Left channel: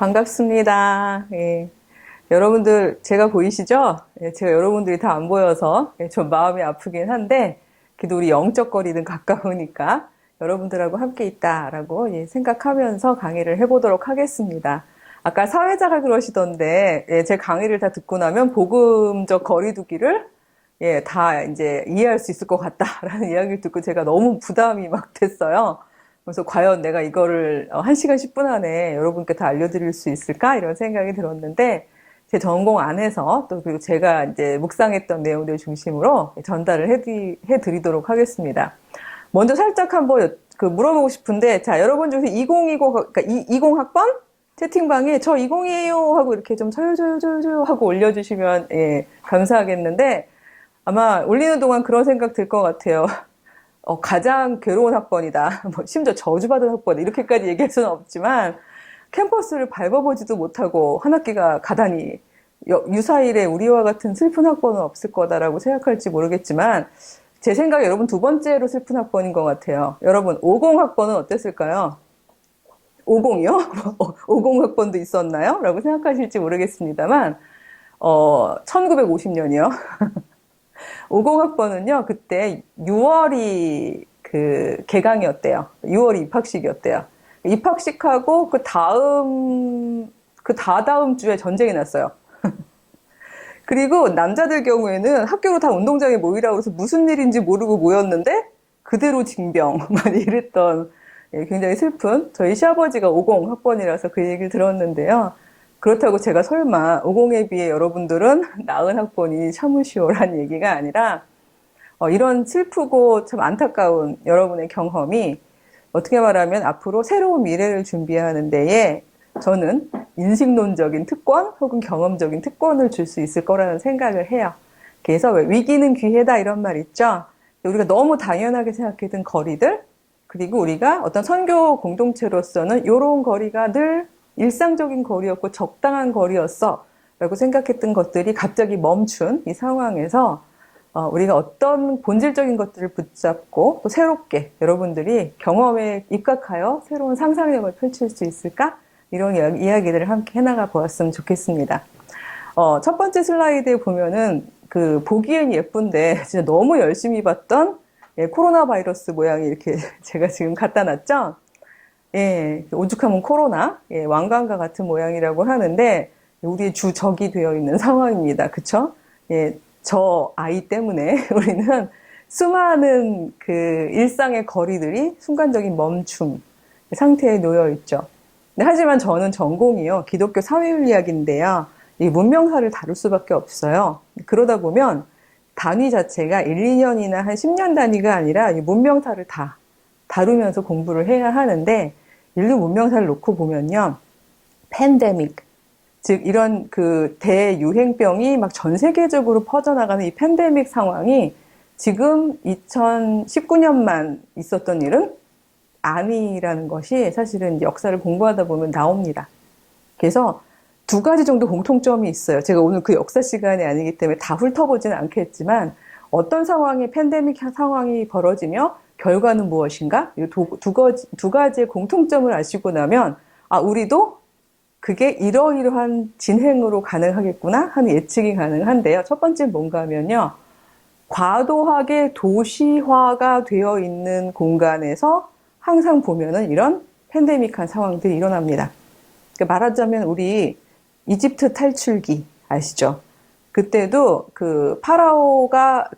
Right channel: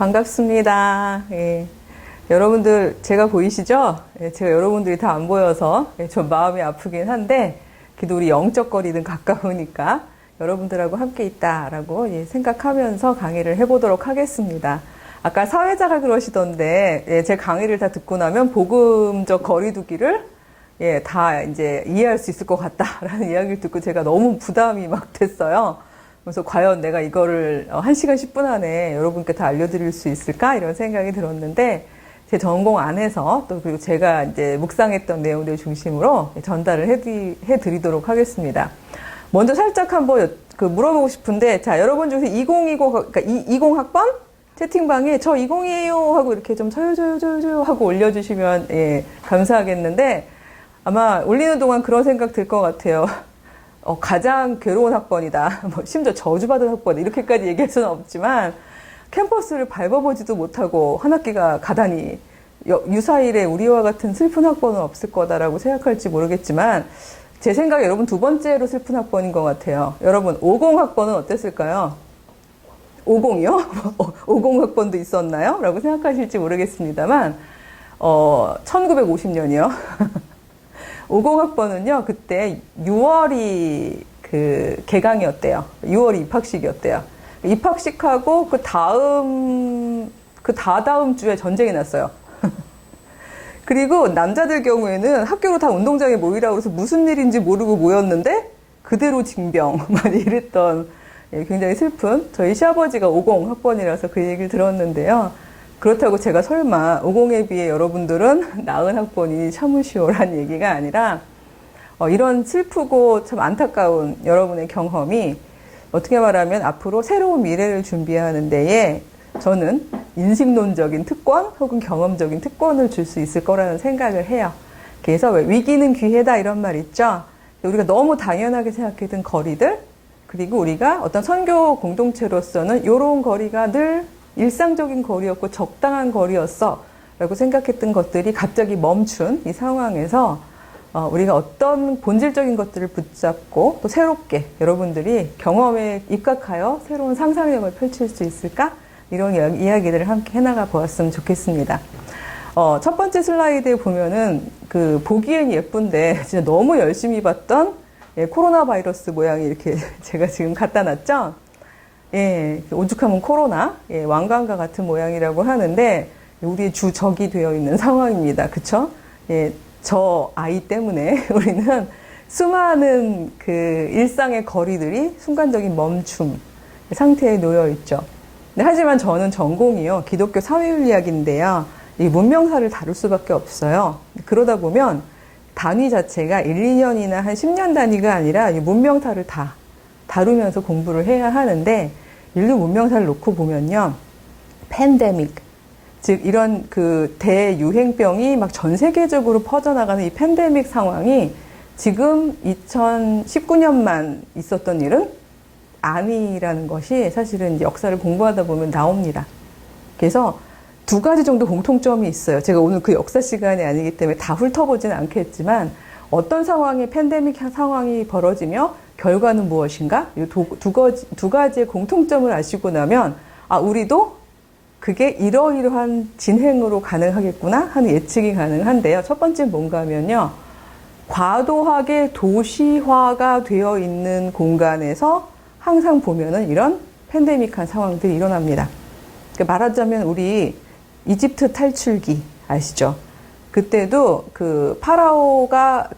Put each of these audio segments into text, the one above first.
반갑습니다. 예. 여러분들 제가 보이시죠? 예, 제가 여러분들이 다 안 보여서 좀 마음이 아프긴 한데 그래도 우리 영적 거리는 가까우니까 여러분들하고 함께 있다라고 생각하면서 강의를 해보도록 하겠습니다. 아까 사회자가 그러시던데 제 강의를 다 듣고 나면 복음적 거리두기를 다 이제 이해할 수 있을 것 같다라는 이야기를 듣고 제가 너무 부담이 막 됐어요. 그래서 과연 내가 이거를 1시간 10분 안에 여러분께 다 알려드릴 수 있을까? 이런 생각이 들었는데, 제 전공 안에서 또 그리고 제가 이제 묵상했던 내용들 중심으로 전달을 해드리도록 하겠습니다. 먼저 살짝 한번 물어보고 싶은데, 자, 여러분 중에서 2020, 그러니까 20학번? 채팅방에 저 20이에요 하고 이렇게 좀 저요 하고 올려주시면, 감사하겠는데, 아마 올리는 동안 그런 생각 들 것 같아요. 가장 괴로운 학번이다. 심지어 저주받은 학번, 이렇게까지 얘기할 수는 없지만, 캠퍼스를 밟아보지도 못하고 한 학기가 가다니, 유사일에 우리와 같은 슬픈 학번은 없을 거다라고 생각할지 모르겠지만, 제 생각에 여러분 두 번째로 슬픈 학번인 것 같아요. 여러분, 50 학번은 어땠을까요? 50이요? 50 학번도 있었나요? 라고 생각하실지 모르겠습니다만, 1950년이요. 50학번은요, 그때 6월이 개강이었대요. 6월이 입학식이었대요. 입학식하고 다다음 주에 전쟁이 났어요. 그리고 남자들 경우에는 학교로 다 운동장에 모이라고 해서 무슨 일인지 모르고 모였는데, 그대로 징병. 많이 이랬던, 굉장히 슬픈, 저희 시아버지가 50학번이라서 그 얘기를 들었는데요. 그렇다고 제가 설마 50에 비해 여러분들은 나은 학번이 참으시오란 얘기가 아니라 이런 슬프고 참 안타까운 여러분의 경험이 어떻게 말하면 앞으로 새로운 미래를 준비하는 데에 저는 인식론적인 특권 혹은 경험적인 특권을 줄 수 있을 거라는 생각을 해요. 그래서 왜 위기는 기회다 이런 말 있죠. 우리가 너무 당연하게 생각했던 거리들, 그리고 우리가 어떤 선교 공동체로서는 이런 거리가 늘 일상적인 거리였고 적당한 거리였어 라고 생각했던 것들이 갑자기 멈춘 이 상황에서 우리가 어떤 본질적인 것들을 붙잡고 또 새롭게 여러분들이 경험에 입각하여 새로운 상상력을 펼칠 수 있을까? 이런 이야기들을 함께 해나가 보았으면 좋겠습니다. 첫 번째 슬라이드에 보면은 보기엔 예쁜데 진짜 너무 열심히 봤던 코로나 바이러스 모양이 이렇게 제가 지금 갖다 놨죠? 오죽하면 코로나, 왕관과 같은 모양이라고 하는데, 우리 주적이 되어 있는 상황입니다. 그쵸? 저 아이 때문에 우리는 수많은 일상의 거리들이 순간적인 멈춤 상태에 놓여 있죠. 하지만 저는 전공이요, 기독교 사회윤리학인데요, 이 문명사를 다룰 수밖에 없어요. 그러다 보면 단위 자체가 1, 2년이나 한 10년 단위가 아니라 이 문명사를 다 다루면서 공부를 해야 하는데, 인류 문명사를 놓고 보면요, 팬데믹, 즉 이런 대유행병이 막 전 세계적으로 퍼져나가는 이 팬데믹 상황이 지금 2019년만 있었던 일은 아니라는 것이 사실은 역사를 공부하다 보면 나옵니다. 그래서 두 가지 정도 공통점이 있어요. 제가 오늘 그 역사 시간이 아니기 때문에 다 훑어보지는 않겠지만, 어떤 상황이 팬데믹 상황이 벌어지며 결과는 무엇인가? 이 두 가지의 공통점을 아시고 나면, 우리도 그게 이러이러한 진행으로 가능하겠구나 하는 예측이 가능한데요. 첫 번째 뭔가 하면요, 과도하게 도시화가 되어 있는 공간에서 항상 보면은 이런 팬데믹한 상황들이 일어납니다. 그러니까 말하자면 우리 이집트 탈출기 아시죠? 그때도 파라오가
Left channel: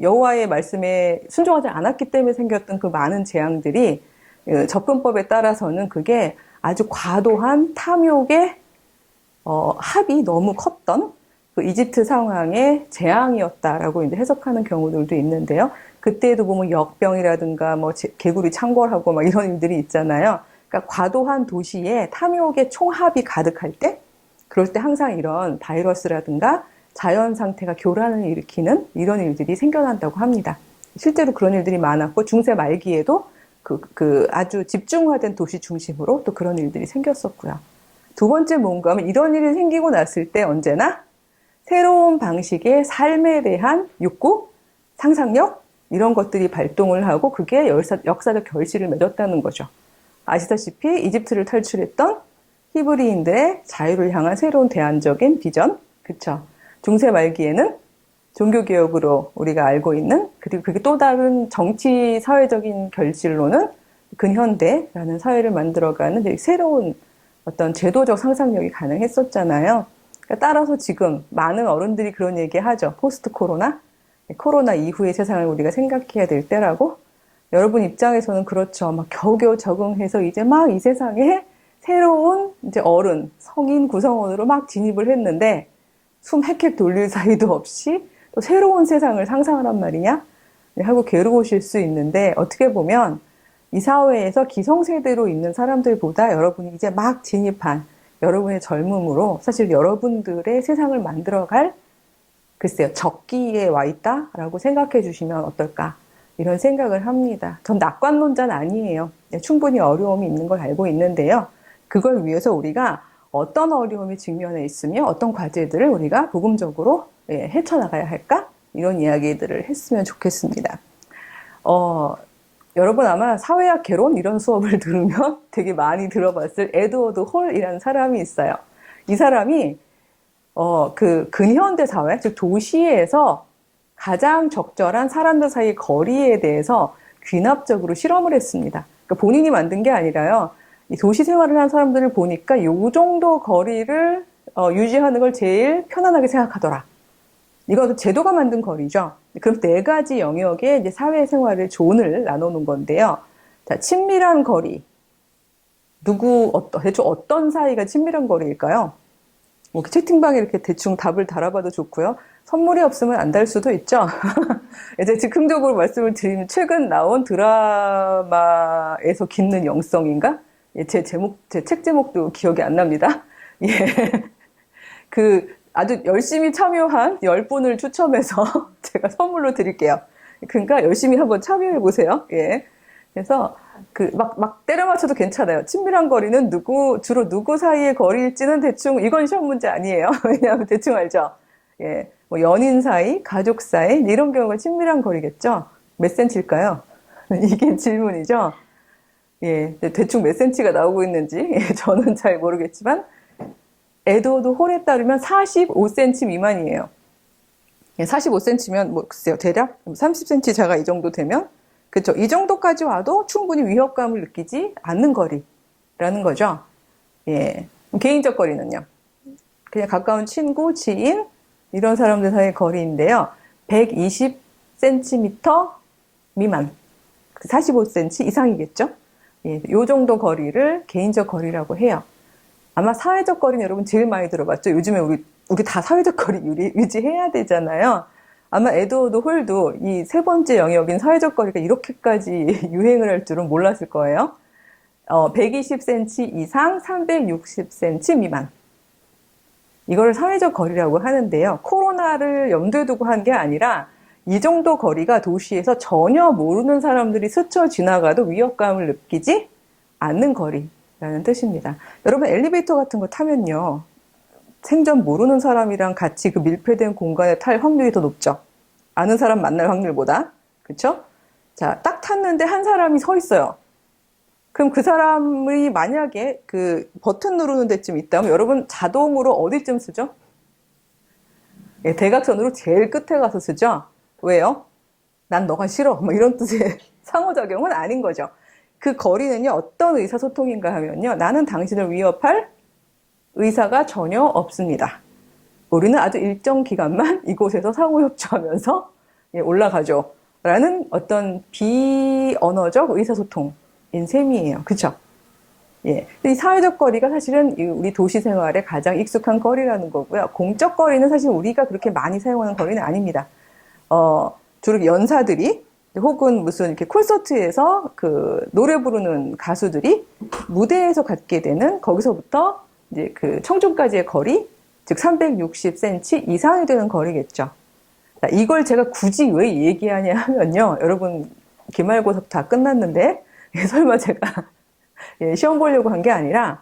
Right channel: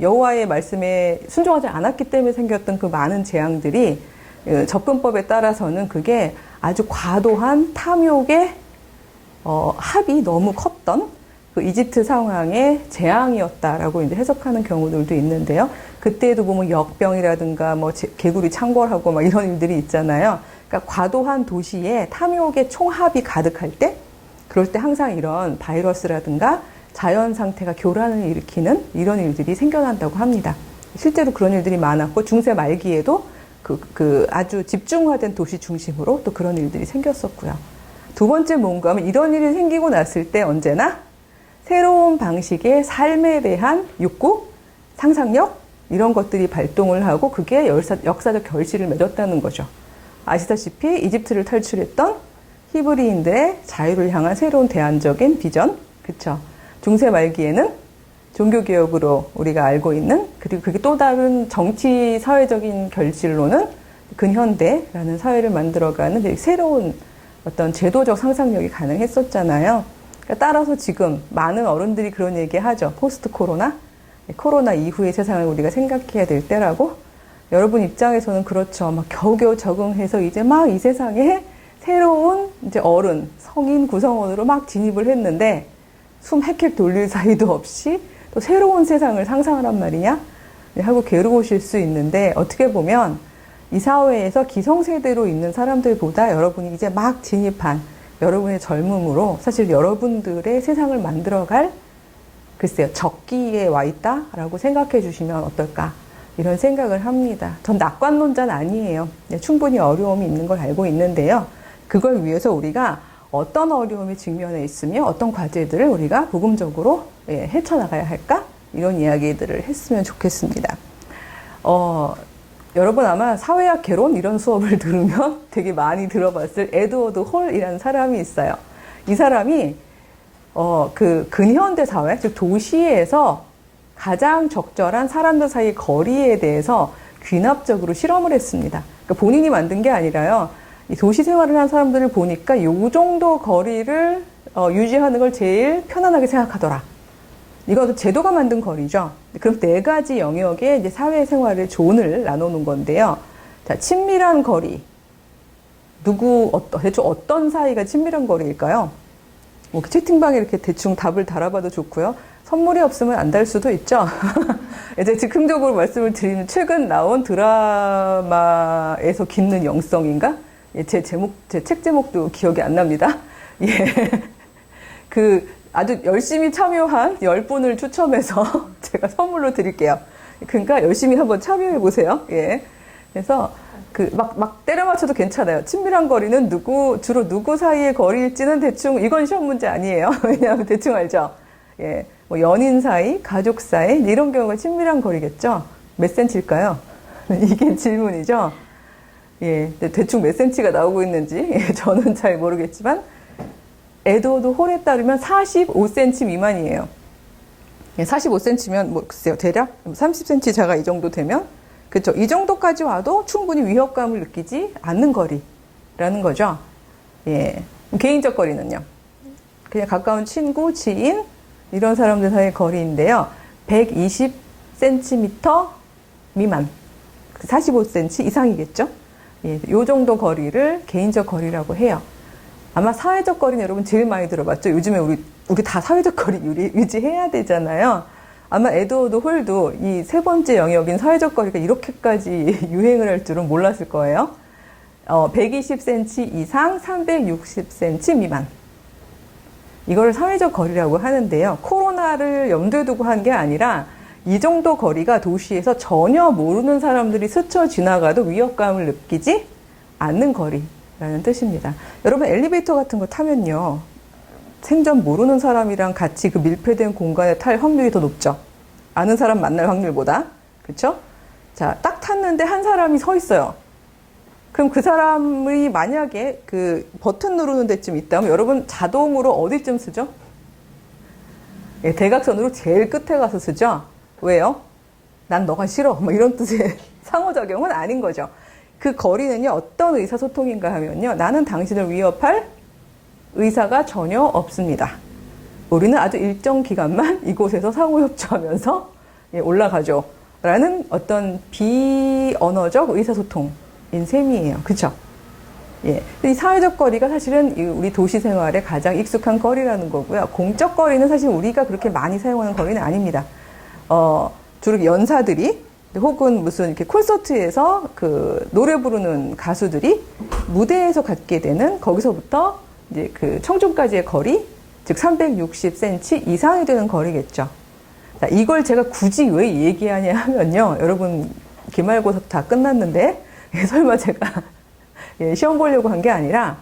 여호와의 말씀에 순종하지 않았기 때문에 생겼던 그 많은 재앙들이 접근법에 따라서는 그게 아주 과도한 탐욕의 합이 너무 컸던 이집트 상황의 재앙이었다라고 이제 해석하는 경우들도 있는데요. 그때도 보면 역병이라든가 개구리 창궐하고 막 이런 일들이 있잖아요. 그러니까 과도한 도시에 탐욕의 총합이 가득할 때, 그럴 때 항상 이런 바이러스라든가 자연 상태가 교란을 일으키는 이런 일들이 생겨난다고 합니다. 실제로 그런 일들이 많았고, 중세 말기에도 아주 집중화된 도시 중심으로 또 그런 일들이 생겼었고요. 두 번째 뭔가 하면 이런 일이 생기고 났을 때 언제나 새로운 방식의 삶에 대한 욕구, 상상력, 이런 것들이 발동을 하고 그게 역사적 결실을 맺었다는 거죠. 아시다시피 이집트를 탈출했던 히브리인들의 자유를 향한 새로운 대안적인 비전, 그쵸? 중세 말기에는 종교개혁으로 우리가 알고 있는, 그리고 그게 또 다른 정치, 사회적인 결실로는 근현대라는 사회를 만들어가는 새로운 어떤 제도적 상상력이 가능했었잖아요. 그러니까 따라서 지금 많은 어른들이 그런 얘기 하죠. 포스트 코로나? 코로나 이후의 세상을 우리가 생각해야 될 때라고. 여러분 입장에서는 그렇죠. 막 겨우겨우 적응해서 이제 막 이 세상에 새로운 이제 어른, 성인 구성원으로 막 진입을 했는데 숨 헥헥 돌릴 사이도 없이 또 새로운 세상을 상상하란 말이냐? 하고 괴로우실 수 있는데 어떻게 보면 이 사회에서 기성세대로 있는 사람들보다 여러분이 이제 막 진입한 여러분의 젊음으로 사실 여러분들의 세상을 만들어갈 글쎄요, 적기에 와 있다라고 생각해 주시면 어떨까 이런 생각을 합니다. 전 낙관론자는 아니에요. 충분히 어려움이 있는 걸 알고 있는데요. 그걸 위해서 우리가 어떤 어려움이 직면해 있으며 어떤 과제들을 우리가 복음적으로 헤쳐나가야 할까? 이런 이야기들을 했으면 좋겠습니다. 여러분 아마 사회학 개론 이런 수업을 들으면 되게 많이 들어봤을 에드워드 홀이라는 사람이 있어요. 이 사람이 그 근현대 사회, 즉 도시에서 가장 적절한 사람들 사이 거리에 대해서 귀납적으로 실험을 했습니다. 그러니까 본인이 만든 게 아니라요. 이 도시 생활을 하는 사람들을 보니까 요 정도 거리를 유지하는 걸 제일 편안하게 생각하더라. 이것도 제도가 만든 거리죠. 그럼 네 가지 영역의 이제 사회생활의 존을 나누는 건데요. 자, 친밀한 거리. 대충 어떤 사이가 친밀한 거리일까요? 뭐 채팅방에 이렇게 대충 답을 달아봐도 좋고요. 선물이 없으면 안 달 수도 있죠. 이제 즉흥적으로 말씀을 드리면 최근 나온 드라마에서 깃는 영성인가? 제 책 제목도 기억이 안 납니다. 예. 아주 열심히 참여한 10분을 추첨해서 제가 선물로 드릴게요. 그러니까 열심히 한번 참여해 보세요. 예. 그래서 막 때려 맞춰도 괜찮아요. 친밀한 거리는 주로 누구 사이의 거리일지는 대충, 이건 시험 문제 아니에요. 왜냐하면 대충 알죠. 예. 뭐 연인 사이, 가족 사이, 이런 경우가 친밀한 거리겠죠. 몇 센치일까요? 이게 질문이죠. 예. 대충 몇 센치가 나오고 있는지, 저는 잘 모르겠지만, 에드워드 홀에 따르면 45cm 미만이에요. 45cm면 뭐 글쎄요, 대략 30cm 자가 이 정도 되면, 그렇죠. 이 정도까지 와도 충분히 위협감을 느끼지 않는 거리라는 거죠. 예. 개인적 거리는요. 그냥 가까운 친구, 지인 이런 사람들 사이의 거리인데요. 120cm 미만, 45cm 이상이겠죠. 예. 요 정도 거리를 개인적 거리라고 해요. 아마 사회적 거리는 여러분 제일 많이 들어봤죠. 요즘에 우리 다 사회적 거리 유지해야 되잖아요. 아마 에드워드 홀도 이 세 번째 영역인 사회적 거리가 이렇게까지 유행을 할 줄은 몰랐을 거예요. 120cm 이상, 360cm 미만. 이거를 사회적 거리라고 하는데요. 코로나를 염두에 두고 한 게 아니라 이 정도 거리가 도시에서 전혀 모르는 사람들이 스쳐 지나가도 위협감을 느끼지 않는 거리라는 뜻입니다. 여러분 엘리베이터 같은 거 타면요. 생전 모르는 사람이랑 같이 그 밀폐된 공간에 탈 확률이 더 높죠. 아는 사람 만날 확률보다. 그렇죠? 자, 딱 탔는데 한 사람이 서 있어요. 그럼 그 사람이 만약에 그 버튼 누르는 데쯤 있다면 여러분 자동으로 어디쯤 쓰죠? 예, 대각선으로 제일 끝에 가서 쓰죠. 왜요? 난 너가 싫어. 뭐 이런 뜻의 상호작용은 아닌 거죠. 그 거리는요, 어떤 의사소통인가 하면요. 나는 당신을 위협할 의사가 전혀 없습니다. 우리는 아주 일정 기간만 이곳에서 상호협조하면서 올라가죠. 라는 어떤 비언어적 의사소통인 셈이에요. 그쵸? 예. 이 사회적 거리가 사실은 우리 도시 생활에 가장 익숙한 거리라는 거고요. 공적 거리는 사실 우리가 그렇게 많이 사용하는 거리는 아닙니다. 주로 연사들이 혹은 무슨 이렇게 콘서트에서 그 노래 부르는 가수들이 무대에서 갖게 되는 거기서부터 이제 그 청중까지의 거리, 즉 360cm 이상이 되는 거리겠죠. 자, 이걸 제가 굳이 왜 얘기하냐 하면요. 여러분, 기말고사 다 끝났는데, 설마 제가 시험 보려고 한 게 아니라,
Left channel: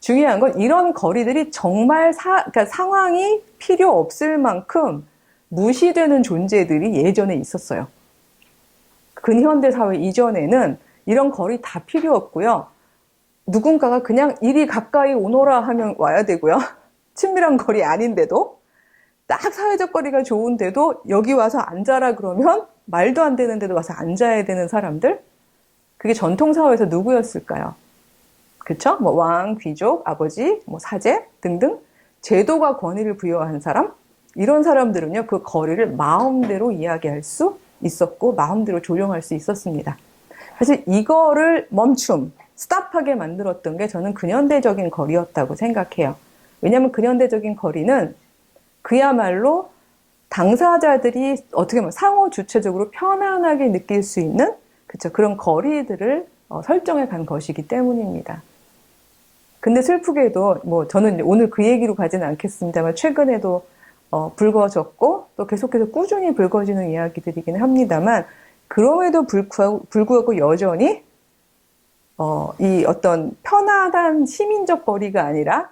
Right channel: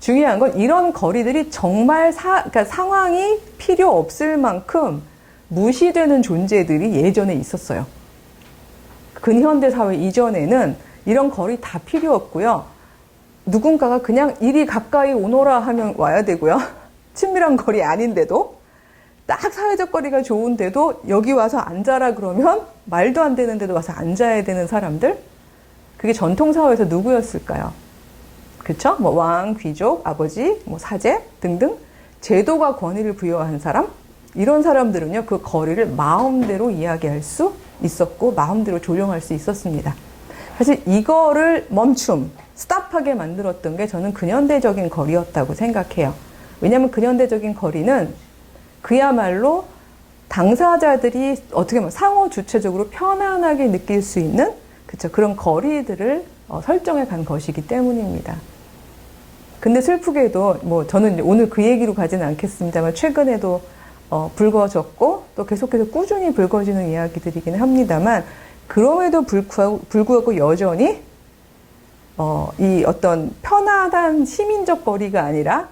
중요한 건 이런 거리들이 정말 그러니까 상황이 필요 없을 만큼 무시되는 존재들이 예전에 있었어요. 근현대 사회 이전에는 이런 거리 다 필요 없고요. 누군가가 그냥 이리 가까이 오너라 하면 와야 되고요. 친밀한 거리 아닌데도, 딱 사회적 거리가 좋은데도 여기 와서 앉아라 그러면 말도 안 되는 데도 와서 앉아야 되는 사람들? 그게 전통사회에서 누구였을까요? 그쵸? 뭐 왕, 귀족, 아버지, 뭐 사제 등등 제도가 권위를 부여한 사람? 이런 사람들은요, 그 거리를 마음대로 이야기할 수 있었고 마음대로 조정할 수 있었습니다. 사실 이거를 스탑하게 만들었던 게 저는 근현대적인 거리였다고 생각해요. 왜냐하면 근현대적인 거리는 그야말로 당사자들이 어떻게 보면 상호 주체적으로 편안하게 느낄 수 있는 그런 거리들을 설정해 간 것이기 때문입니다. 근데 슬프게도 뭐 저는 오늘 그 얘기로 가지는 않겠습니다만 최근에도 불거졌고 또 계속해서 꾸준히 불거지는 이야기들이긴 합니다만 그럼에도 불구하고 여전히 이 어떤 편안한 시민적 거리가 아니라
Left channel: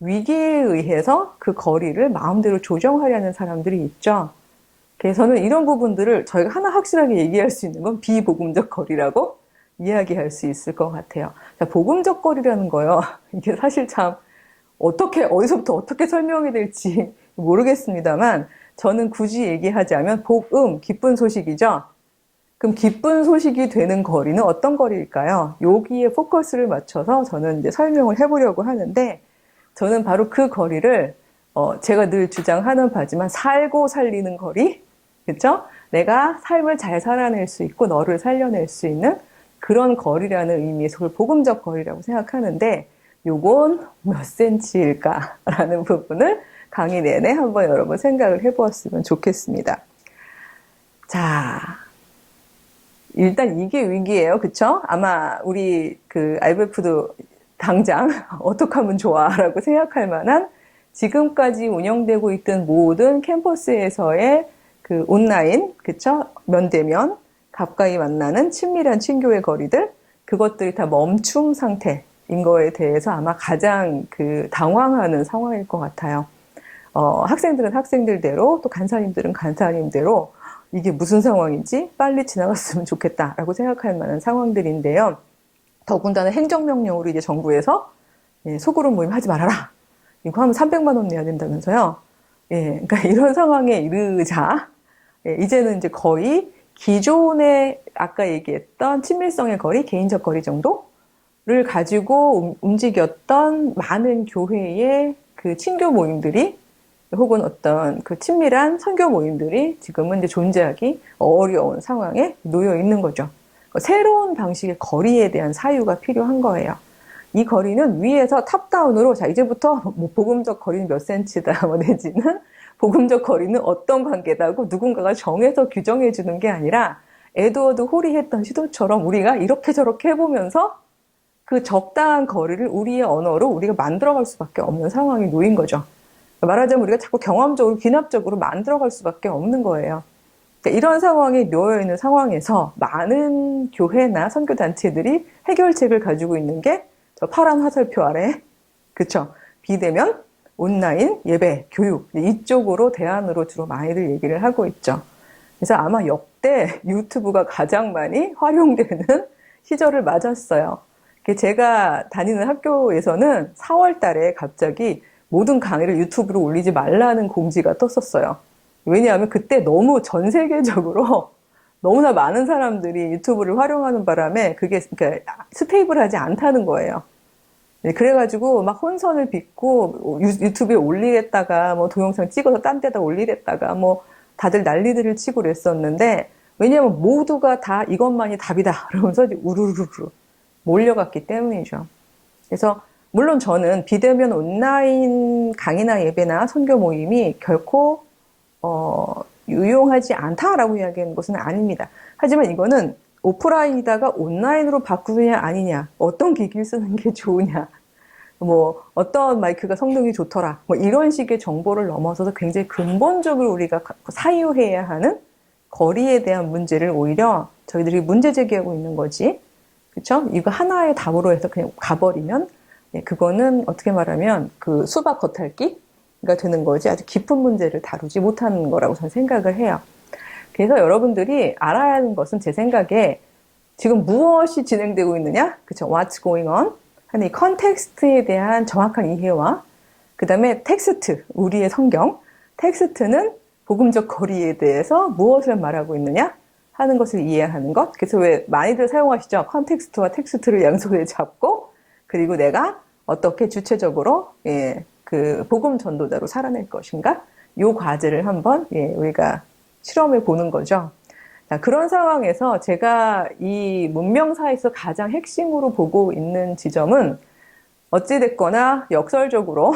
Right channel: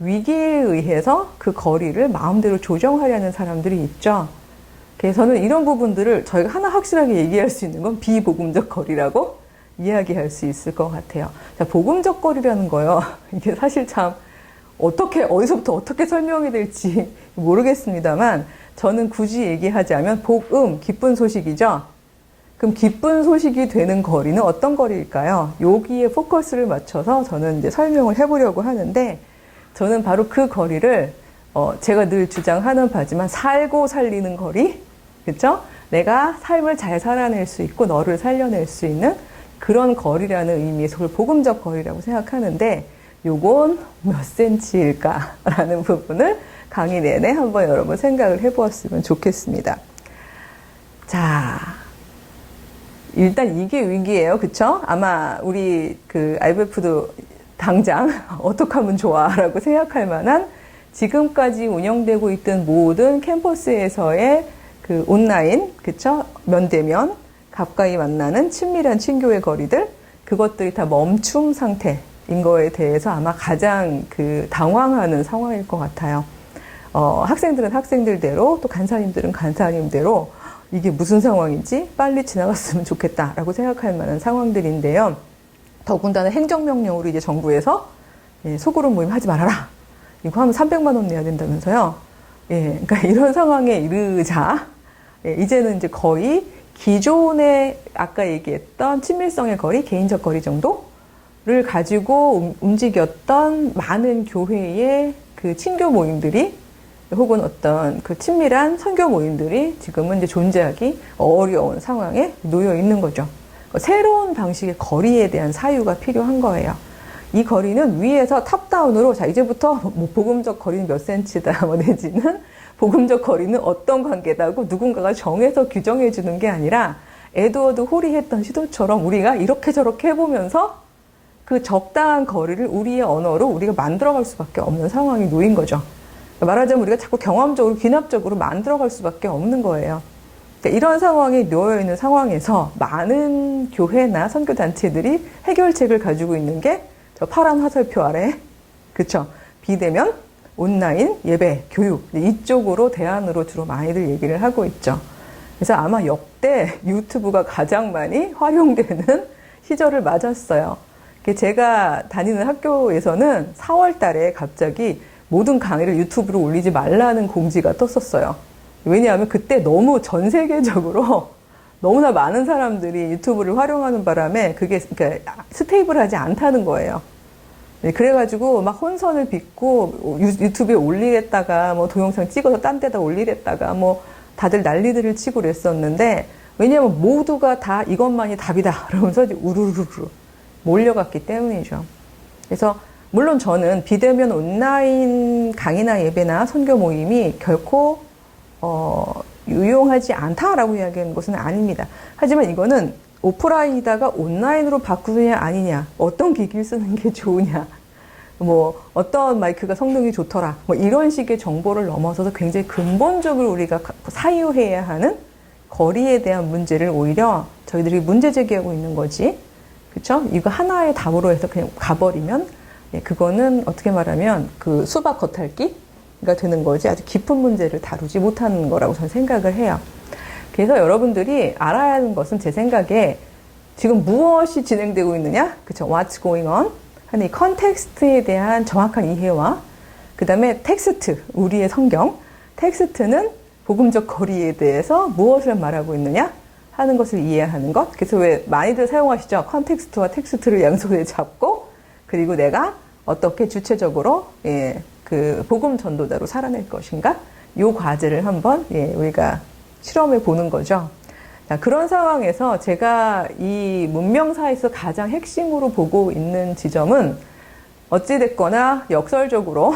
위기에 의해서 그 거리를 마음대로 조정하려는 사람들이 있죠. 그래서 저는 이런 부분들을 저희가 하나 확실하게 얘기할 수 있는 건 비복음적 거리라고 이야기할 수 있을 것 같아요. 자, 복음적 거리라는 거요. 이게 사실 참 어디서부터 어떻게 설명이 될지 모르겠습니다만 저는 굳이 얘기하자면 복음, 기쁜 소식이죠. 그럼 기쁜 소식이 되는 거리는 어떤 거리일까요? 여기에 포커스를 맞춰서 저는 이제 설명을 해보려고 하는데 저는 바로 그 거리를 제가 늘 주장하는 바지만 살고 살리는 거리, 그렇죠? 내가 삶을 잘 살아낼 수 있고 너를 살려낼 수 있는 그런 거리라는 의미에서 그걸 복음적 거리라고 생각하는데 요건 몇 센치일까라는 부분을 강의 내내 한번 여러분 생각을 해보았으면 좋겠습니다. 자, 일단 이게 위기예요, 그쵸? 아마 우리 그 IVF도 당장 어떻게 하면 좋아라고 생각할 만한 지금까지 운영되고 있던 모든 캠퍼스에서의 그 온라인, 그쵸? 면대면 가까이 만나는 친밀한 친교의 거리들, 그것들이 다 멈춤 상태인 거에 대해서 아마 가장 그 당황하는 상황일 것 같아요. 학생들은 학생들대로 또 간사님들은 간사님대로 이게 무슨 상황이지? 빨리 지나갔으면 좋겠다라고 생각할 만한 상황들인데요. 더군다나 행정명령으로 이제 정부에서 소그룹 모임 하지 말아라. 이거 하면 300만 원 내야 된다면서요. 그러니까 이런 상황에 이르자 이제는 이제 거의 기존에 아까 얘기했던 친밀성의 거리, 개인적 거리 정도를 가지고 움직였던 많은 교회의 그 친교 모임들이 혹은 어떤 그 친밀한 선교 모임들이 지금은 이제 존재하기 어려운 상황에 놓여 있는 거죠. 새로운 방식의 거리에 대한 사유가 필요한 거예요. 이 거리는 위에서 탑다운으로 자 이제부터 뭐 복음적 거리는 몇 센치다 뭐 내지는 복음적 거리는 어떤 관계다고 누군가가 정해서 규정해 주는 게 아니라 에드워드 홀이 했던 시도처럼 우리가 이렇게 저렇게 해보면서 그 적당한 거리를 우리의 언어로 우리가 만들어갈 수밖에 없는 상황이 놓인 거죠. 말하자면 우리가 자꾸 경험적으로 귀납적으로 만들어갈 수밖에 없는 거예요. 그러니까 이런 상황에 놓여 있는 상황에서 많은 교회나 선교단체들이 해결책을 가지고 있는 게 저 파란 화살표 아래, 그쵸? 비대면, 온라인, 예배, 교육 이쪽으로 대안으로 주로 많이들 얘기를 하고 있죠. 그래서 아마 역대 유튜브가 가장 많이 활용되는 시절을 맞았어요. 제가 다니는 학교에서는 4월 달에 갑자기 모든 강의를 유튜브로 올리지 말라는 공지가 떴었어요. 왜냐하면 그때 너무 전 세계적으로 너무나 많은 사람들이 유튜브를 활용하는 바람에 그게 그러니까 스테이블하지 않다는 거예요. 그래가지고 막 혼선을 빚고 유튜브에 올리랬다가 뭐 동영상 찍어서 딴 데다 올리랬다가 뭐 다들 난리들을 치고 그랬었는데 왜냐하면 모두가 다 이것만이 답이다 그러면서 우르르르 몰려갔기 때문이죠. 그래서 물론 저는 비대면 온라인 강의나 예배나 선교 모임이 결코 유용하지 않다라고 이야기하는 것은 아닙니다. 하지만 이거는 오프라인이다가 온라인으로 바꾸느냐 아니냐, 어떤 기기를 쓰는 게 좋으냐, 뭐 어떤 마이크가 성능이 좋더라, 뭐 이런 식의 정보를 넘어서서 굉장히 근본적으로 우리가 사유해야 하는 거리에 대한 문제를 오히려 저희들이 문제 제기하고 있는 거지, 그렇죠? 이거 하나의 답으로 해서 그냥 가버리면 그거는 어떻게 말하면 그 수박 겉핥기가 되는 거지 아주 깊은 문제를 다루지 못하는 거라고 저는 생각을 해요. 그래서 여러분들이 알아야 하는 것은 제 생각에 지금 무엇이 진행되고 있느냐? 그쵸? What's going on? 하는 이 컨텍스트에 대한 정확한 이해와 그 다음에 텍스트, 우리의 성경, 텍스트는 복음적 거리에 대해서 무엇을 말하고 있느냐 하는 것을 이해하는 것. 그래서 왜 많이들 사용하시죠? 컨텍스트와 텍스트를 양손에 잡고 그리고 내가 어떻게 주체적으로 그 복음 전도자로 살아낼 것인가? 요 과제를 한번 우리가 실험해 보는 거죠. 자, 그런 상황에서 제가 이 문명사에서 가장 핵심으로 보고 있는 지점은 어찌됐거나 역설적으로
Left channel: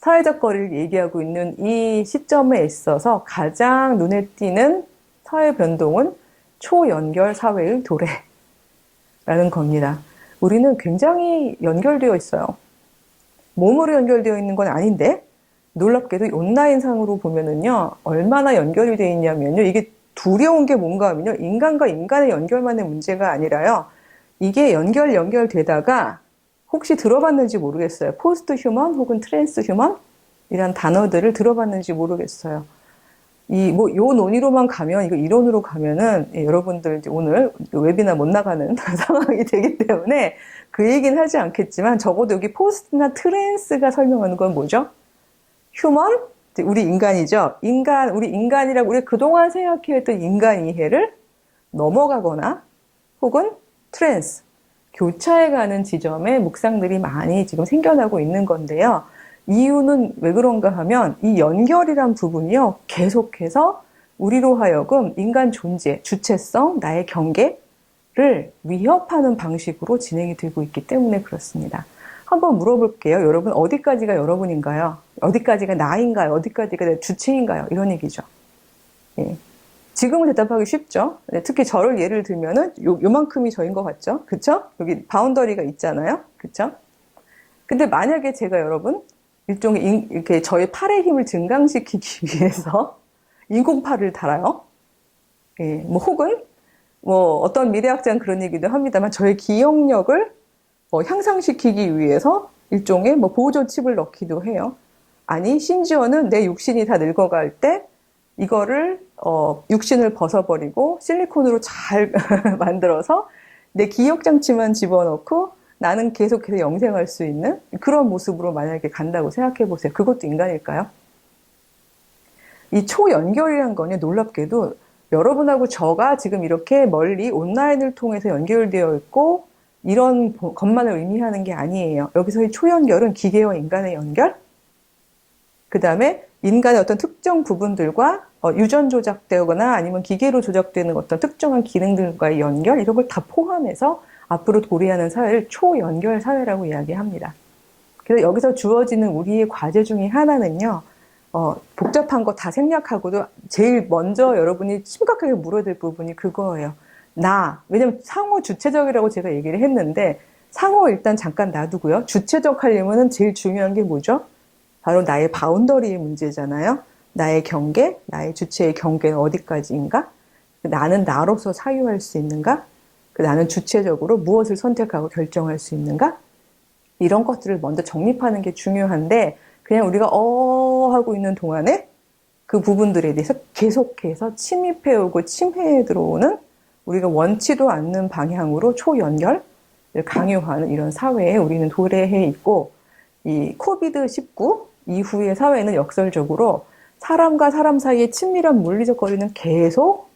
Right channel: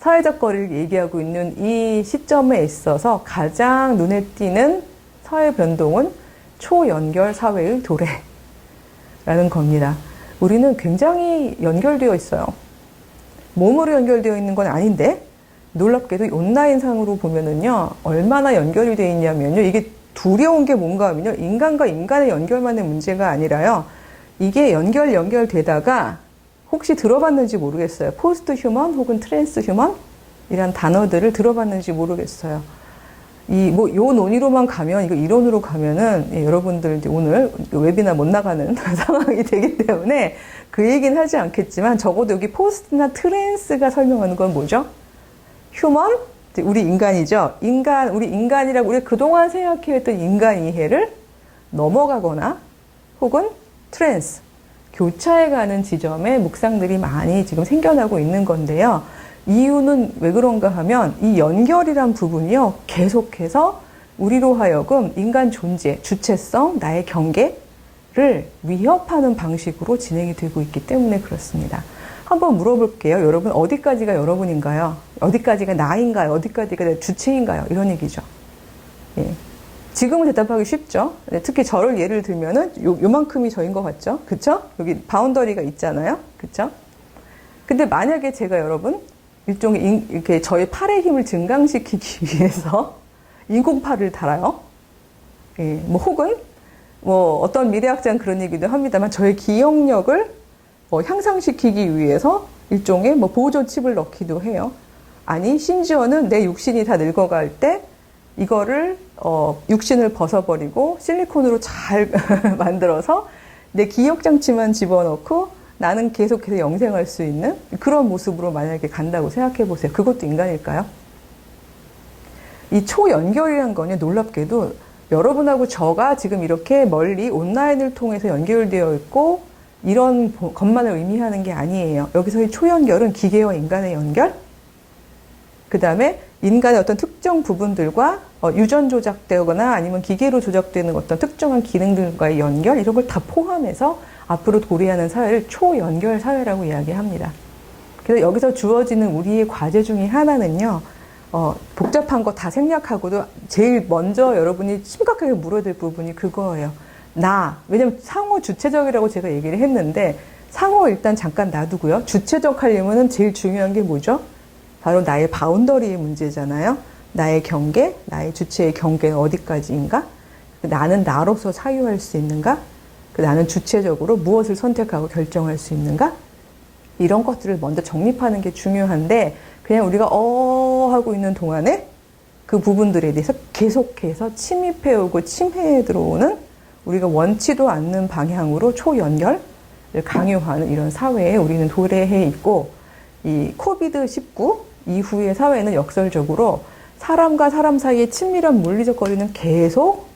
사회적 거리를 얘기하고 있는 이 시점에 있어서 가장 눈에 띄는 사회 변동은 초연결 사회의 도래라는 겁니다. 우리는 굉장히 연결되어 있어요. 몸으로 연결되어 있는 건 아닌데 놀랍게도 온라인상으로 보면은요 얼마나 연결이 되어 있냐면요 이게 두려운 게 뭔가 하면요 인간과 인간의 연결만의 문제가 아니라요 이게 연결되다가 혹시 들어봤는지 모르겠어요. 포스트 휴먼 혹은 트랜스 휴먼 이런 단어들을 들어봤는지 모르겠어요. 요 논의로만 가면, 이거 이론으로 가면은, 여러분들 이제 오늘 웨비나 못 나가는 상황이 되기 때문에 그 얘기는 하지 않겠지만 적어도 여기 포스트나 트랜스가 설명하는 건 뭐죠? 휴먼? 우리 인간이죠. 우리 인간이라고 우리 그동안 생각해왔던 인간 이해를 넘어가거나 혹은 트랜스, 교차해가는 지점에 묵상들이 많이 지금 생겨나고 있는 건데요. 이유는 왜 그런가 하면 이 연결이란 부분이요. 계속해서 우리로 하여금 인간 존재, 주체성, 나의 경계를 위협하는 방식으로 진행이 되고 있기 때문에 그렇습니다. 한번 물어볼게요. 여러분 어디까지가 여러분인가요? 어디까지가 나인가요? 어디까지가 내 주체인가요? 이런 얘기죠. 예. 지금은 대답하기 쉽죠. 특히 저를 예를 들면은 요만큼이 저인 것 같죠? 그쵸? 여기 바운더리가 있잖아요. 그쵸? 근데 만약에 제가 여러분 일종의 이렇게 저의 팔의 힘을 증강시키기 위해서 인공팔을 달아요. 예, 혹은 어떤 미래학자는 그런 얘기도 합니다만 저의 기억력을 향상시키기 위해서 일종의 보조 칩을 넣기도 해요. 아니 심지어는 내 육신이 다 늙어갈 때 이거를 육신을 벗어버리고 실리콘으로 잘 만들어서 내 기억 장치만 집어넣고 나는 계속해서 영생할 수 있는 그런 모습으로 만약에 간다고 생각해 보세요. 그것도 인간일까요? 이 초연결이란 거는 놀랍게도 여러분하고 저가 지금 이렇게 멀리 온라인을 통해서 연결되어 있고 이런 것만을 의미하는 게 아니에요. 여기서의 초연결은 기계와 인간의 연결, 그 다음에 인간의 어떤 특정 부분들과 유전 조작되거나 아니면 기계로 조작되는 어떤 특정한 기능들과의 연결 이런 걸 다 포함해서 앞으로 도래하는 사회를 초연결 사회라고 이야기합니다. 그래서 여기서 주어지는 우리의 과제 중에 하나는요. 복잡한 거 다 생략하고도 제일 먼저 여러분이 심각하게 물어야 될 부분이 그거예요. 왜냐면 상호 주체적이라고 제가 얘기를 했는데 상호 일단 잠깐 놔두고요. 주체적 하려면은 제일 중요한 게 뭐죠? 바로 나의 바운더리의 문제잖아요. 나의 경계, 나의 주체의 경계는 어디까지인가? 나는 나로서 사유할 수 있는가? 나는 주체적으로 무엇을 선택하고 결정할 수 있는가? 이런 것들을 먼저 정립하는 게 중요한데 그냥 우리가 하고 있는 동안에 그 부분들에 대해서 계속해서 침입해오고 침해해 들어오는 우리가 원치도 않는 방향으로 초연결을 강요하는 이런 사회에 우리는 도래해 있고 이 코비드-19 이후의 사회는 역설적으로 사람과 사람 사이의 친밀한 물리적 거리는 계속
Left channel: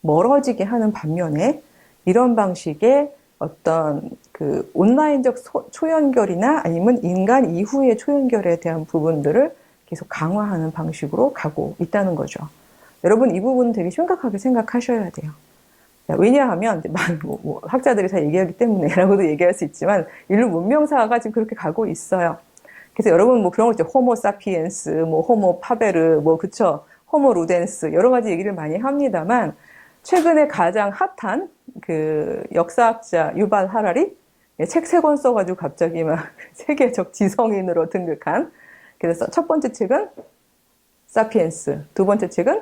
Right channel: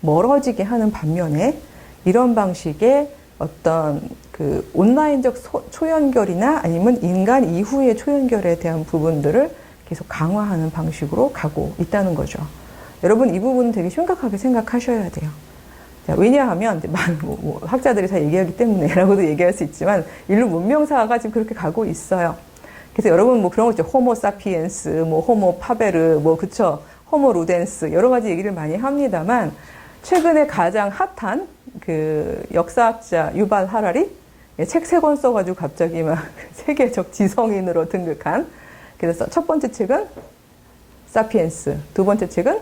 멀어지게 하는 반면에 이런 방식의 어떤 그 온라인적 초연결이나 아니면 인간 이후의 초연결에 대한 부분들을 계속 강화하는 방식으로 가고 있다는 거죠. 여러분 이 부분은 되게 심각하게 생각하셔야 돼요. 자, 왜냐하면 학자들이 다 얘기하기 때문에라고도 얘기할 수 있지만 인류 문명사가 지금 그렇게 가고 있어요. 그래서 여러분 그런 거 있죠. 호모 사피엔스, 호모 파베르, 그쵸? 호모 루덴스 여러 가지 얘기를 많이 합니다만 최근에 가장 핫한 그 역사학자 유발 하라리 책 3권 써가지고 갑자기 막 세계적 지성인으로 등극한 그래서 첫 번째 책은 사피엔스, 두 번째 책은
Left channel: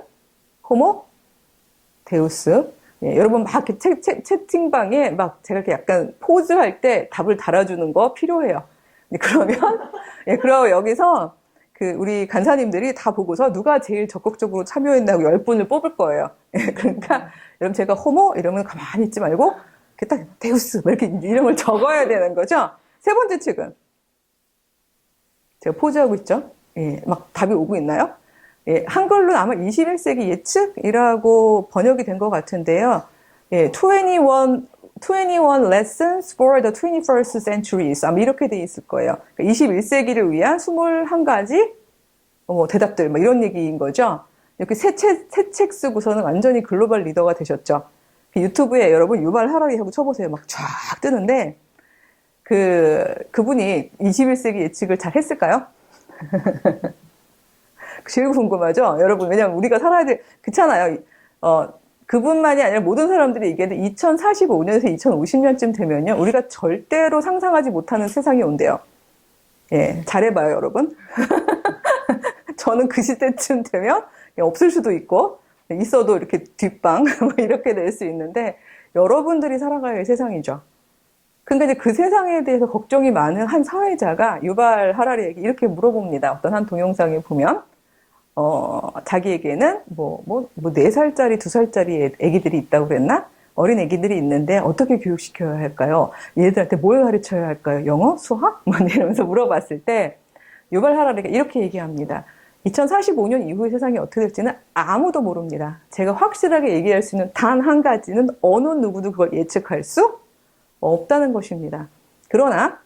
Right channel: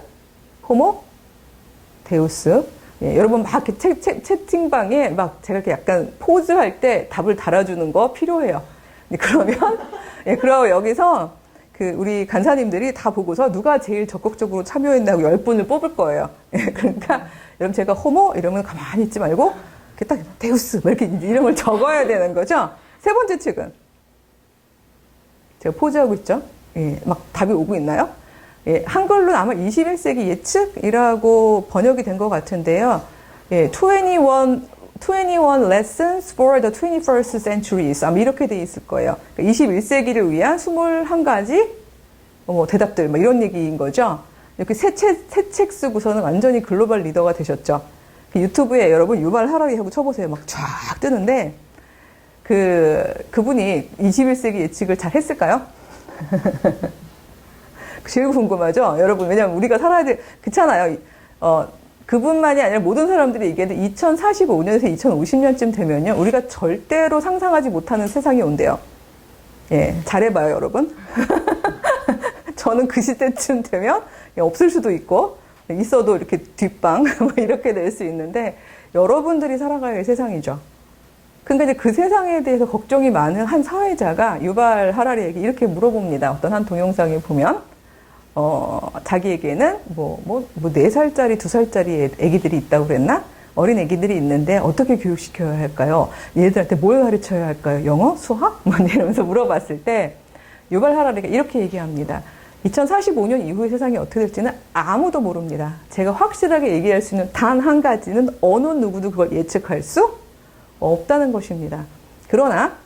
호모 데우스. 여러분 막 이렇게 채팅방에 막 제가 이렇게 약간 포즈할 때 답을 달아주는 거 필요해요. 그러면 그리고 여기서 우리 간사님들이 다 보고서 누가 제일 적극적으로 참여했나고 10분을 뽑을 거예요. 그러니까 여러분 제가 호모 이러면 가만히 있지 말고 이렇게 딱 데우스 이렇게 이름을 적어야 되는 거죠. 세 번째 책은 제가 포즈하고 있죠. 예, 막 답이 오고 있나요? 예, 한글로는 아마 21세기 예측이라고 번역이 된 것 같은데요. 예, 21 Lessons for the 21st Centuries. 아마 이렇게 돼 있을 거예요. 그러니까 21세기를 위한 21가지 대답들, 뭐 이런 얘기인 거죠. 이렇게 새 책 쓰고서는 완전히 글로벌 리더가 되셨죠. 유튜브에 여러분 유발 하라리 하고 쳐보세요. 막 쫙 뜨는데, 그분이 21세기 예측을 잘 했을까요? 제일 궁금하죠? 여러분, 왜냐면 우리가 살아야 그렇잖아요. 그분만이 아니라 모든 사람들이 얘기하는데 2045년에서 2050년쯤 되면요. 우리가 절대로 상상하지 못하는 세상이 온대요. 예, 잘해봐요, 여러분. 저는 그 시대쯤 되면 없을 수도 있고, 있어도 이렇게 뒷방, 이렇게 될 수 있는데, 여러분들이 살아갈 세상이죠. 근데 이제 그 세상에 대해서 걱정이 많은 한 사회자가 유발 하라리에게 이렇게 물어봅니다. 어떤 한 동영상에 보면, 자기에게는 4살짜리, 2살짜리 애기들이 있다고 그랬나? 어린 애기들이 있는데 어떻게 교육시켜야 할까요? 얘들한테 뭘 가르쳐야 할까요? 영어? 수학? 이러면서 물어봤을 때, 유발 하라리가 이렇게 얘기합니다. 2045년 이후의 세상이 어떻게 될지는 아무도 모릅니다. 제가 확실하게 얘기할 수 있는 단 한 가지는 어느 누구도 그걸 예측할 수 없다는 것입니다. 그러나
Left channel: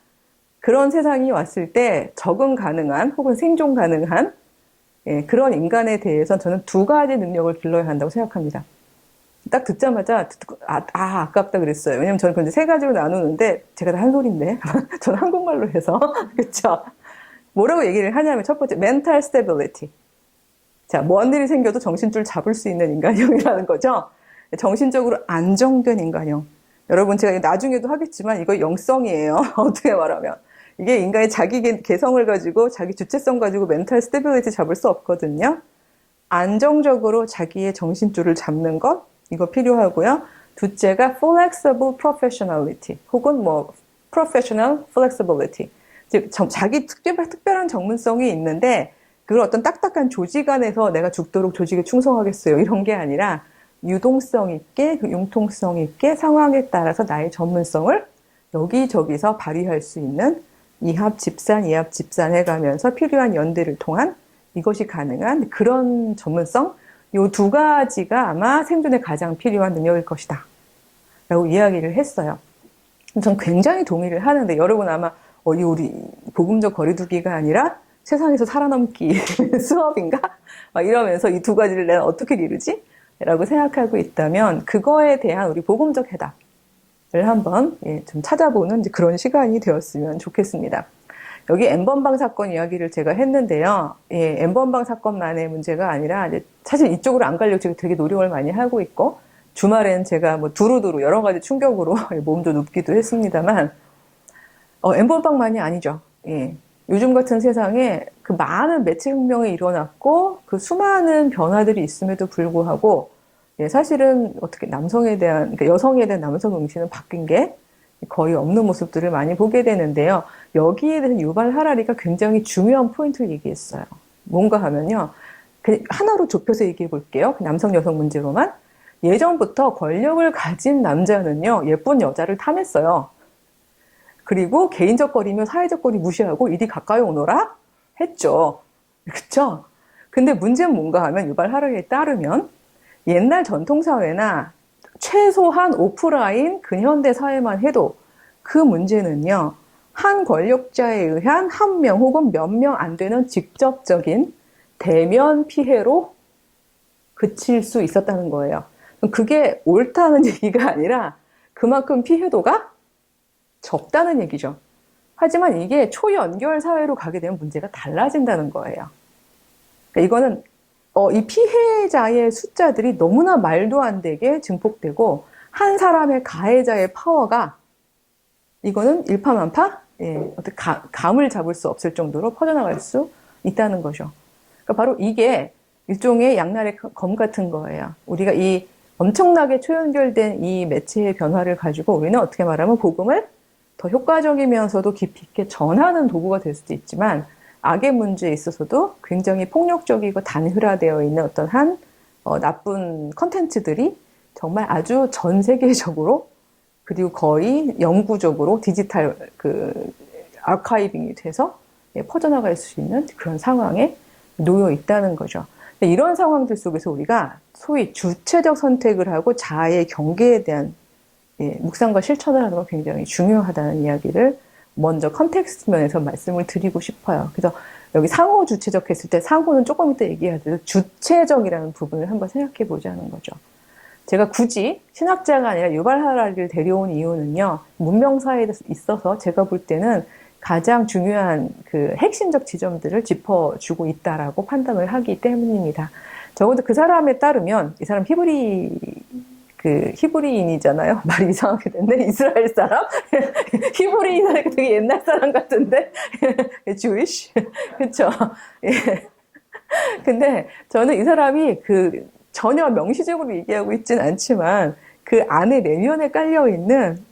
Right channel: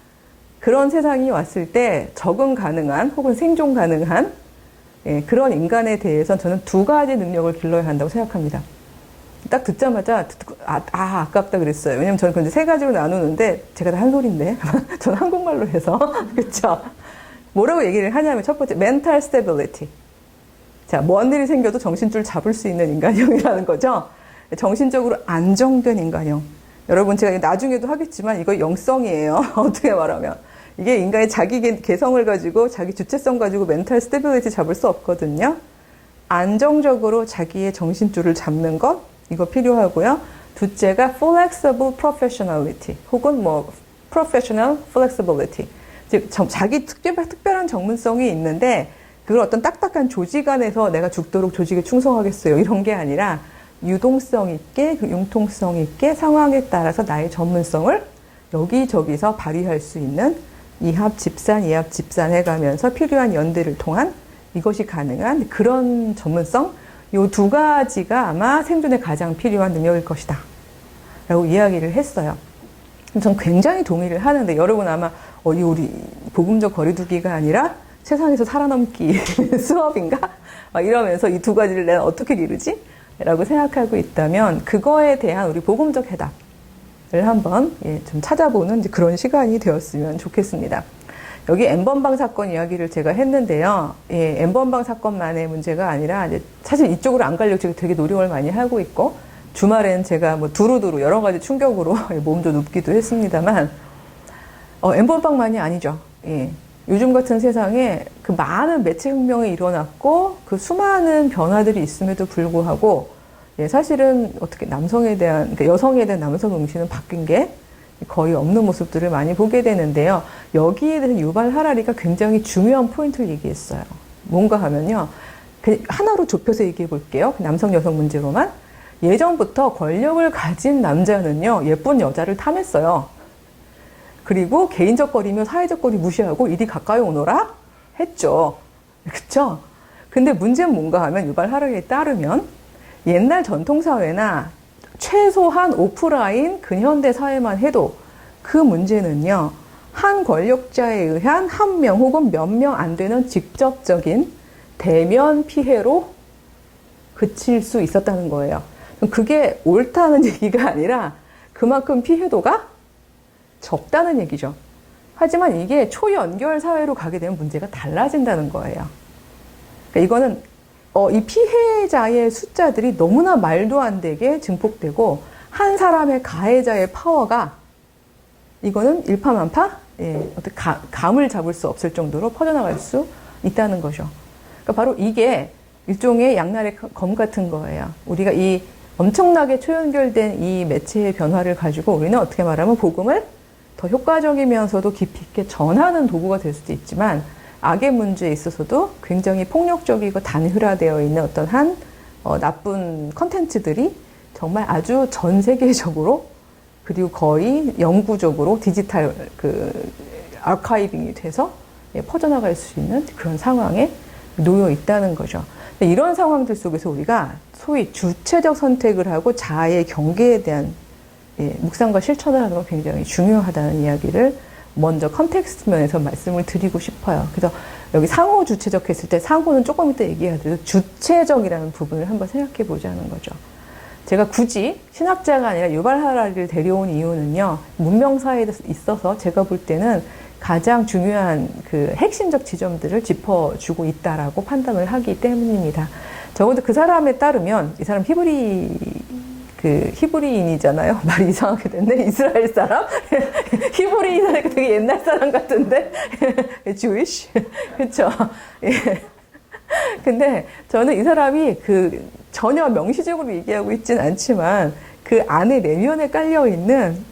그런 세상이 왔을 때 적응 가능한 혹은 생존 가능한 그런 인간에 대해서 저는 두 가지 능력을 길러야 한다고 생각합니다. 딱 듣자마자 아깝다 그랬어요. 왜냐면 저는 그런데 세 가지로 나누는데 제가 다 한 소리인데 저는 한국말로 해서 그렇죠. 뭐라고 얘기를 하냐면 첫 번째 mental stability. 자, 뭔 일이 생겨도 정신줄 잡을 수 있는 인간형이라는 거죠. 정신적으로 안정된 인간형. 여러분 제가 나중에도 하겠지만 이거 영성이에요. 어떻게 말하면. 이게 인간의 자기 개성을 가지고 자기 주체성 가지고 멘탈 스테빌리티 잡을 수 없거든요. 안정적으로 자기의 정신줄을 잡는 것 이거 필요하고요. 둘째가 flexible professionality 혹은 professional flexibility. 즉 자기 특별한 전문성이 있는데 그걸 어떤 딱딱한 조직 안에서 내가 죽도록 조직에 충성하겠어요. 이런 게 아니라 유동성 있게 융통성 있게 상황에 따라서 나의 전문성을 여기저기서 발휘할 수 있는 이합 집산, 이합 집산 해가면서 필요한 연대를 통한 이것이 가능한 그런 전문성 이 두 가지가 아마 생존에 가장 필요한 능력일 것이다 라고 이야기를 했어요. 전 굉장히 동의를 하는데 여러분 아마 우리 복음적 거리두기가 아니라 세상에서 살아남기 수업인가? 이러면서 이 두 가지를 내가 어떻게 기르지? 라고 생각하고 있다면 그거에 대한 우리 복음적 해답을 한번 좀 찾아보는 그런 시간이 되었으면 좋겠습니다. 여기 N번방 사건 이야기를 제가 했는데요. N번방 사건만의 문제가 아니라 사실 이쪽으로 안 가려고 지금 되게 노력을 많이 하고 있고 주말에는 제가 두루두루 여러 가지 충격으로 몸도 눕기도 했습니다만 N번방만이 아니죠. 요즘 같은 세상에 그 많은 매체 혁명이 일어났고 그 수많은 변화들이 있음에도 불구하고 사실은 어떻게 남성에 대한 그러니까 여성에 대한 남성 응시는 바뀐 게 거의 없는 모습들을 많이 보게 되는데요. 여기에 대해서 유발 하라리가 굉장히 중요한 포인트를 얘기했어요. 뭔가 하면요. 하나로 좁혀서 얘기해 볼게요. 남성 여성 문제로만. 예전부터 권력을 가진 남자는요. 예쁜 여자를 탐했어요. 그리고 개인적 거리며 사회적 거리 무시하고 이리 가까이 오너라 했죠. 그쵸? 근데 문제는 뭔가 하면 유발 하라리에 따르면 옛날 전통사회나 최소한 오프라인 근현대 사회만 해도 그 문제는요. 한 권력자에 의한 한 명 혹은 몇 명 안 되는 직접적인 대면 피해로 그칠 수 있었다는 거예요. 그게 옳다는 얘기가 아니라 그만큼 피해도가 적다는 얘기죠. 하지만 이게 초연결 사회로 가게 되면 문제가 달라진다는 거예요. 그러니까 이거는 이 피해자의 숫자들이 너무나 말도 안 되게 증폭되고 한 사람의 가해자의 파워가 이거는 일파만파 어떻게 감을 잡을 수 없을 정도로 퍼져나갈 수 있다는 거죠. 그러니까 바로 이게 일종의 양날의 검 같은 거예요. 우리가 이 엄청나게 초연결된 이 매체의 변화를 가지고 우리는 어떻게 말하면 복음을 더 효과적이면서도 깊이 있게 전하는 도구가 될 수도 있지만 악의 문제에 있어서도 굉장히 폭력적이고 단일화되어 있는 어떤 나쁜 컨텐츠들이 정말 아주 전 세계적으로 그리고 거의 영구적으로 디지털 아카이빙이 돼서 퍼져나갈 수 있는 그런 상황에 놓여 있다는 거죠. 근데 이런 상황들 속에서 우리가 소위 주체적 선택을 하고 자아의 경계에 대한 묵상과 실천을 하는 건 굉장히 중요하다는 이야기를 먼저 컨텍스트 면에서 말씀을 드리고 싶어요. 그래서 여기 상호 주체적 했을 때 상호는 조금 이따 얘기하듯 주체적이라는 부분을 한번 생각해 보자는 거죠. 제가 굳이 신학자가 아니라 유발 하라리를 데려온 이유는요, 문명사회에 있어서 제가 볼 때는 가장 중요한 그 핵심적 지점들을 짚어주고 있다라고 판단을 하기 때문입니다. 적어도 그 사람에 따르면, 이 사람 히브리인이잖아요. 말이 이상하게 됐네. 이스라엘 사람? 히브리인이니까 되게 옛날 사람 같은데? Jewish? 그쵸? 예. 근데 저는 이 사람이 전혀 명시적으로 얘기하고 있진 않지만 그 안에 내면에 깔려있는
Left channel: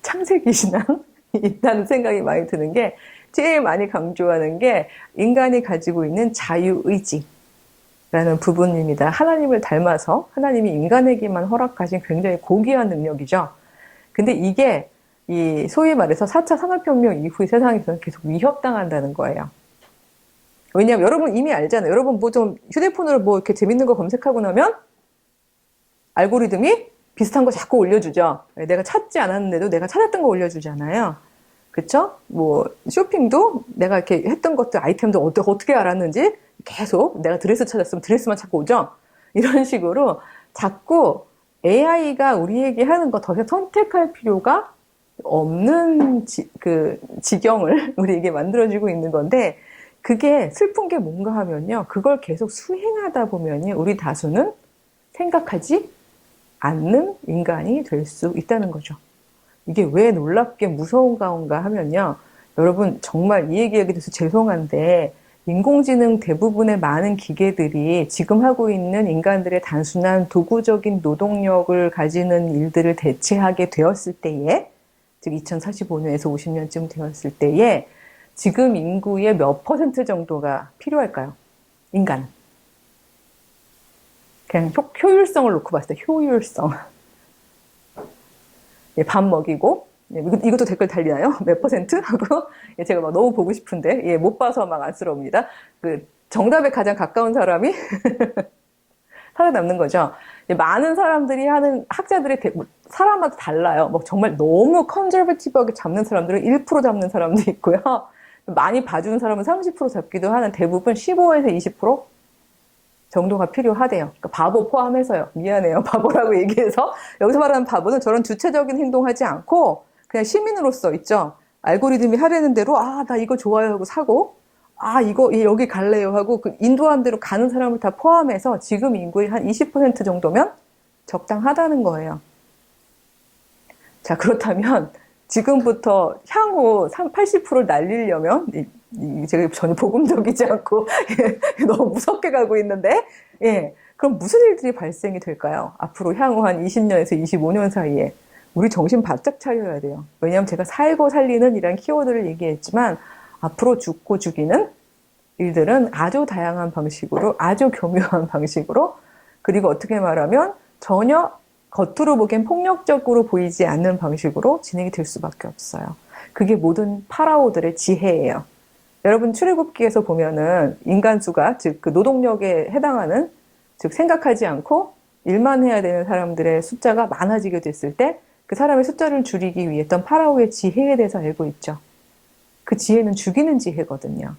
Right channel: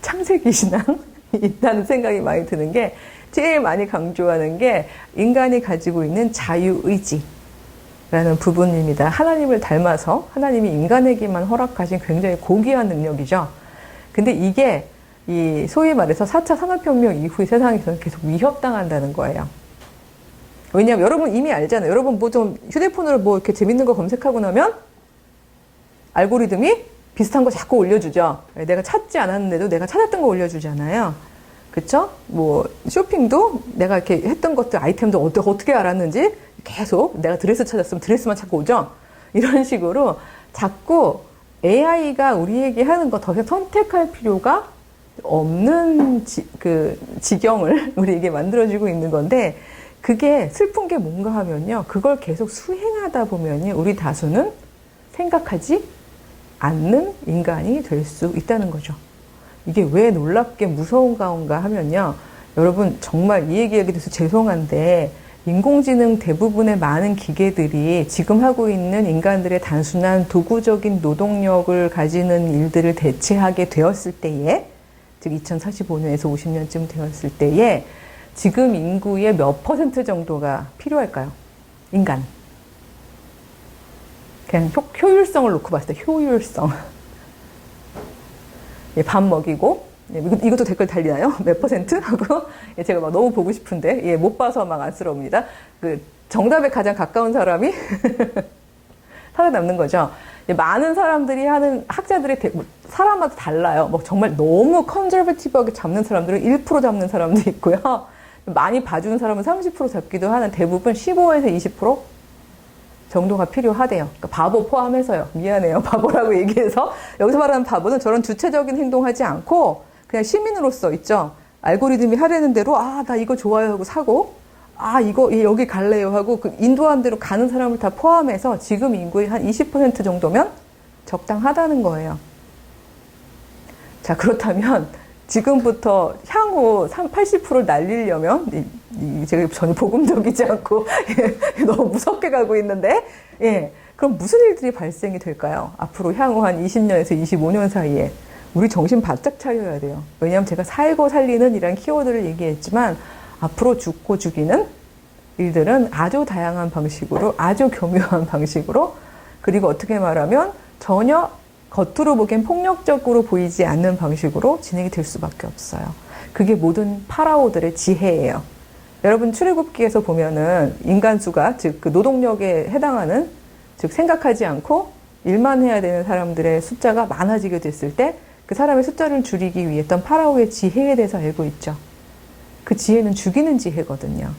창세기 신앙이 있다는 생각이 많이 드는 게, 제일 많이 강조하는 게 인간이 가지고 있는 자유의지 라는 부분입니다. 하나님을 닮아서 하나님이 인간에게만 허락하신 굉장히 고귀한 능력이죠. 근데 이게 소위 말해서 4차 산업혁명 이후 세상에서는 계속 위협당한다는 거예요. 왜냐하면 여러분 이미 알잖아요. 여러분 뭐 좀 휴대폰으로 뭐 이렇게 재밌는 거 검색하고 나면 알고리즘이 비슷한 거 자꾸 올려주죠. 내가 찾지 않았는데도 내가 찾았던 거 올려주잖아요. 그쵸? 뭐 쇼핑도 내가 이렇게 했던 것들, 아이템도 어떻게 알았는지 계속 내가 드레스 찾았으면 드레스만 찾고 오죠. 이런 식으로 자꾸 AI가 우리에게 하는 거 더 이상 선택할 필요가 없는 지경을 우리에게 만들어주고 있는 건데, 그게 슬픈 게 뭔가 하면요, 그걸 계속 수행하다 보면요, 우리 다수는 생각하지 않는 인간이 될 수 있다는 거죠. 이게 왜 놀랍게 무서운가 하면요, 여러분 정말 이 얘기하게 돼서 죄송한데, 인공지능 대부분의 많은 기계들이 지금 하고 있는 인간들의 단순한 도구적인 노동력을 가지는 일들을 대체하게 되었을 때에, 즉 2045년에서 50년쯤 되었을 때에 지금 인구의 몇 % 정도가 필요할까요? 인간. 그냥 효율성을 놓고 봤을 때 효율성. 밥 먹이고, 이것도 댓글 달리나요? 몇 %? 하고, 제가 막 너무 보고 싶은데, 못 봐서 막 안쓰러웁니다. 정답에 가장 가까운 사람이 살아남는 거죠. 많은 사람들이 하는, 학자들이 사람마다 달라요. 뭐 정말 너무 컨저베티브하게 잡는 사람들은 1% 잡는 사람도 있고요. 많이 봐주는 사람은 30% 잡기도 하는, 대부분 15에서 20% 정도가 필요하대요. 그러니까 바보 포함해서요. 미안해요. 바보라고 얘기해서. 여기서 말하는 바보는 저런 주체적인 행동하지 않고 그냥 시민으로서 있죠. 알고리즘이 하려는 대로 나 이거 좋아요 하고 사고, 이거 여기 갈래요 하고 인도한 대로 가는 사람을 다 포함해서 지금 인구의 한 20% 정도면 적당하다는 거예요. 자, 그렇다면 지금부터 향후 80%를 날리려면, 제가 전혀 복음적이지 않고 너무 무섭게 가고 있는데, 그럼 무슨 일들이 발생이 될까요? 앞으로 향후 한 20년에서 25년 사이에 우리 정신 바짝 차려야 돼요. 왜냐하면 제가 살고 살리는 이런 키워드를 얘기했지만, 앞으로 죽고 죽이는 일들은 아주 다양한 방식으로, 아주 교묘한 방식으로, 그리고 어떻게 말하면 전혀 겉으로 보기엔 폭력적으로 보이지 않는 방식으로 진행이 될 수밖에 없어요. 그게 모든 파라오들의 지혜예요. 여러분 출애굽기에서 보면은 인간수가, 즉 그 노동력에 해당하는, 즉 생각하지 않고 일만 해야 되는 사람들의 숫자가 많아지게 됐을 때 그 사람의 숫자를 줄이기 위해 했던 파라오의 지혜에 대해서 알고 있죠. 그 지혜는 죽이는 지혜거든요.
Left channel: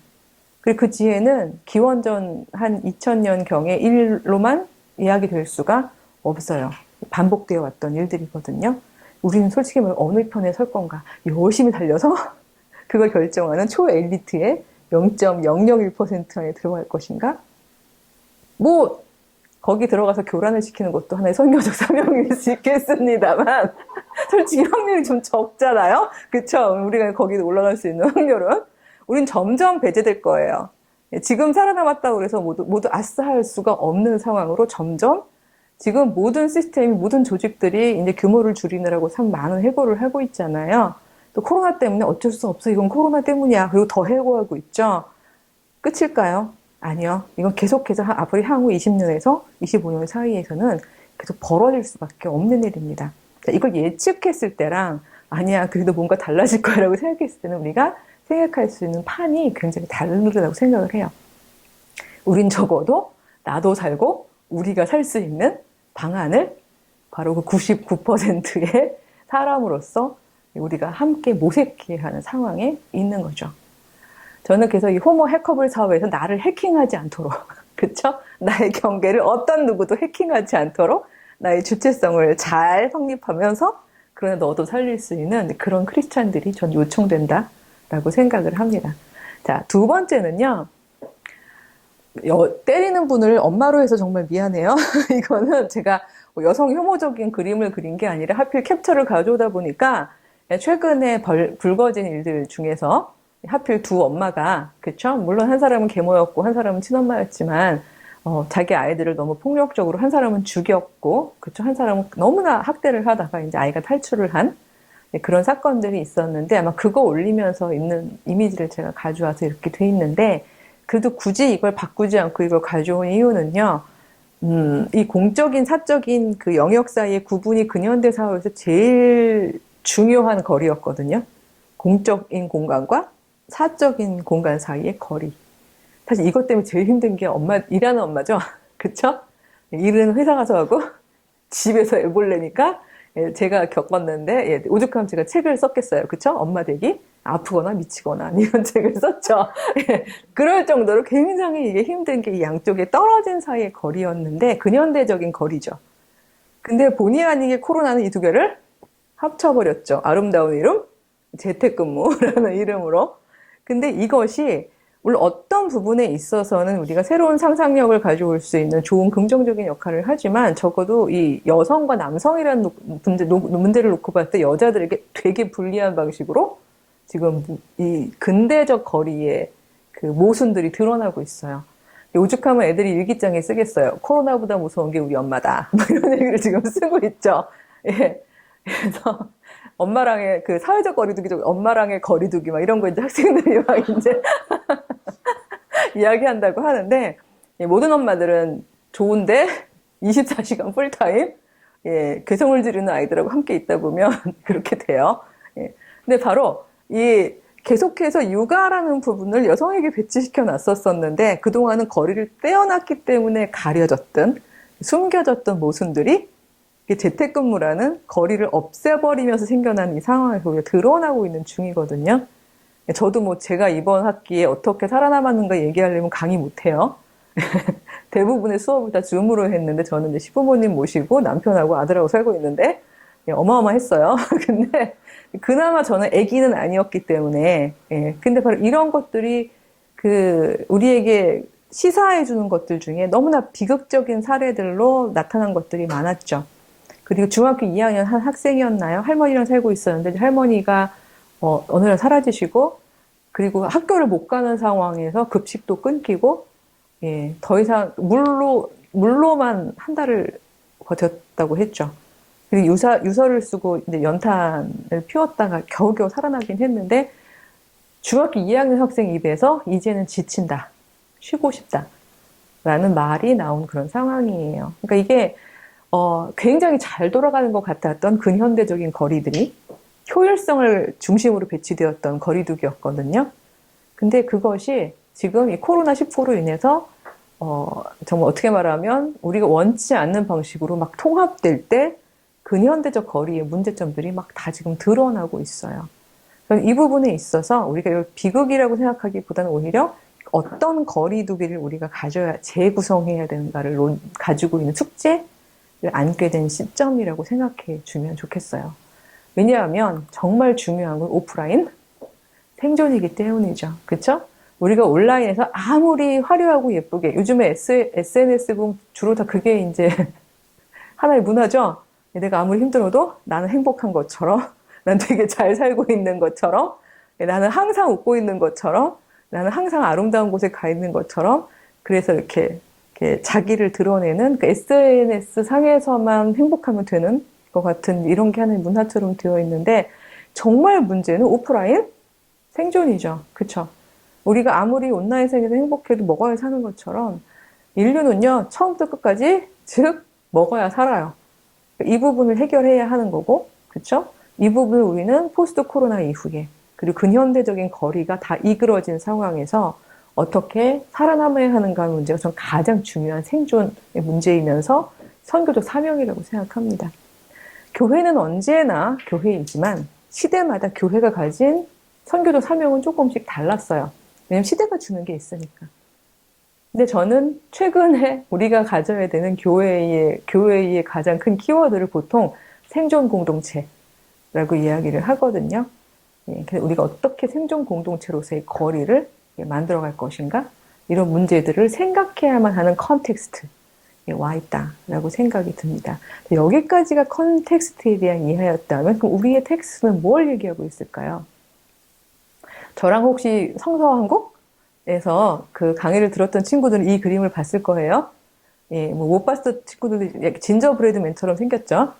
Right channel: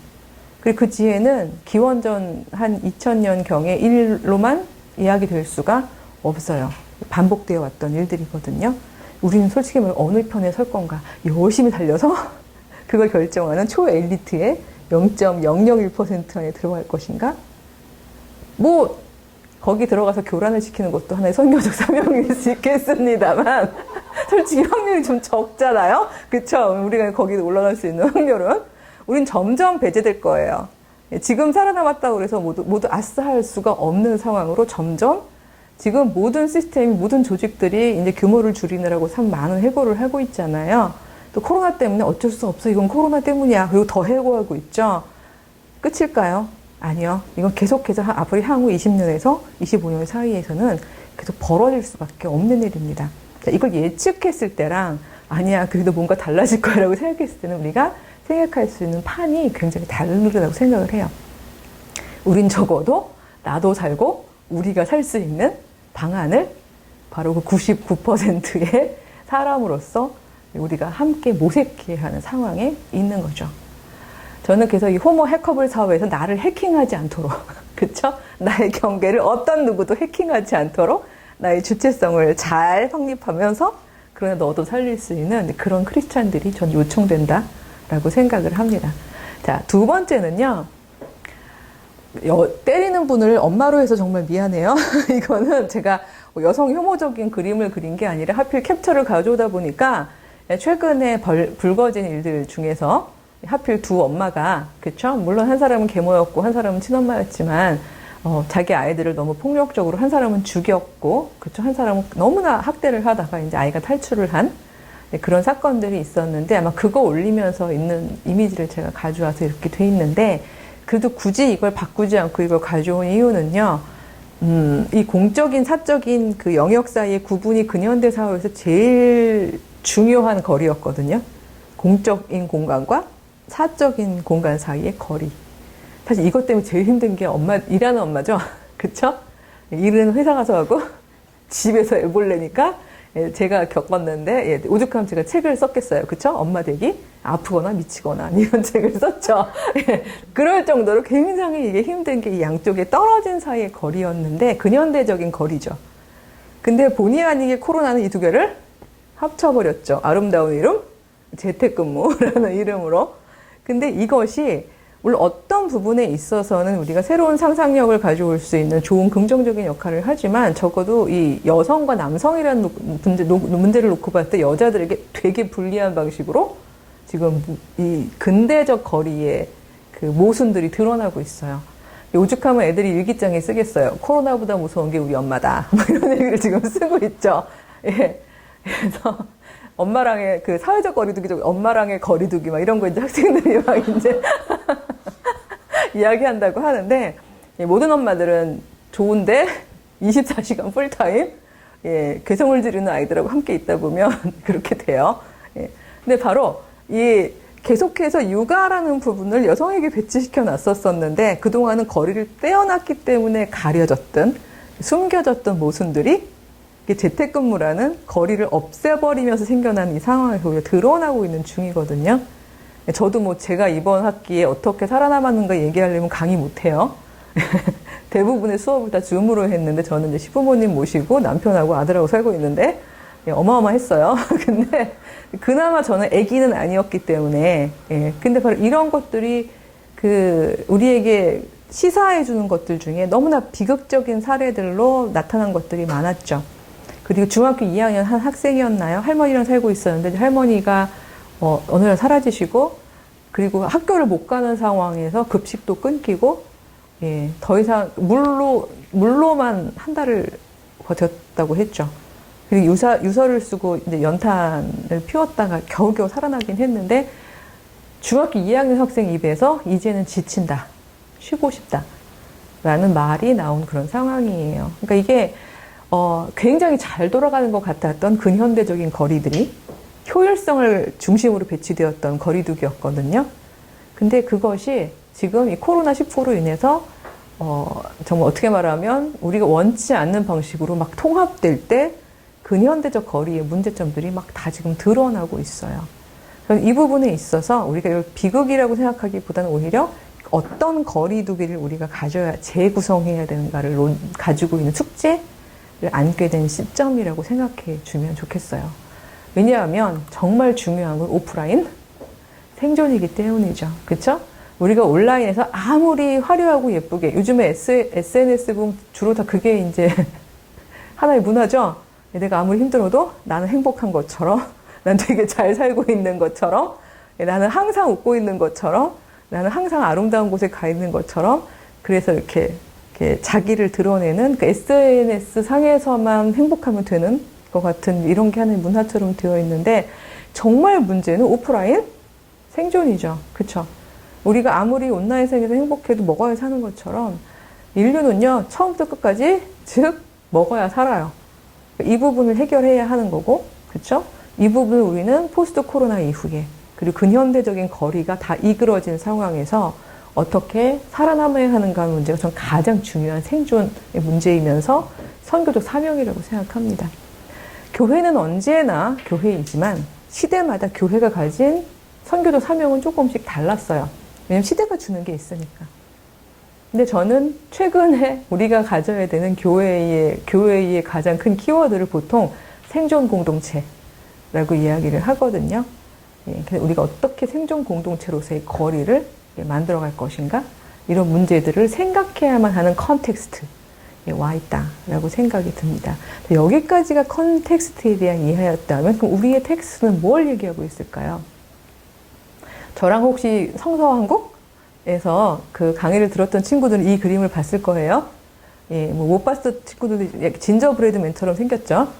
그리고 그 지혜는 기원전 한 2000년경의 일로만 이야기될 수가 없어요. 반복되어 왔던 일들이거든요. 우리는 솔직히 말해 어느 편에 설 건가 열심히 달려서 그걸 결정하는 초엘리트의 0.001% 안에 들어갈 것인가? 뭐 거기 들어가서 교란을 시키는 것도 하나의 선교적 사명일 수 있겠습니다만, 솔직히 확률이 좀 적잖아요? 그쵸? 우리가 거기 올라갈 수 있는 확률은. 우린 점점 배제될 거예요. 지금 살아남았다고 해서 모두 아싸 할 수가 없는 상황으로 점점 지금 모든 시스템, 모든 조직들이 이제 규모를 줄이느라고 참 많은 해고를 하고 있잖아요. 또 코로나 때문에 어쩔 수 없어. 이건 코로나 때문이야. 그리고 더 해고하고 있죠. 끝일까요? 아니요. 이건 계속해서 앞으로 향후 20년에서 25년 사이에서는 계속 벌어질 수밖에 없는 일입니다. 자, 이걸 예측했을 때랑 아니야, 그래도 뭔가 달라질 거라고 생각했을 때는 우리가 생각할 수 있는 판이 굉장히 다르다고 생각을 해요. 우린 적어도 나도 살고 우리가 살 수 있는 방안을 바로 그 99%의 사람으로서 우리가 함께 모색해야 하는 상황에 있는 거죠. 저는 그래서 이 호모 해커블 사회에서 나를 해킹하지 않도록, 그쵸? 나의 경계를 어떤 누구도 해킹하지 않도록 나의 주체성을 잘 확립하면서 그러나 너도 살릴 수 있는 그런 크리스찬들이 전 요청된다라고 생각을 합니다. 자, 두 번째는요. 때리는 분을 엄마로 해서 정말 미안해요. 이거는 제가 여성 혐오적인 그림을 그린 게 아니라 하필 캡처를 가져오다 보니까 최근에 불거진 일들 중에서 하필 두 엄마가, 그쵸? 물론 한 사람은 계모였고 한 사람은 친엄마였지만 자기 아이들을 너무 폭력적으로 한 사람은 죽였고, 그쵸? 한 사람은 너무나 학대를 하다가 이제 아이가 탈출을 한 그런 사건들이 있었는데 아마 그거 올리면서 있는 이미지를 제가 가져와서 이렇게 돼 있는데 그래도 굳이 이걸 바꾸지 않고 이걸 가져온 이유는요, 이 공적인, 사적인 그 영역 사이의 구분이 근현대 사회에서 제일 중요한 거리였거든요. 공적인 공간과 사적인 공간 사이의 거리. 사실 이것 때문에 제일 힘든 게 일하는 엄마죠. 그쵸? 일은 회사 가서 하고, 집에서 애 보려니까, 제가 겪었는데, 오죽하면 제가 책을 썼겠어요. 그쵸? 엄마 되기? 아프거나 미치거나, 이런 책을 썼죠. 그럴 정도로 굉장히 이게 힘든 게 양쪽에 떨어진 사이의 거리였는데, 근현대적인 거리죠. 근데 본의 아니게 코로나는 이 두 개를 합쳐버렸죠. 아름다운 이름? 재택근무라는 이름으로. 근데 이것이 물론 어떤 부분에 있어서는 우리가 새로운 상상력을 가져올 수 있는 좋은 긍정적인 역할을 하지만 적어도 이 여성과 남성이라는 문제를 놓고 봤을 때 여자들에게 되게 불리한 방식으로 지금 이 근대적 거리에 그 모순들이 드러나고 있어요. 오죽하면 애들이 일기장에 쓰겠어요. 코로나보다 무서운 게 우리 엄마다. 뭐 이런 얘기를 지금 쓰고 있죠. 예. 그래서 엄마랑의 그 사회적 거리두기, 엄마랑의 거리두기 막 이런 거 이제 학생들이 막 이제 이야기한다고 하는데 모든 엄마들은 좋은데 24시간 풀타임 괴성을 지르는 아이들하고 함께 있다 보면 그렇게 돼요. 근데 바로 이 계속해서 육아라는 부분을 여성에게 배치시켜 놨었었는데 그동안은 거리를 떼어놨기 때문에 가려졌던 숨겨졌던 모순들이 재택근무라는 거리를 없애버리면서 생겨난 이 상황에서 드러나고 있는 중이거든요. 저도 뭐 제가 이번 학기에 어떻게 살아남았는가 얘기하려면 강의 못해요. 대부분의 수업을 다 줌으로 했는데 저는 이제 시부모님 모시고 남편하고 아들하고 살고 있는데 어마어마했어요. 근데 그나마 저는 아기는 아니었기 때문에 근데 바로 이런 것들이 우리에게 시사해주는 것들 중에 너무나 비극적인 사례들로 나타난 것들이 많았죠. 그리고 중학교 2학년 한 학생이었나요? 할머니랑 살고 있었는데 할머니가 어느 날 사라지시고 그리고 학교를 못 가는 상황에서 급식도 끊기고 더 이상 물로만 한 달을 버텼다고 했죠. 그리고 유서를 쓰고 이제 연탄을 피웠다가 겨우겨우 살아나긴 했는데 중학교 2학년 학생 입에서 이제는 지친다, 쉬고 싶다 라는 말이 나온 그런 상황이에요. 그러니까 이게 굉장히 잘 돌아가는 것 같았던 근현대적인 거리들이 효율성을 중심으로 배치되었던 거리두기였거든요. 근데 그것이 지금 이 코로나19로 인해서 정말 어떻게 말하면 우리가 원치 않는 방식으로 막 통합될 때 근현대적 거리의 문제점들이 막 다 지금 드러나고 있어요. 이 부분에 있어서 우리가 이걸 비극이라고 생각하기보다는 오히려 어떤 거리두기를 우리가 가져야 재구성해야 되는가를 가지고 있는 숙제를 안게 된 시점이라고 생각해 주면 좋겠어요. 왜냐하면 정말 중요한 건 오프라인 생존이기 때문이죠. 그쵸? 우리가 온라인에서 아무리 화려하고 예쁘게 요즘에 SNS 보면 주로 다 그게 이제 하나의 문화죠. 내가 아무리 힘들어도 나는 행복한 것처럼 난 되게 잘 살고 있는 것처럼 나는 항상 웃고 있는 것처럼 나는 항상 아름다운 곳에 가 있는 것처럼 그래서 이렇게 자기를 드러내는 그 SNS 상에서만 행복하면 되는 것 같은 이런 게 하나의 문화처럼 되어 있는데 정말 문제는 오프라인 생존이죠. 그쵸? 우리가 아무리 온라인 세계에서 행복해도 먹어야 사는 것처럼 인류는요 처음부터 끝까지 즉 먹어야 살아요. 이 부분을 해결해야 하는 거고, 그렇죠? 이 부분을 우리는 포스트 코로나 이후에 그리고 근현대적인 거리가 다 이그러진 상황에서 어떻게 살아남아야 하는가 하는 문제가 전 가장 중요한 생존의 문제이면서 선교적 사명이라고 생각합니다. 교회는 언제나 교회이지만 시대마다 교회가 가진 선교적 사명은 조금씩 달랐어요. 왜냐면 시대가 주는 게 있으니까. 근데 저는 최근에 우리가 가져야 되는 교회의 가장 큰 키워드를 보통 생존 공동체라고 이야기를 하거든요. 우리가 어떻게 생존 공동체로서의 거리를 만들어갈 것인가? 이런 문제들을 생각해야만 하는 컨텍스트에 와 있다라고 생각이 듭니다. 여기까지가 컨텍스트에 대한 이해였다면 그럼 우리의 텍스트는 뭘 얘기하고 있을까요? 저랑 혹시 성서왕국에서 그 강의를 들었던 친구들은 이 그림을 봤을 거예요. 못 봤을 친구들이 진저브레드맨처럼 생겼죠.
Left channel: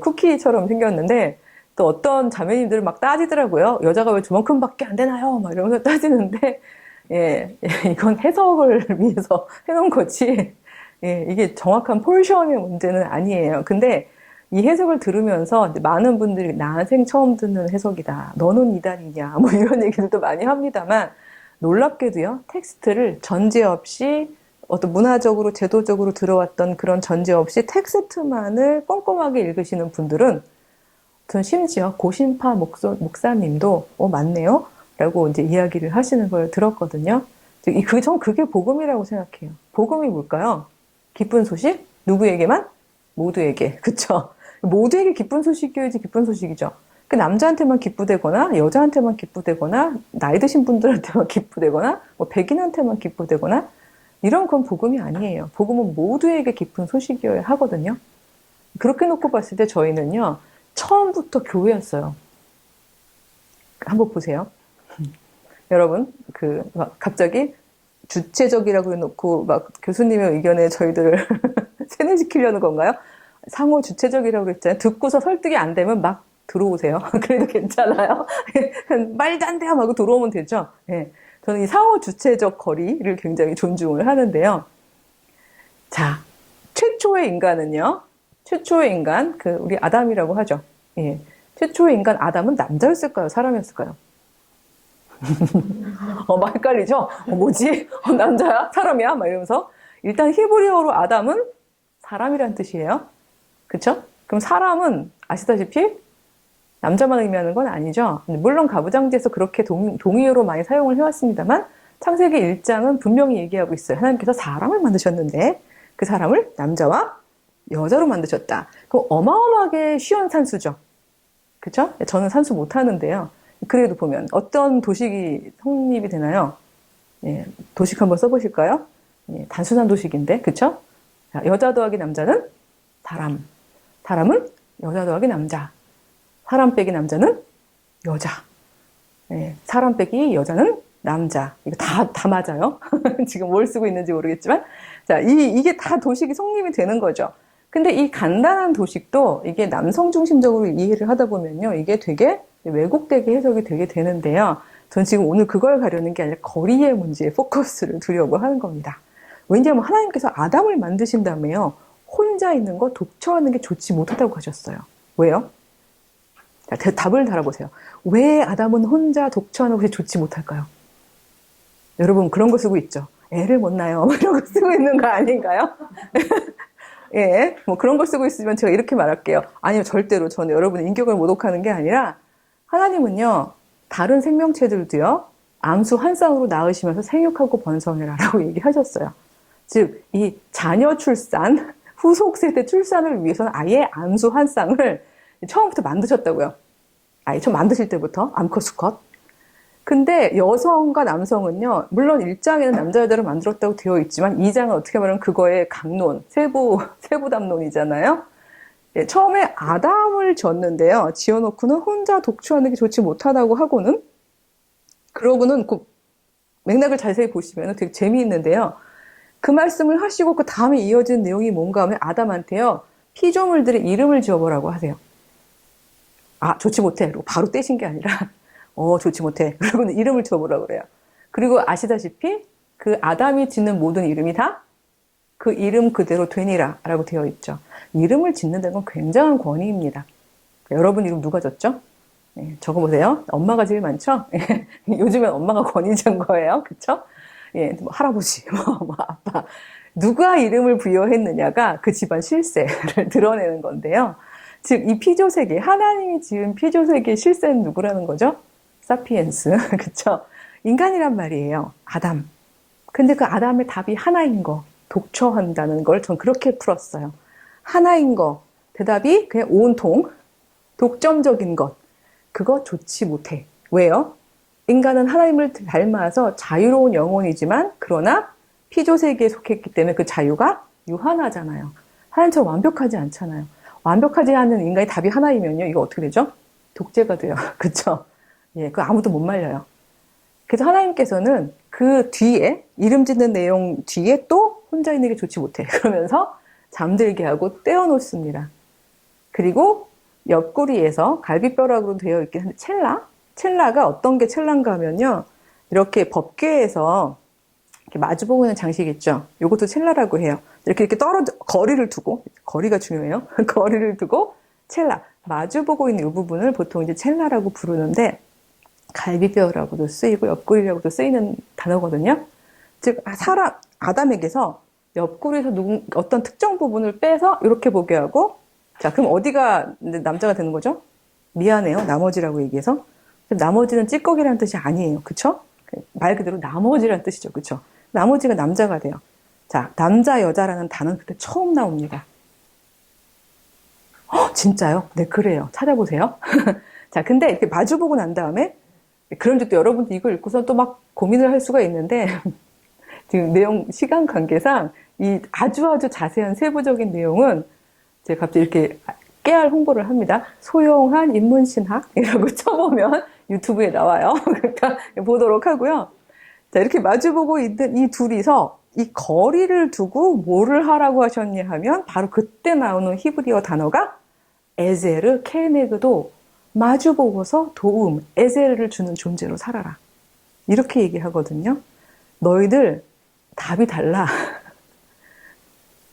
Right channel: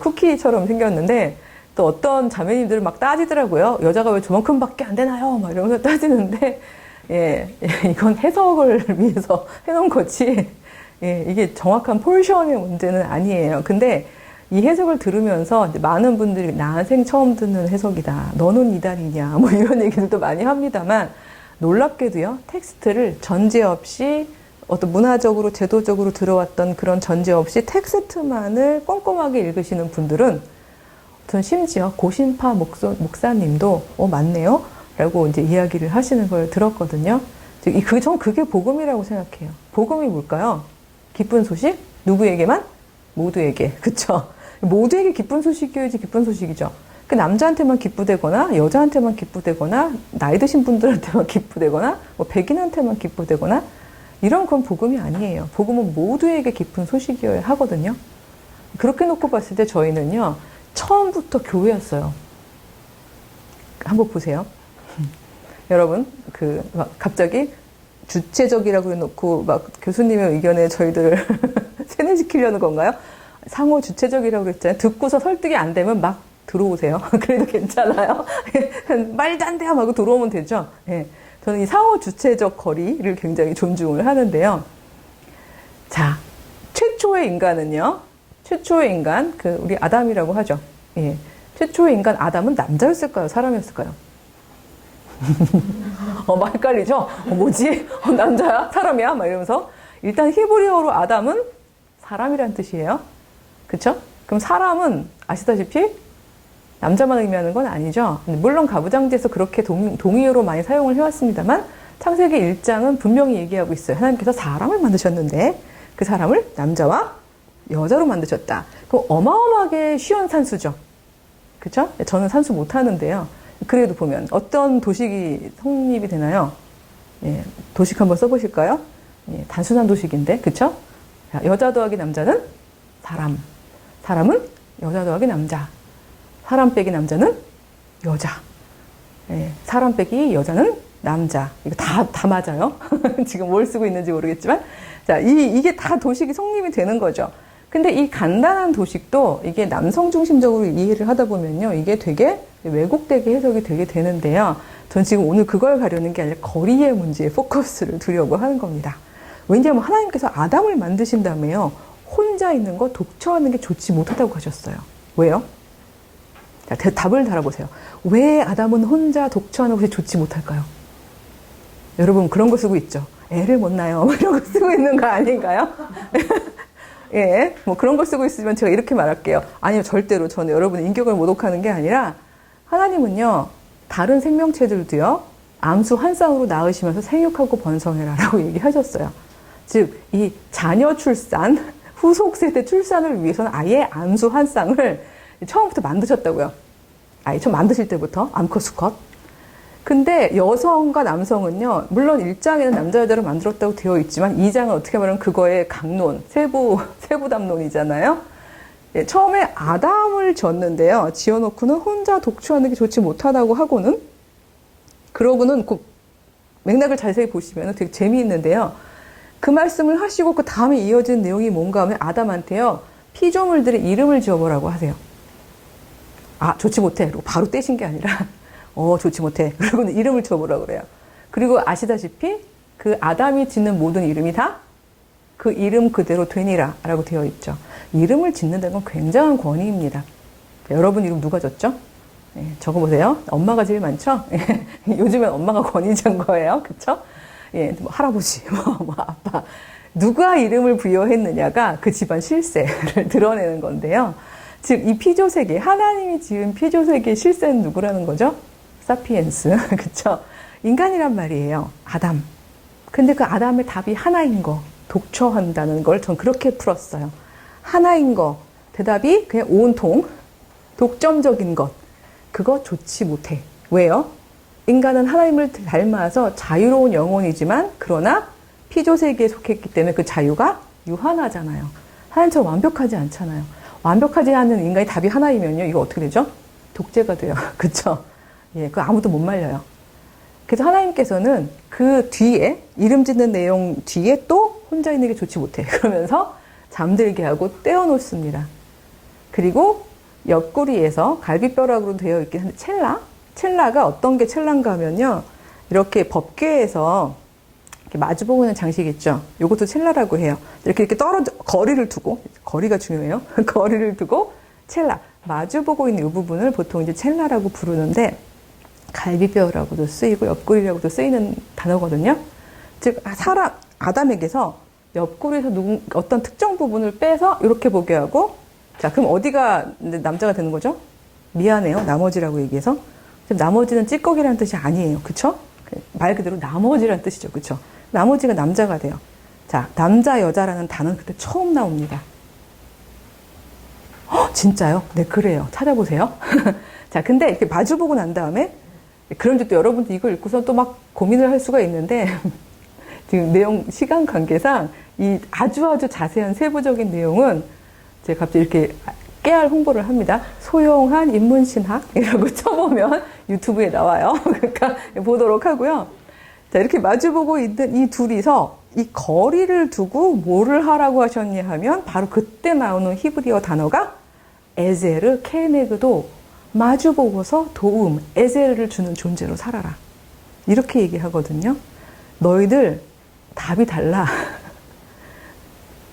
쿠키처럼 생겼는데 또 어떤 자매님들은 막 따지더라고요. 여자가 왜 저만큼밖에 안 되나요? 막 이러면서 따지는데 이건 해석을 위해서 해놓은 거지. 이게 정확한 포지션의 문제는 아니에요. 근데 이 해석을 들으면서 많은 분들이 난생 처음 듣는 해석이다. 너는 이달이냐. 뭐 이런 얘기들도 많이 합니다만 놀랍게도요. 텍스트를 전제 없이 어떤 문화적으로 제도적으로 들어왔던 그런 전제 없이 텍스트만을 꼼꼼하게 읽으시는 분들은 전 심지어 고신파 목사님도 맞네요. 라고 이제 이야기를 하시는 걸 들었거든요. 전 그게 복음이라고 생각해요. 복음이 뭘까요? 기쁜 소식? 누구에게만? 모두에게. 그쵸? 모두에게 기쁜 소식이어야지 기쁜 소식이죠. 그 남자한테만 기쁘되거나 여자한테만 기쁘되거나 나이 드신 분들한테만 기쁘되거나 뭐 백인한테만 기쁘되거나 이런 건 복음이 아니에요. 복음은 모두에게 기쁜 소식이어야 하거든요. 그렇게 놓고 봤을 때 저희는요. 처음부터 교회였어요. 한번 보세요. 여러분 막 갑자기 주체적이라고 해놓고 막 교수님의 의견에 저희들 세뇌시키려는 건가요? 상호 주체적이라고 했잖아요. 듣고서 설득이 안 되면 막 들어오세요. 그래도 괜찮아요. 말도 안 돼요 하고 들어오면 되죠. 저는 이 상호 주체적 거리를 굉장히 존중을 하는데요. 자, 최초의 인간은요. 최초의 인간, 우리 아담이라고 하죠. 최초의 인간 아담은 남자였을까요? 사람이었을까요? 막 헷갈리죠? 뭐지? 남자야? 사람이야? 막 이러면서. 일단 히브리어로 아담은 사람이란 뜻이에요. 그쵸? 그럼 사람은 아시다시피 남자만 의미하는 건 아니죠. 물론 가부장제에서 그렇게 동의어로 많이 사용을 해왔습니다만 창세기 1장은 분명히 얘기하고 있어요. 하나님께서 사람을 만드셨는데 그 사람을 남자와 여자로 만드셨다. 그럼 어마어마하게 쉬운 산수죠. 그쵸? 저는 산수 못하는데요. 그래도 보면 어떤 도식이 성립이 되나요? 도식 한번 써보실까요? 단순한 도식인데, 그쵸? 여자 더하기 남자는 사람. 사람은 여자 더하기 남자. 사람 빼기 남자는 여자. 사람 빼기 여자는 남자. 이거 다 맞아요. 지금 뭘 쓰고 있는지 모르겠지만. 자, 이게 다 도식이 성립이 되는 거죠. 근데 이 간단한 도식도 이게 남성 중심적으로 이해를 하다 보면요. 이게 되게 왜곡되게 해석이 되게 되는데요. 전 지금 오늘 그걸 가려는 게 아니라 거리의 문제에 포커스를 두려고 하는 겁니다. 왜냐하면 하나님께서 아담을 만드신다며요. 혼자 있는 거 독처하는 게 좋지 못하다고 하셨어요. 왜요? 자, 답을 달아보세요. 왜 아담은 혼자 독처하는 것이 좋지 못할까요? 여러분 그런 거 쓰고 있죠. 애를 못 낳아요. 이런 거 쓰고 있는 거 아닌가요? 뭐 그런 걸 쓰고 있으면 제가 이렇게 말할게요. 아니요, 절대로 저는 여러분의 인격을 모독하는 게 아니라 하나님은요, 다른 생명체들도요, 암수 한 쌍으로 낳으시면서 생육하고 번성해라라고 얘기하셨어요. 즉, 이 자녀 출산, 후속 세대 출산을 위해서는 아예 암수 한 쌍을 처음부터 만드셨다고요. 아예 처음 만드실 때부터 암컷, 수컷. 근데 여성과 남성은요, 물론 1장에는 남자, 여자를 만들었다고 되어 있지만 2장은 어떻게 말하면 그거의 강론, 세부 담론이잖아요. 처음에 아담을 졌는데요. 지어놓고는 혼자 독초하는 게 좋지 못하다고 하고는, 그러고는 꼭 맥락을 자세히 보시면 되게 재미있는데요. 그 말씀을 하시고 그 다음에 이어진 내용이 뭔가 하면 아담한테요, 피조물들의 이름을 지어보라고 하세요. 아, 좋지 못해. 그리고 바로 떼신 게 아니라, 좋지 못해. 그러고는 이름을 지어보라고 그래요. 그리고 아시다시피 그 아담이 짓는 모든 이름이 다 그 이름 그대로 되니라 라고 되어 있죠. 이름을 짓는다는 건 굉장한 권위입니다. 여러분 이름 누가 졌죠? 적어보세요. 엄마가 제일 많죠? 요즘엔 엄마가 권위자인 거예요. 그쵸? 뭐 할아버지, 뭐 아빠. 누가 이름을 부여했느냐가 그 집안 실세를 드러내는 건데요. 즉, 이 피조세계, 하나님이 지은 피조세계의 실세는 누구라는 거죠? 사피엔스. 그쵸? 인간이란 말이에요. 아담. 근데 그 아담의 답이 하나인 거. 독처한다는 걸 전 그렇게 풀었어요. 하나인 거. 대답이 그냥 온통, 독점적인 것. 그거 좋지 못해. 왜요? 인간은 하나님을 닮아서 자유로운 영혼이지만 그러나 피조세계에 속했기 때문에 그 자유가 유한하잖아요. 하나님처럼 완벽하지 않잖아요. 완벽하지 않은 인간의 답이 하나이면요. 이거 어떻게 되죠? 독재가 돼요. 그쵸? 그거 아무도 못 말려요. 그래서 하나님께서는 그 뒤에 이름 짓는 내용 뒤에 또 혼자 있는 게 좋지 못해. 그러면서 잠들게 하고 떼어놓습니다. 그리고 옆구리에서 갈비뼈락으로 되어 있긴 한데 첼라가 어떤 게 첼라인가 하면요. 이렇게 법궤에서 이렇게 마주보고 있는 장식 있죠. 이것도 첼라라고 해요. 이렇게 거리를 두고, 거리가 중요해요. 거리를 두고 첼라, 마주보고 있는 이 부분을 보통 이제 첼라라고 부르는데 갈비뼈라고도 쓰이고 옆구리라고도 쓰이는 단어거든요. 즉 아담에게서 옆구리에서 어떤 특정 부분을 빼서 이렇게 보게 하고, 자, 그럼 어디가 남자가 되는 거죠? 미안해요. 나머지라고 얘기해서. 나머지는 찌꺼기라는 뜻이 아니에요. 그쵸? 말 그대로 나머지라는 뜻이죠. 그쵸? 나머지가 남자가 돼요. 자, 남자, 여자라는 단어는 그때 처음 나옵니다. 진짜요? 네, 그래요. 찾아보세요. 자, 근데 이렇게 마주보고 난 다음에, 그럼 이제 또 여러분들 이걸 읽고서 또 막 고민을 할 수가 있는데, 지금 내용, 시간 관계상, 이 아주 자세한 세부적인 내용은 제가 갑자기 이렇게 깨알 홍보를 합니다. 소용한 인문신학이라고 쳐보면 유튜브에 나와요. 그러니까 보도록 하고요. 자, 이렇게 마주보고 있는 이 둘이서 이 거리를 두고 뭐를 하라고 하셨냐 하면 바로 그때 나오는 히브리어 단어가 에제르, 켈네그도 마주보고서 도움, 에제르를 주는 존재로 살아라. 이렇게 얘기하거든요. 너희들 답이 달라.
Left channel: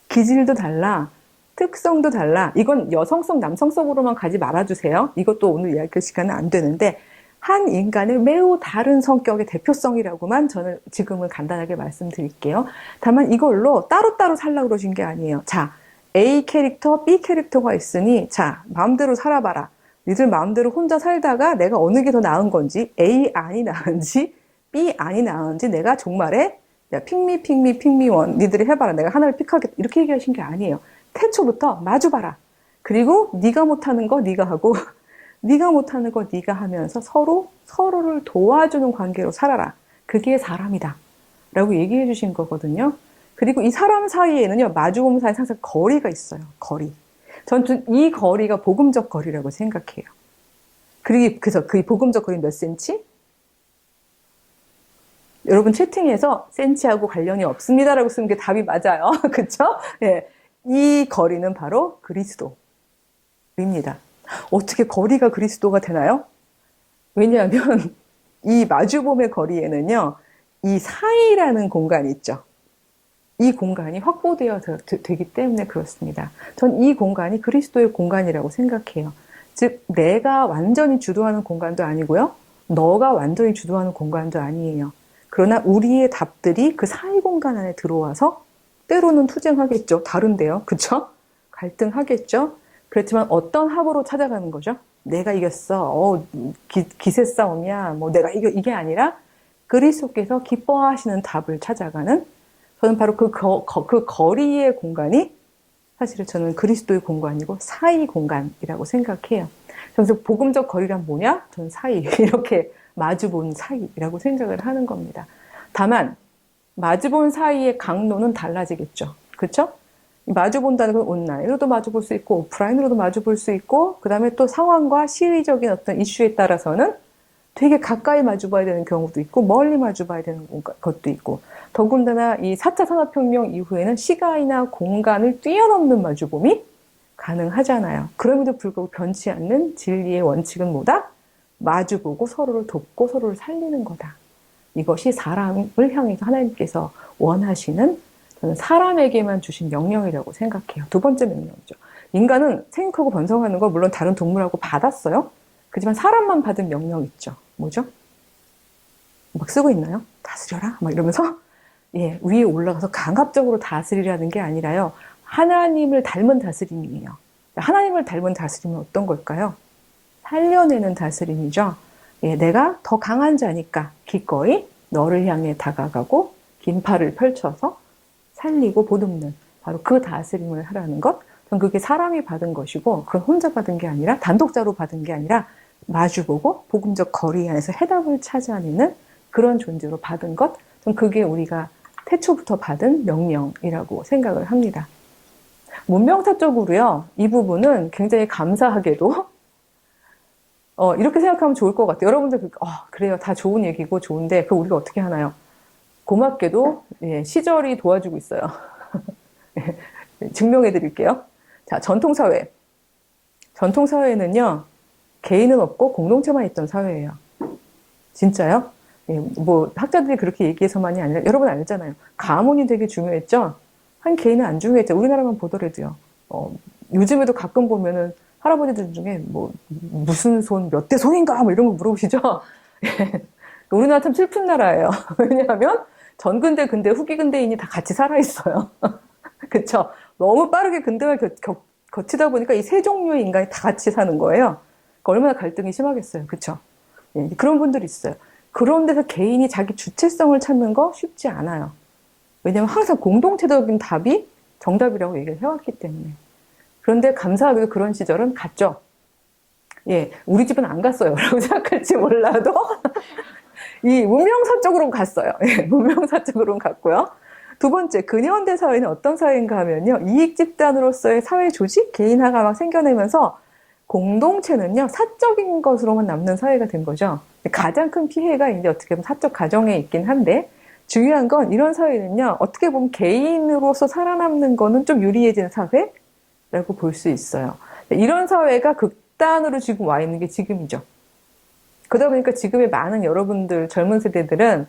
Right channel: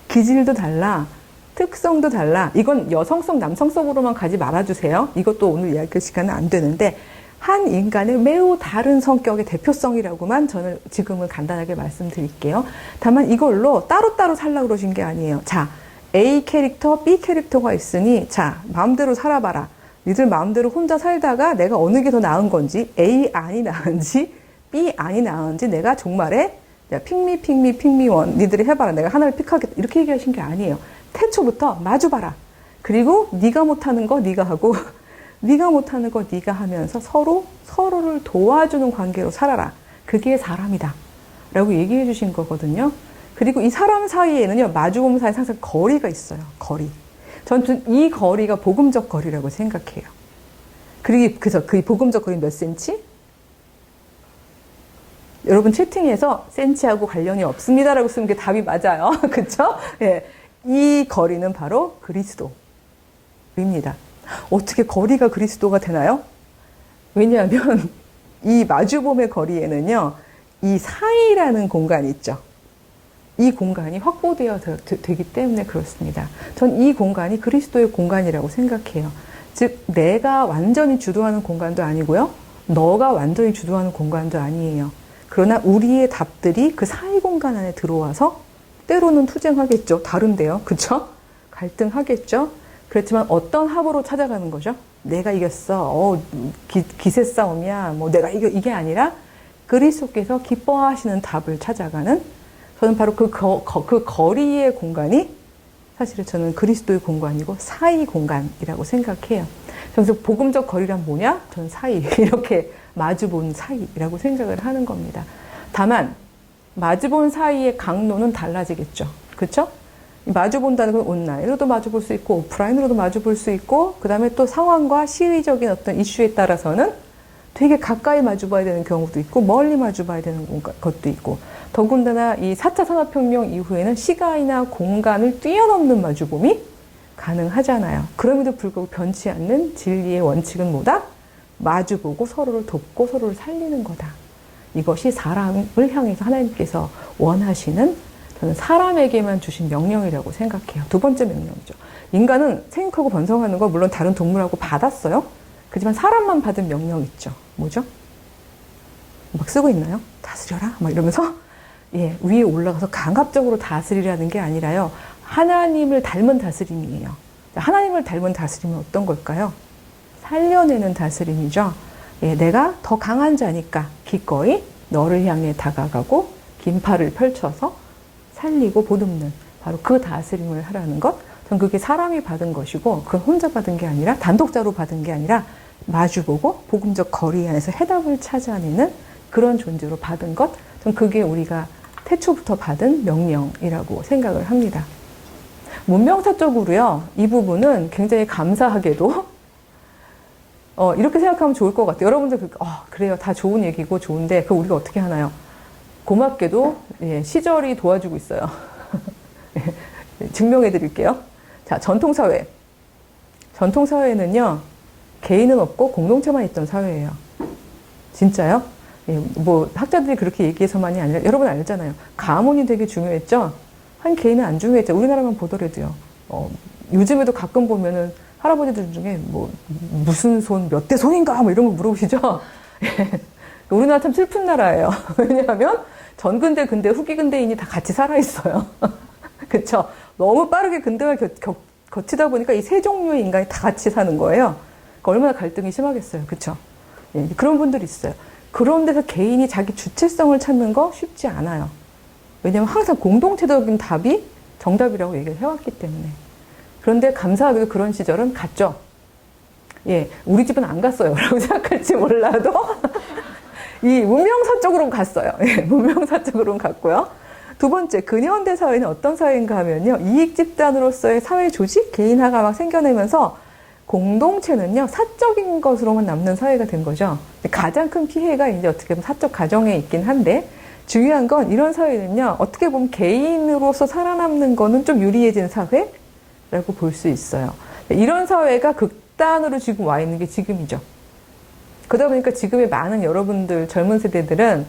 기질도 달라. 특성도 달라. 이건 여성성, 남성성으로만 가지 말아주세요. 이것도 오늘 이야기할 시간은 안 되는데 한 인간의 매우 다른 성격의 대표성이라고만 저는 지금은 간단하게 말씀드릴게요. 다만 이걸로 따로따로 살라고 그러신 게 아니에요. 자, A 캐릭터, B 캐릭터가 있으니 자, 마음대로 살아봐라. 니들 마음대로 혼자 살다가 내가 어느 게 더 나은 건지 A 안이 나은지 B 안이 나은지 내가 종말에 핑미원 니들이 해봐라. 내가 하나를 픽하겠다. 이렇게 얘기하신 게 아니에요. 태초부터 마주봐라. 그리고 네가 못하는 거 네가 하고 네가 못하는 거 네가 하면서 서로를 도와주는 관계로 살아라. 그게 사람이다. 라고 얘기해 주신 거거든요. 그리고 이 사람 사이에는요. 마주보는 사이에 항상 거리가 있어요. 거리. 전 이 거리가 복음적 거리라고 생각해요. 그래서 그 복음적 거리 몇 센치? 여러분 채팅에서 센치하고 관련이 없습니다라고 쓰는 게 답이 맞아요. 그쵸? 예. 이 거리는 바로 그리스도입니다. 어떻게 거리가 그리스도가 되나요? 왜냐하면 이 마주봄의 거리에는요. 이 사이라는 공간이 있죠. 이 공간이 확보되어 되기 때문에 그렇습니다. 전 이 공간이 그리스도의 공간이라고 생각해요. 즉 내가 완전히 주도하는 공간도 아니고요. 너가 완전히 주도하는 공간도 아니에요. 그러나 우리의 답들이 그 사이 공간 안에 들어와서 때로는 투쟁하겠죠. 다른데요. 그쵸? 갈등하겠죠. 그렇지만 어떤 합으로 찾아가는 거죠? 내가 이겼어. 기세 싸움이야. 뭐 내가 이게 아니라 그리스도께서 기뻐하시는 답을 찾아가는 저는 바로 그 거리의 공간이 사실은 저는 그리스도의 공간이고 사이 공간이라고 생각해요. 그래서 복음적 거리란 뭐냐? 저는 사이 이렇게 마주본 사이라고 생각을 하는 겁니다. 다만 마주본 사이의 강도는 달라지겠죠. 그렇죠? 마주본다는 건 온라인으로도 마주볼 수 있고 오프라인으로도 마주볼 수 있고 그 다음에 또 상황과 시의적인 어떤 이슈에 따라서는 되게 가까이 마주봐야 되는 경우도 있고 멀리 마주봐야 되는 것도 있고 더군다나 이 4차 산업혁명 이후에는 시간이나 공간을 뛰어넘는 마주봄이 가능하잖아요. 그럼에도 불구하고 변치 않는 진리의 원칙은 뭐다? 마주보고 서로를 돕고 서로를 살리는 거다. 이것이 사랑을 향해서 하나님께서 원하시는 저는 사람에게만 주신 명령이라고 생각해요. 두 번째 명령이죠. 인간은 생육하고 번성하는 거 물론 다른 동물하고 받았어요. 그렇지만 사람만 받은 명령 있죠. 뭐죠? 막 쓰고 있나요? 다스려라 막 이러면서 예, 위에 올라가서 강압적으로 다스리라는 게 아니라요. 하나님을 닮은 다스림이에요. 하나님을 닮은 다스림은 어떤 걸까요? 살려내는 다스림이죠. 예, 내가 더 강한 자니까 기꺼이 너를 향해 다가가고 긴 팔을 펼쳐서 살리고 보듬는 바로 그 다스림을 하라는 것. 전 그게 사람이 받은 것이고 그건 혼자 받은 게 아니라 단독자로 받은 게 아니라 마주보고 복음적 거리 안에서 해답을 찾아내는 그런 존재로 받은 것. 전 그게 우리가 태초부터 받은 명령이라고 생각을 합니다. 문명사적으로요. 이 부분은 굉장히 감사하게도 이렇게 생각하면 좋을 것 같아요. 여러분들 그래요. 다 좋은 얘기고 좋은데 그거 우리가 어떻게 하나요? 고맙게도 예, 시절이 도와주고 있어요. 증명해 드릴게요. 자, 전통사회. 전통사회는요. 개인은 없고 공동체만 있던 사회예요. 진짜요? 예, 뭐 학자들이 그렇게 얘기해서만이 아니라 여러분 알잖아요. 가문이 되게 중요했죠. 한 개인은 안 중요했죠. 우리나라만 보더라도요. 요즘에도 가끔 보면은 할아버지들 중에 뭐 무슨 손 몇 대 손인가 뭐 이런 거 물어보시죠. 우리나라 참 슬픈 나라예요. 왜냐하면 전근대, 근대, 후기 근대인이 다 같이 살아 있어요. 그렇죠? 너무 빠르게 근대화 거치다 보니까 이 세 종류의 인간이 다 같이 사는 거예요. 그러니까 얼마나 갈등이 심하겠어요. 그렇죠? 예, 그런 분들이 있어요. 그런 데서 개인이 자기 주체성을 찾는 거 쉽지 않아요. 왜냐하면 항상 공동체적인 답이 정답이라고 얘기를 해왔기 때문에. 그런데 감사하게도 그런 시절은 갔죠. 예, 우리 집은 안 갔어요. 라고 생각할지 몰라도 이 문명사 쪽으로는 갔어요. 예, 문명사 쪽으로는 갔고요. 두 번째, 근현대 사회는 어떤 사회인가 하면요. 이익 집단으로서의 사회 조직, 개인화가 막 생겨내면서 공동체는요, 사적인 것으로만 남는 사회가 된 거죠. 가장 큰 피해가 이제 어떻게 보면 사적 가정에 있긴 한데, 중요한 건 이런 사회는요, 어떻게 보면 개인으로서 살아남는 거는 좀 유리해진 사회라고 볼 수 있어요. 이런 사회가 극단으로 지금 와 있는 게 지금이죠. 그러다 보니까 지금의 많은 여러분들, 젊은 세대들은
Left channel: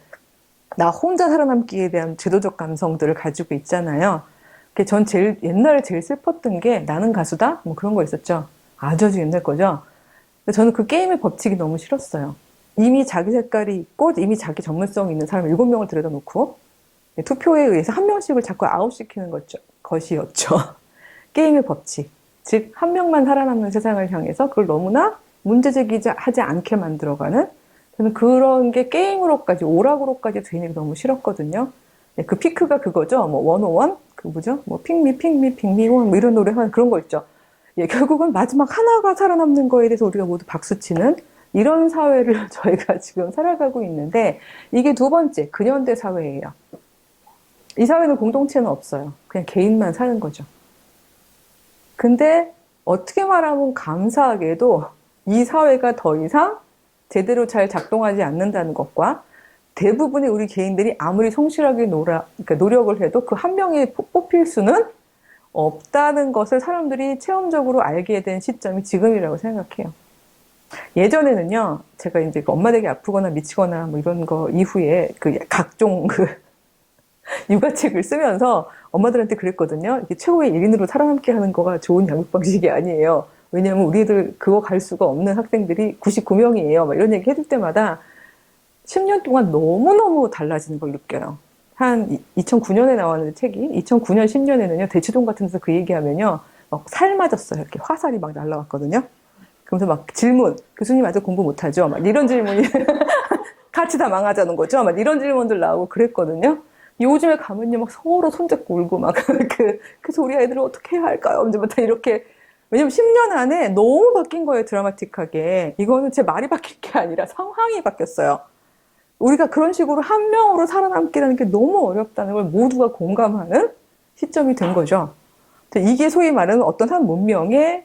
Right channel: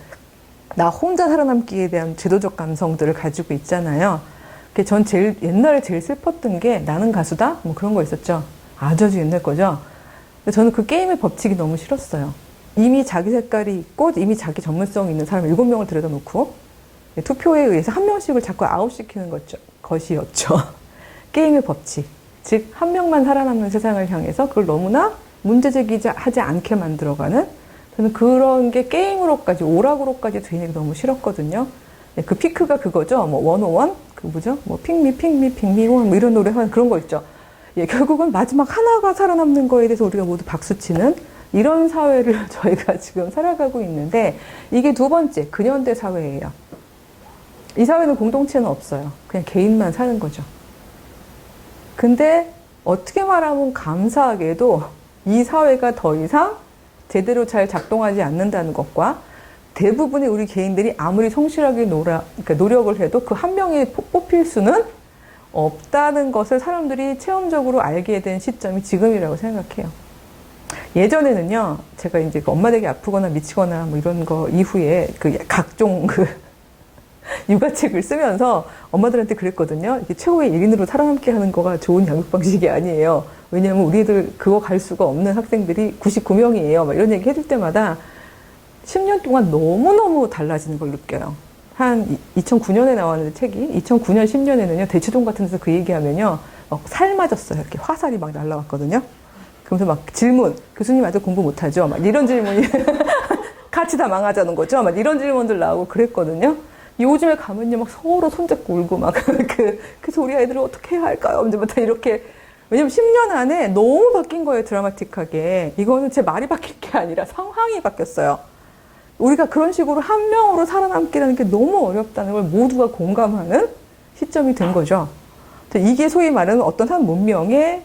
나 혼자 살아남기에 대한 제도적 감성들을 가지고 있잖아요. 전 옛날에 제일 슬펐던 게 나는 가수다? 뭐 그런 거 있었죠. 아주 옛날 거죠. 근데 저는 그 게임의 법칙이 너무 싫었어요. 이미 자기 색깔이 있고 이미 자기 전문성이 있는 사람 7명을 들여다 놓고 투표에 의해서 한 명씩을 자꾸 아웃시키는 것이었죠. 게임의 법칙. 즉, 한 명만 살아남는 세상을 향해서 그걸 너무나 문제제기하지 않게 만들어가는 저는 그런 게 게임으로까지, 오락으로까지 되는 게 너무 싫었거든요. 네, 그 피크가 그거죠. 뭐, 101? 그 뭐죠? 뭐, 핑미, 원, 뭐 이런 노래 하는 그런 거 있죠. 예, 결국은 마지막 하나가 살아남는 거에 대해서 우리가 모두 박수치는 이런 사회를 저희가 지금 살아가고 있는데, 이게 두 번째, 근현대 사회예요. 이 사회는 공동체는 없어요. 그냥 개인만 사는 거죠. 근데, 어떻게 말하면 감사하게도 이 사회가 더 이상 제대로 잘 작동하지 않는다는 것과 대부분의 우리 개인들이 아무리 성실하게 그러니까 노력을 해도 그 한 명이 뽑힐 수는 없다는 것을 사람들이 체험적으로 알게 된 시점이 지금이라고 생각해요. 예전에는요, 제가 이제 엄마 되게 아프거나 미치거나 뭐 이런 거 이후에 각종 육아책을 쓰면서 엄마들한테 그랬거든요. 이게 최고의 1인으로 살아남게 하는 거가 좋은 양육 방식이 아니에요. 왜냐면 우리 애들 그거 갈 수가 없는 학생들이 99명이에요. 막 이런 얘기 해줄 때마다 10년 동안 너무너무 달라지는 걸 느껴요. 한 2009년에 나왔는데 책이 2009년 10년에는요. 대치동 같은 데서 그 얘기하면요. 막 살 맞았어요. 이렇게 화살이 막 날라왔거든요. 그러면서 막 질문. 교수님 아직 공부 못하죠? 막 이런 질문이 같이 다 망하자는 거죠. 막 이런 질문들 나오고 그랬거든요. 요즘에 가면요. 막 서로 손잡고 울고 막 그래서 우리 아이들은 어떻게 해야 할까요? 이제부터 이렇게 왜냐면 10년 안에 너무 바뀐 거예요, 드라마틱하게. 이거는 제 말이 바뀐 게 아니라 상황이 바뀌었어요. 우리가 그런 식으로 한 명으로 살아남기라는 게 너무 어렵다는 걸 모두가 공감하는 시점이 된 거죠. 이게 소위 말하는 어떤 한 문명의,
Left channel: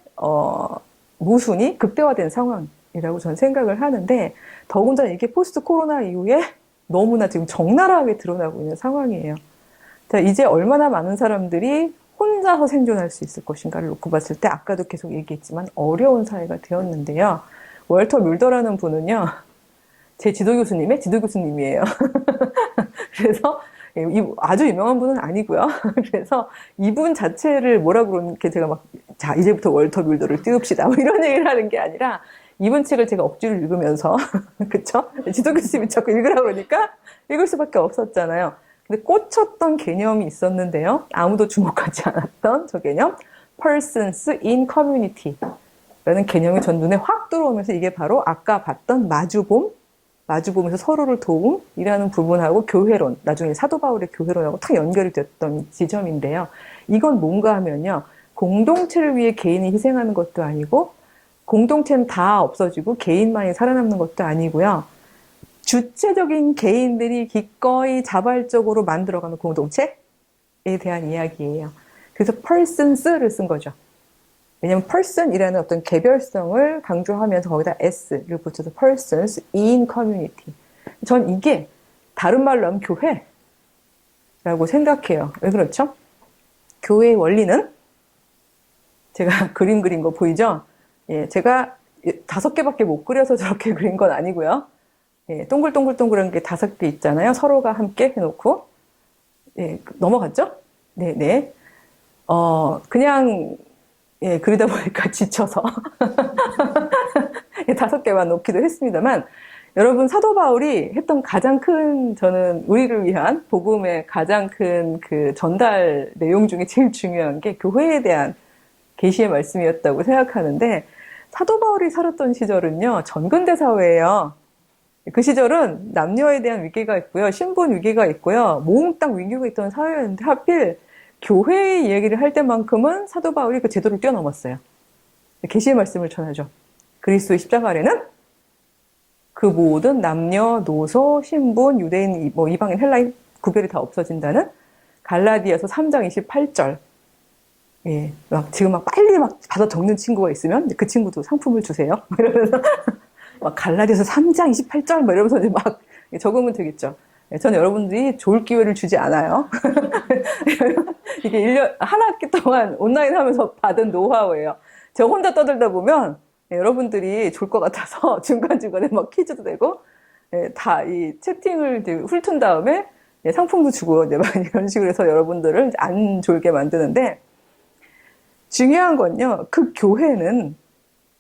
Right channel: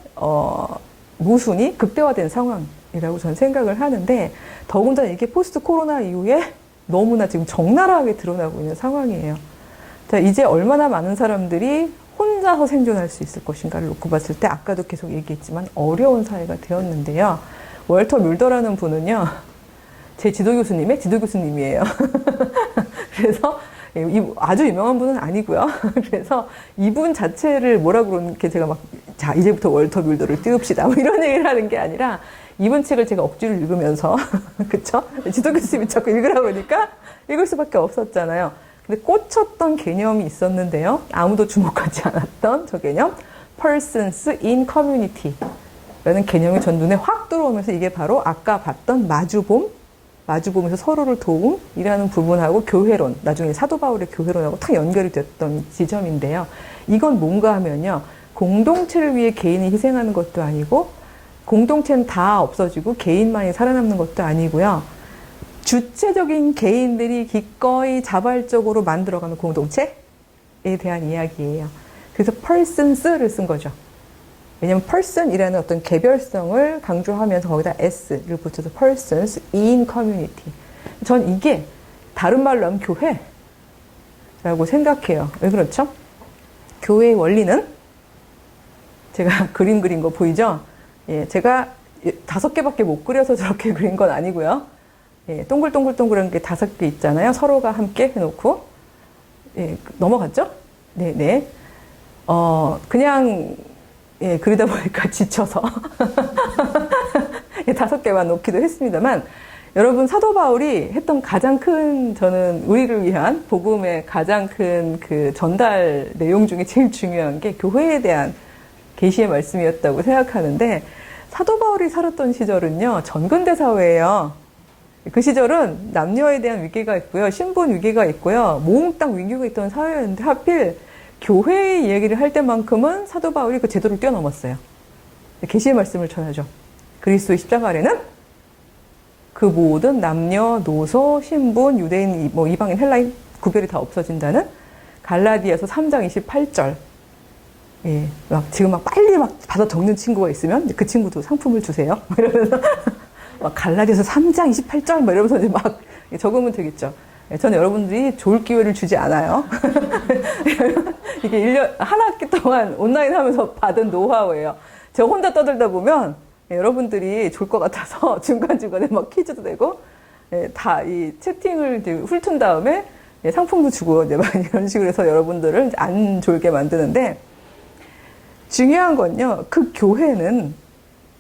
모순이 극대화된 상황이라고 저는 생각을 하는데, 더군다나 이게 포스트 코로나 이후에 너무나 지금 적나라하게 드러나고 있는 상황이에요. 자, 이제 얼마나 많은 사람들이 혼자서 생존할 수 있을 것인가를 놓고 봤을 때 아까도 계속 얘기했지만 어려운 사회가 되었는데요. 월터 뮬더라는 분은요. 제 지도 교수님이에요. 그래서 아주 유명한 분은 아니고요. 그래서 이분 자체를 뭐라고 그렇게 제가 막, 자, 이제부터 월터 밀도를 띄웁시다. 뭐 이런 얘기를 하는 게 아니라, 이분 책을 제가 억지로 읽으면서, 그쵸? 지도 교수님이 자꾸 읽으라고 그러니까 읽을 수밖에 없었잖아요. 근데 꽂혔던 개념이 있었는데요. 아무도 주목하지 않았던 저 개념. persons in community. 라는 개념이 전 눈에 확 들어오면서 이게 바로 아까 봤던 마주봄에서 서로를 도움이라는 부분하고 교회론, 나중에 사도 바울의 교회론하고 탁 연결이 됐던 지점인데요. 이건 뭔가 하면요. 공동체를 위해 개인이 희생하는 것도 아니고, 공동체는 다 없어지고 개인만이 살아남는 것도 아니고요. 주체적인 개인들이 기꺼이 자발적으로 만들어가는 공동체에 대한 이야기예요. 그래서 persons를 쓴 거죠. 왜냐하면 person이라는 어떤 개별성을 강조하면서 거기다 s를 붙여서 persons in community. 전 이게 다른 말로 하면 교회라고 생각해요. 왜 그렇죠? 교회의 원리는 제가 그림 그린 거 보이죠? 예, 제가 5개밖에 못 그려서 저렇게 그린 건 아니고요. 예, 동글동글동글한 게 5개 있잖아요. 서로가 함께 해놓고. 예, 넘어갔죠? 네네. 그냥, 예, 그러다 보니까 지쳐서 5개만 놓기도 했습니다만, 여러분, 사도 바울이 했던 가장 큰, 저는 우리를 위한 복음의 가장 큰 그 전달 내용 중에 제일 중요한 게 교회에 대한 계시의 말씀이었다고 생각하는데, 사도 바울이 살았던 시절은요, 전근대 사회예요. 그 시절은 남녀에 대한 위계가 있고요, 신분 위계가 있고요, 몽땅 위계가 있던 사회였는데 하필 교회의 얘기를 할 때만큼은 사도 바울이 그 제도를 뛰어넘었어요. 계시의 말씀을 전하죠. 그리스도의 십자가 아래는 그 모든 남녀, 노소, 신분, 유대인, 뭐 이방인, 헬라인 구별이 다 없어진다는 갈라디아서 3장 28절. 예, 지금 빨리 받아 적는 친구가 있으면 그 친구도 상품을 주세요. 이러면서 갈라디아서 3장 28절 이러면서 이제 적으면 되겠죠. 예, 저는 여러분들이 좋을 기회를 주지 않아요. 이게 1년, 한 학기 동안 온라인 하면서 받은 노하우예요. 제가 혼자 떠들다 보면 여러분들이 좋을 것 같아서 중간중간에 퀴즈도 되고, 다 이 채팅을 훑은 다음에 상품도 주고 이제 이런 식으로 해서 여러분들을 안 졸게 만드는데, 중요한 건요, 그 교회는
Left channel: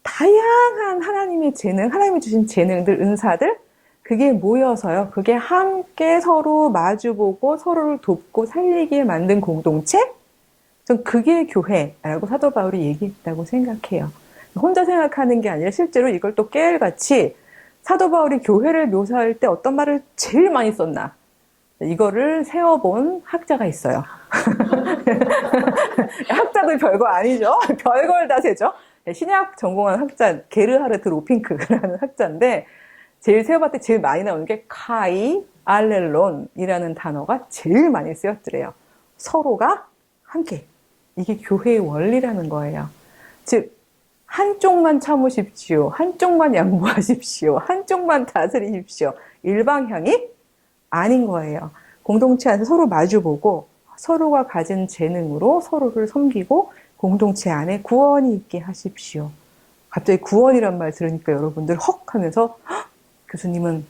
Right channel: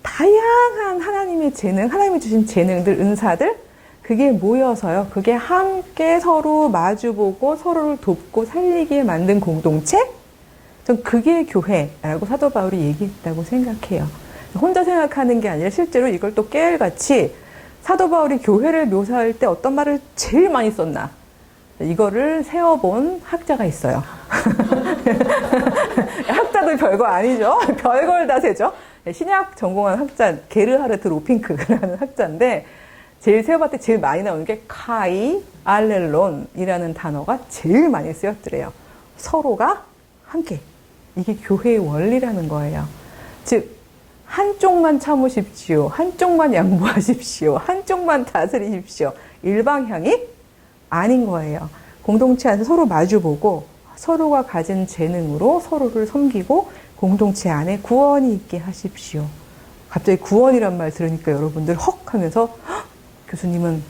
다양한 하나님의 재능, 하나님이 주신 재능들, 은사들, 그게 모여서요, 그게 함께 서로 마주보고 서로를 돕고 살리게 만든 공동체? 전 그게 교회라고 사도 바울이 얘기했다고 생각해요. 혼자 생각하는 게 아니라 실제로 이걸 또 깨알같이 사도 바울이 교회를 묘사할 때 어떤 말을 제일 많이 썼나? 이거를 세어본 학자가 있어요. 학자도 별거 아니죠. 별걸 다 세죠. 신약 전공한 학자, 게르하르트 로핑크라는 학자인데, 제일 세어봤을 때 제일 많이 나오는 게 카이 알렐론이라는 단어가 제일 많이 쓰였더래요. 서로가 함께. 이게 교회의 원리라는 거예요. 즉, 한쪽만 참으십시오. 한쪽만 양보하십시오. 한쪽만 다스리십시오. 일방향이 아닌 거예요. 공동체 안에서 서로 마주보고 서로가 가진 재능으로 서로를 섬기고 공동체 안에 구원이 있게 하십시오. 갑자기 구원이란 말 들으니까 여러분들 헉 하면서 교수님은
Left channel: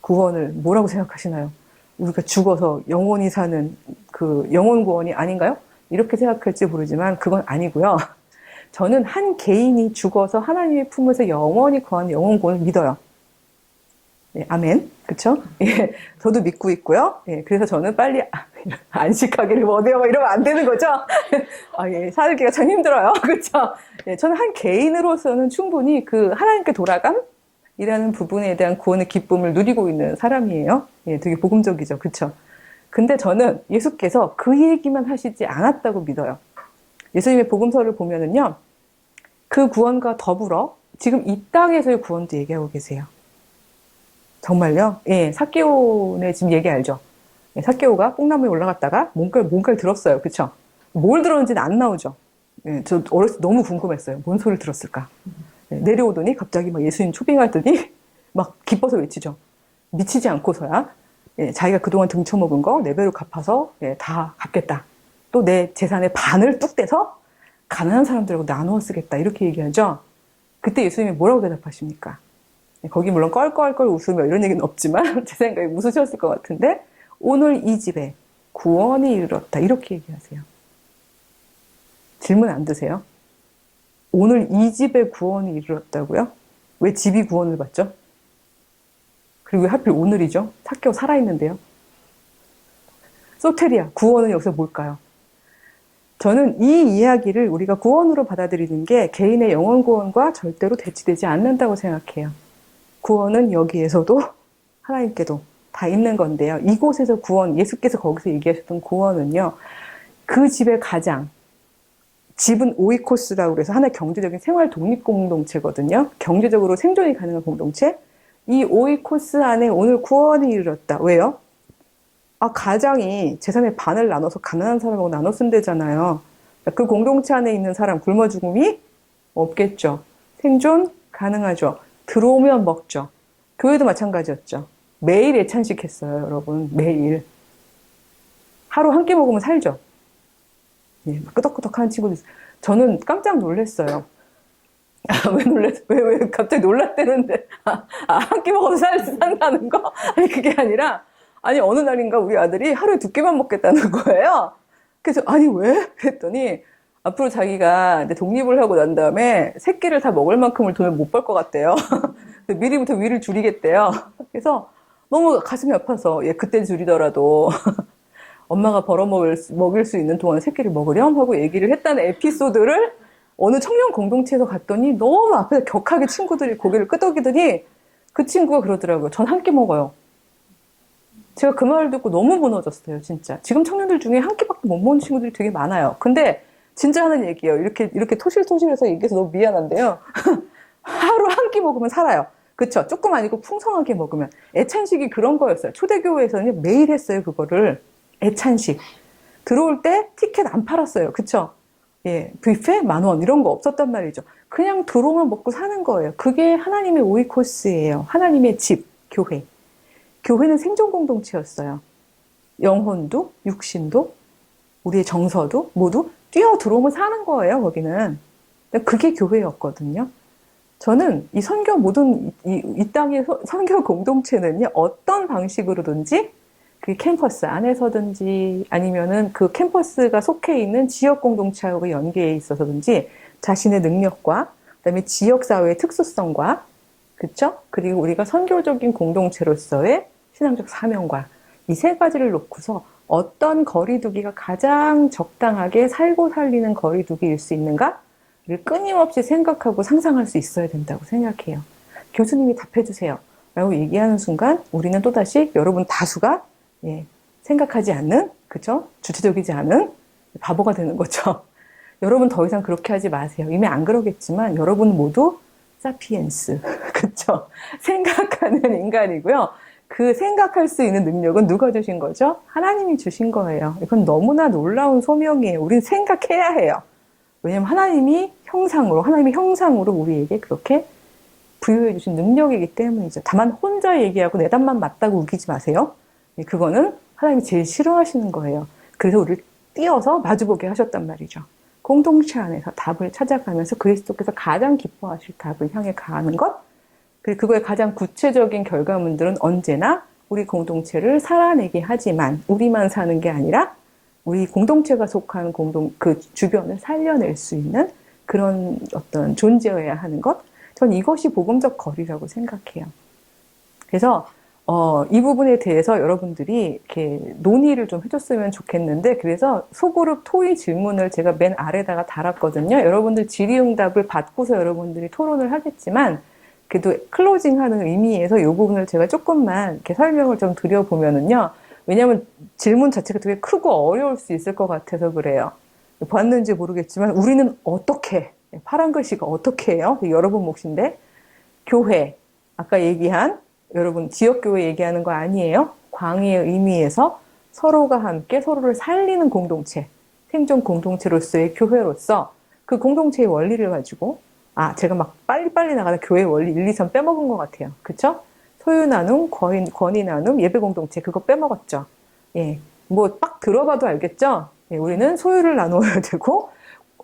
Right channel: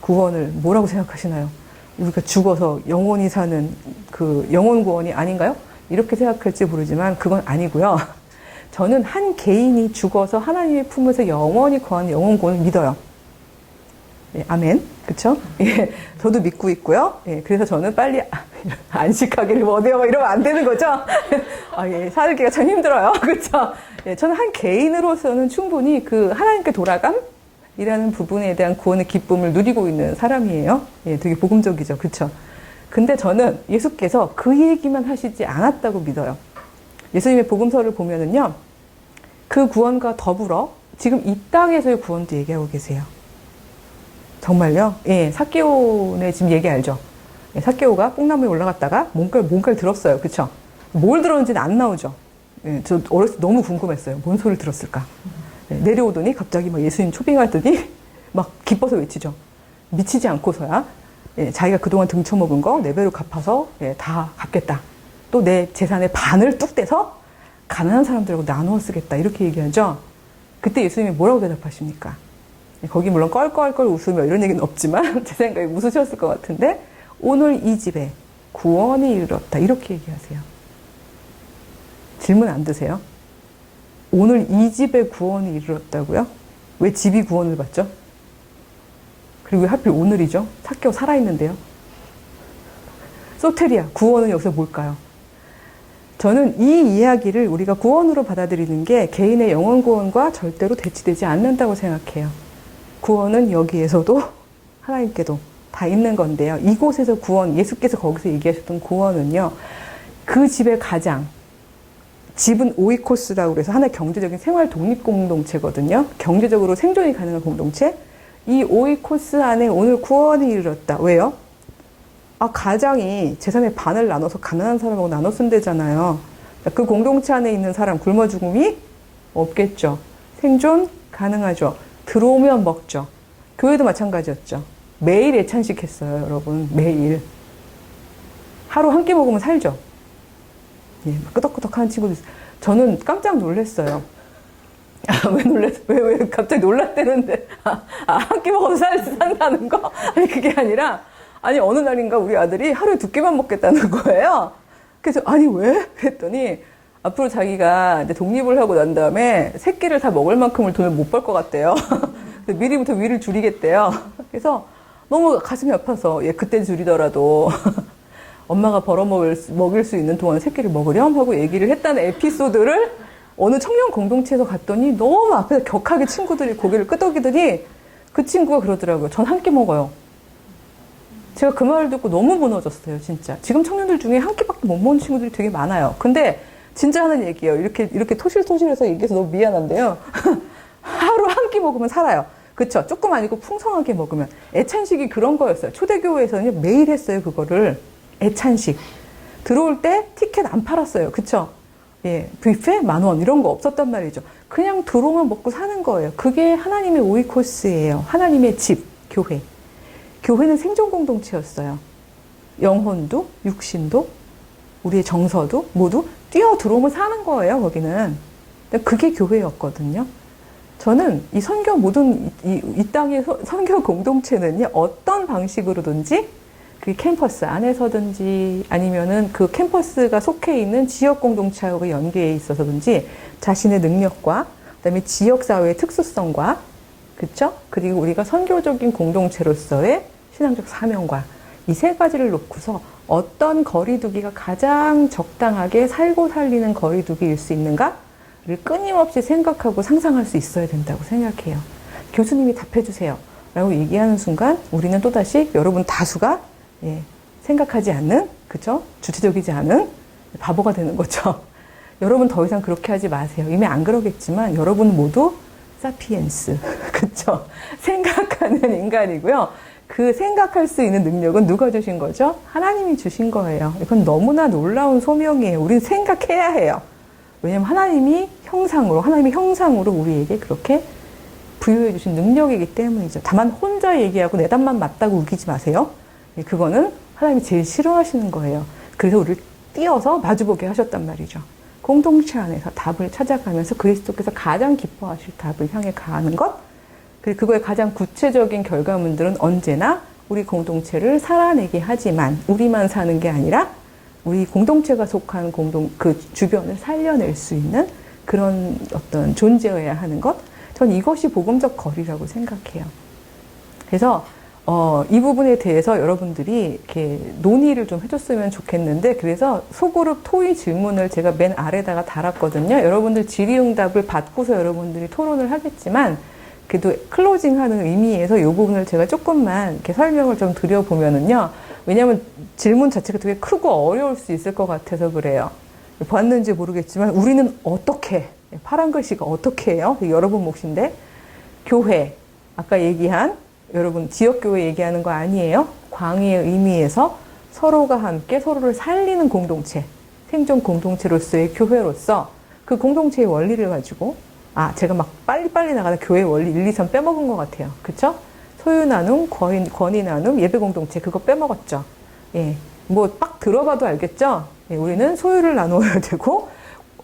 구원을 뭐라고 생각하시나요? 우리가 죽어서 영원히 사는 그 영혼 구원이 아닌가요? 이렇게 생각할지 모르지만 그건 아니고요. 저는 한 개인이 죽어서 하나님의 품에서 영원히 거하는 영혼 구원을 믿어요. 예, 아멘. 그쵸? 예, 저도 믿고 있고요. 예, 그래서 저는 빨리 안식하기를 원해요. 이러면 안 되는 거죠? 예, 살기가 참 힘들어요. 그쵸? 예, 저는 한 개인으로서는 충분히 그 하나님께 돌아감이라는 부분에 대한 구원의 기쁨을 누리고 있는 사람이에요. 예, 되게 복음적이죠. 그쵸? 근데 저는 예수께서 그 얘기만 하시지 않았다고 믿어요. 예수님의 복음서를 보면은요, 그 구원과 더불어 지금 이 땅에서의 구원도 얘기하고 계세요. 정말요? 예, 삭개오네 지금 얘기 알죠? 예, 삭개오가 뽕나무에 올라갔다가 뭔가를 들었어요. 그쵸? 뭘 들었는지는 안 나오죠? 예, 저 어렸을 때 너무 궁금했어요. 뭔 소리를 들었을까? 예, 내려오더니 갑자기 예수님 초빙하더니 막 기뻐서 외치죠. 미치지 않고서야 예, 자기가 그동안 등쳐먹은 거 4배로 갚아서 예, 다 갚겠다. 또 내 재산의 반을 뚝 떼서 가난한 사람들하고 나누어 쓰겠다. 이렇게 얘기하죠. 그때 예수님이 뭐라고 대답하십니까? 거기 물론 껄껄껄 웃으며 이런 얘기는 없지만 제 생각에 웃으셨을 것 같은데 오늘 이 집에 구원이 이르렀다. 이렇게 얘기하세요. 질문 안 드세요? 오늘 이 집에 구원이 이르렀다고요? 왜 집이 구원을 받죠? 그리고 왜 하필 오늘이죠? 사개오 살아있는데요. 소테리아, 구원은 여기서 뭘까요? 저는 이 이야기를 우리가 구원으로 받아들이는 게 개인의 영혼 구원과 절대로 대치되지 않는다고 생각해요. 구원은 여기에서도 하나님께도 다 있는 건데요. 이곳에서 구원, 예수께서 거기서 얘기하셨던 구원은요. 그 집의 가장, 집은 오이코스라고 그래서 하나의 경제적인 생활 독립 공동체거든요. 경제적으로 생존이 가능한 공동체. 이 오이코스 안에 오늘 구원이 이르렀다. 왜요? 가장이 재산의 반을 나눠서 가난한 사람하고 나눠 쓴대잖아요. 그 공동체 안에 있는 사람 굶어 죽음이 없겠죠. 생존 가능하죠. 들어오면 먹죠. 교회도 마찬가지였죠. 매일 애찬식 했어요, 여러분. 매일. 하루 한 끼 먹으면 살죠. 예, 끄덕끄덕 하는 친구도 있어요. 저는 깜짝 놀랐어요. 왜 갑자기 놀랐대는데. 한 끼 먹어도 산다는 거? 아니, 그게 아니라, 어느 날인가 우리 아들이 하루에 2끼만 먹겠다는 거예요. 그래서, 왜? 그랬더니, 앞으로 자기가 이제 독립을 하고 난 다음에 새끼를 다 먹을 만큼을 돈을 못 벌 것 같대요. 미리부터 위를 줄이겠대요. 그래서 너무 가슴이 아파서, 그때 줄이더라도 엄마가 벌어먹일 수 있는 동안 새끼를 먹으렴 하고 얘기를 했다는 에피소드를 어느 청년 공동체에서 갔더니 너무 앞에서 격하게 친구들이 고개를 끄덕이더니 그 친구가 그러더라고요. 전 한 끼 먹어요. 제가 그 말을 듣고 너무 무너졌어요, 진짜. 지금 청년들 중에 한 끼밖에 못 먹는 친구들이 되게 많아요. 근데 진짜 하는 얘기예요. 이렇게 토실토실해서 얘기해서 너무 미안한데요. 하루 한 끼 먹으면 살아요. 그쵸? 조금 아니고 풍성하게 먹으면. 애찬식이 그런 거였어요. 초대교회에서는 매일 했어요, 그거를. 애찬식. 들어올 때 티켓 안 팔았어요. 그쵸? 예, 뷔페 10,000원 이런 거 없었단 말이죠. 그냥 들어오면 먹고 사는 거예요. 그게 하나님의 오이코스예요. 하나님의 집, 교회. 교회는 생존 공동체였어요. 영혼도, 육신도, 우리의 정서도 모두 뛰어 들어오면 사는 거예요, 거기는. 그게 교회였거든요. 저는 이 선교 모든, 이 땅의 선교 공동체는요, 어떤 방식으로든지, 그 캠퍼스 안에서든지, 아니면은 그 캠퍼스가 속해 있는 지역 공동체하고 연계해 있어서든지, 자신의 능력과, 그 다음에 지역사회의 특수성과, 그쵸? 그리고 우리가 선교적인 공동체로서의 신앙적 사명과, 이 세 가지를 놓고서 어떤 거리두기가 가장 적당하게 살고 살리는 거리두기일 수 있는가를 끊임없이 생각하고 상상할 수 있어야 된다고 생각해요. 교수님이 답해주세요 라고 얘기하는 순간 우리는 또다시 여러분 다수가 생각하지 않는, 그죠? 주체적이지 않은 바보가 되는 거죠. 여러분 더 이상 그렇게 하지 마세요. 이미 안 그러겠지만 여러분 모두 사피엔스, 그쵸? 생각하는 인간이고요. 그 생각할 수 있는 능력은 누가 주신 거죠? 하나님이 주신 거예요. 이건 너무나 놀라운 소명이에요. 우리는 생각해야 해요. 왜냐면 하나님의 형상으로 우리에게 그렇게 부여해 주신 능력이기 때문이죠. 다만 혼자 얘기하고 내담만 맞다고 우기지 마세요. 그거는 하나님이 제일 싫어하시는 거예요. 그래서 우리를 띄어서 마주보게 하셨단 말이죠. 공동체 안에서 답을 찾아가면서 그리스도께서 가장 기뻐하실 답을 향해 가는 것, 그리고 그거의 가장 구체적인 결과물들은 언제나 우리 공동체를 살아내게 하지만 우리만 사는 게 아니라 우리 공동체가 속한 그 주변을 살려낼 수 있는 그런 어떤 존재여야 하는 것, 전 이것이 복음적 거리라고 생각해요. 그래서 이 부분에 대해서 여러분들이 이렇게 논의를 좀 해줬으면 좋겠는데, 그래서 소그룹 토의 질문을 제가 맨 아래다가 달았거든요. 여러분들 질의응답을 받고서 여러분들이 토론을 하겠지만, 그래도 클로징하는 의미에서 이 부분을 제가 조금만 이렇게 설명을 좀 드려보면은요. 왜냐하면 질문 자체가 되게 크고 어려울 수 있을 것 같아서 그래요. 봤는지 모르겠지만 우리는 어떻게, 파란 글씨가 어떻게 해요? 여러분 몫인데, 교회, 아까 얘기한 여러분 지역교회 얘기하는 거 아니에요? 광의의 의미에서 서로가 함께 서로를 살리는 공동체, 생존 공동체로서의 교회로서 그 공동체의 원리를 가지고, 제가 막 빨리빨리 나가는 교회 원리 1, 2, 3 빼먹은 것 같아요. 그쵸? 소유 나눔, 권위 나눔, 예배 공동체, 그거 빼먹었죠. 예. 딱 들어봐도 알겠죠? 예, 우리는 소유를 나누어야 되고,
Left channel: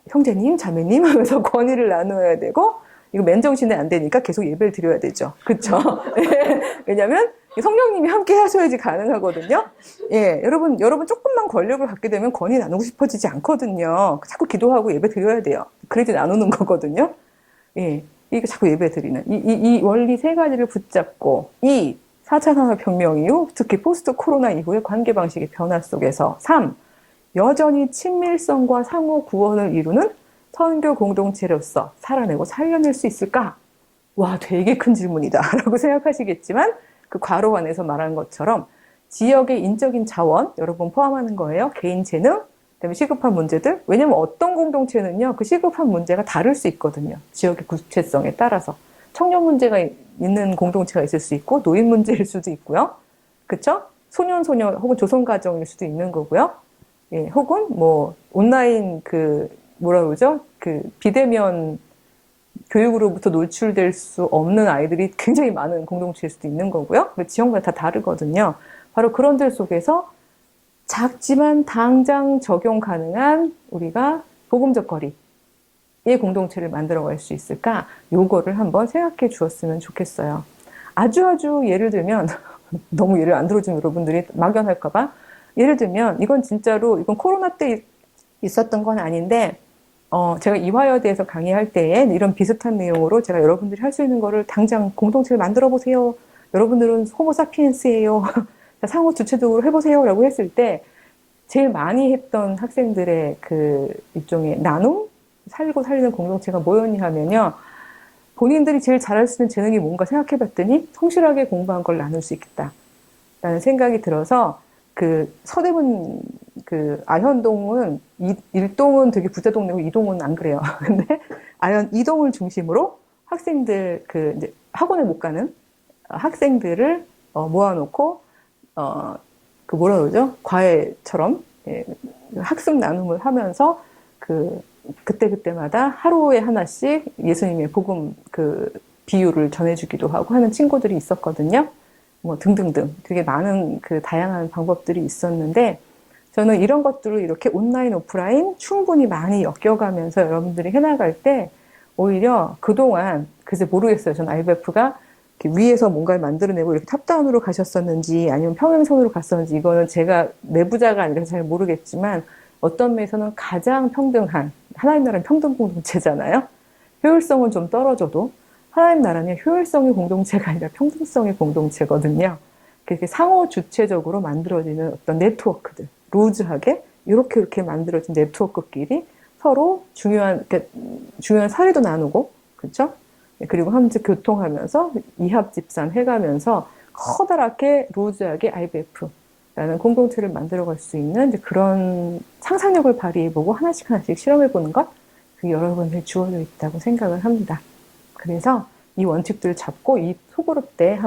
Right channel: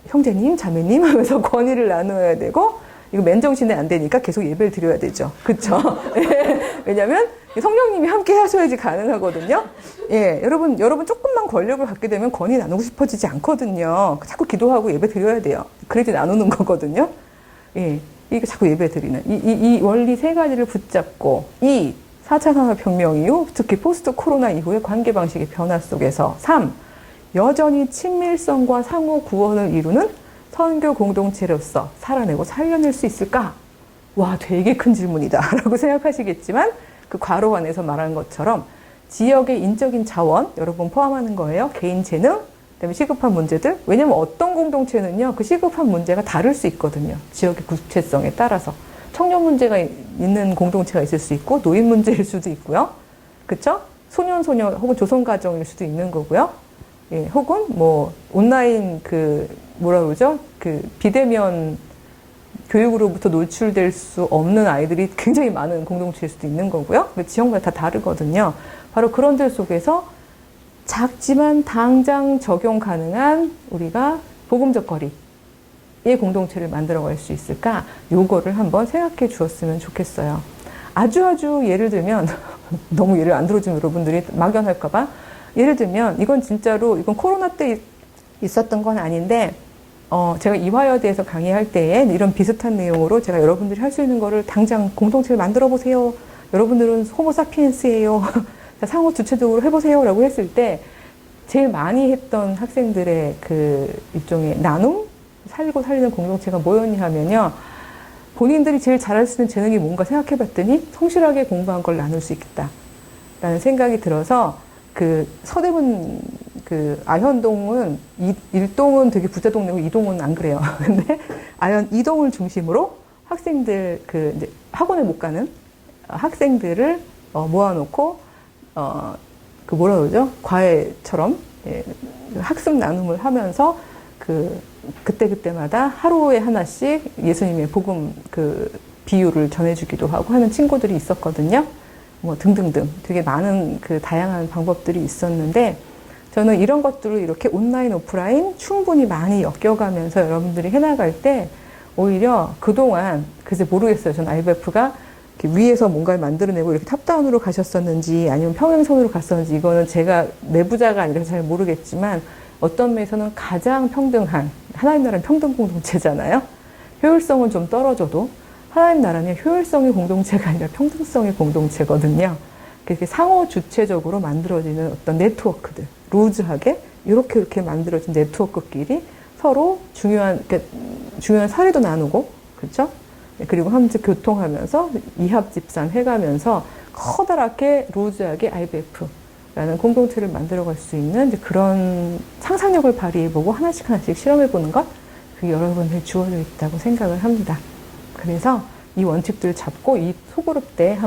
형제님, 자매님 하면서 권위를 나누어야 되고, 이거 맨정신에 안 되니까 계속 예배를 드려야 되죠. 그쵸? 왜냐면 성령님이 함께 하셔야지 가능하거든요. 예, 여러분 조금만 권력을 갖게 되면 권위 나누고 싶어지지 않거든요. 자꾸 기도하고 예배 드려야 돼요. 그래도 나누는 거거든요. 예, 이게 자꾸 예배 드리는. 이 원리 세 가지를 붙잡고, 4차 산업혁명 이후, 특히 포스트 코로나 이후의 관계 방식의 변화 속에서, 3. 여전히 친밀성과 상호 구원을 이루는 선교 공동체로서 살아내고 살려낼 수 있을까? 와, 되게 큰 질문이다. 라고 생각하시겠지만, 그 괄호 안에서 말한 것처럼, 지역의 인적인 자원, 여러분 포함하는 거예요. 개인 재능, 그다음에 시급한 문제들. 왜냐면 어떤 공동체는요, 그 시급한 문제가 다를 수 있거든요. 지역의 구체성에 따라서. 청년 문제가 있는 공동체가 있을 수 있고, 노인 문제일 수도 있고요. 그쵸? 소년 혹은 조선가정일 수도 있는 거고요. 예, 혹은 온라인 뭐라 그러죠? 비대면 교육으로부터 노출될 수 없는 아이들이 굉장히 많은 공동체일 수도 있는 거고요. 지역마다 다 다르거든요. 바로 그런 들 속에서 작지만 당장 적용 가능한 우리가 복음적 거리의 공동체를 만들어갈 수 있을까? 요거를 한번 생각해 주었으면 좋겠어요. 아주 예를 들면 너무 예를 안 들어주면 여러분들이 막연할까봐 예를 들면 이건 코로나 때 있었던 건 아닌데 제가 이화여대에서 강의할 때에 이런 비슷한 내용으로 제가 여러분들이 할 수 있는 거를 당장 공동체를 만들어 보세요. 여러분들은 호모사피엔스예요. 상호 주체적으로 해보세요. 라고 했을 때 제일 많이 했던 학생들의 일종의 나눔? 살고 살리는 공동체가 뭐였냐 하면요. 본인들이 제일 잘할 수 있는 재능이 뭔가 생각해 봤더니 성실하게 공부한 걸 나눌 수 있겠다. 라는 생각이 들어서 서대문 아현동은 1동은 되게 부자 동네고 2동은 안 그래요. 근데 2동을 중심으로 학생들 이제 학원에 못 가는 학생들을 모아놓고 뭐라 그러죠? 과외처럼 예, 학습 나눔을 하면서 그때마다 하루에 하나씩 예수님의 복음 비유를 전해주기도 하고 하는 친구들이 있었거든요. 등등등 되게 많은 다양한 방법들이 있었는데 저는 이런 것들을 이렇게 온라인, 오프라인 충분히 많이 엮여가면서 여러분들이 해나갈 때 오히려 그동안 글쎄 모르겠어요. 저는 IBF가 위에서 뭔가를 만들어내고 이렇게 탑다운으로 가셨었는지 아니면 평행선으로 갔었는지 이거는 제가 내부자가 아니라서 잘 모르겠지만 어떤 면에서는 가장 평등한 하나님 나라는 평등 공동체잖아요. 효율성은 좀 떨어져도 하나님 나라는 효율성의 공동체가 아니라 평등성의 공동체거든요. 그렇게 상호 주체적으로 만들어지는 어떤 네트워크들, 루즈하게 이렇게 만들어진 네트워크끼리 서로 중요한 사회도 나누고, 그렇죠? 그리고 함께 교통하면서 이합집산 해가면서 커다랗게 루즈하게 IBF라는 공동체를 만들어갈 수 있는 이제 그런 상상력을 발휘해보고 하나씩 실험해보는 것, 그게 여러분들이 주어져 있다고 생각을 합니다. 그래서 이 원칙들을 잡고 이 소그룹 때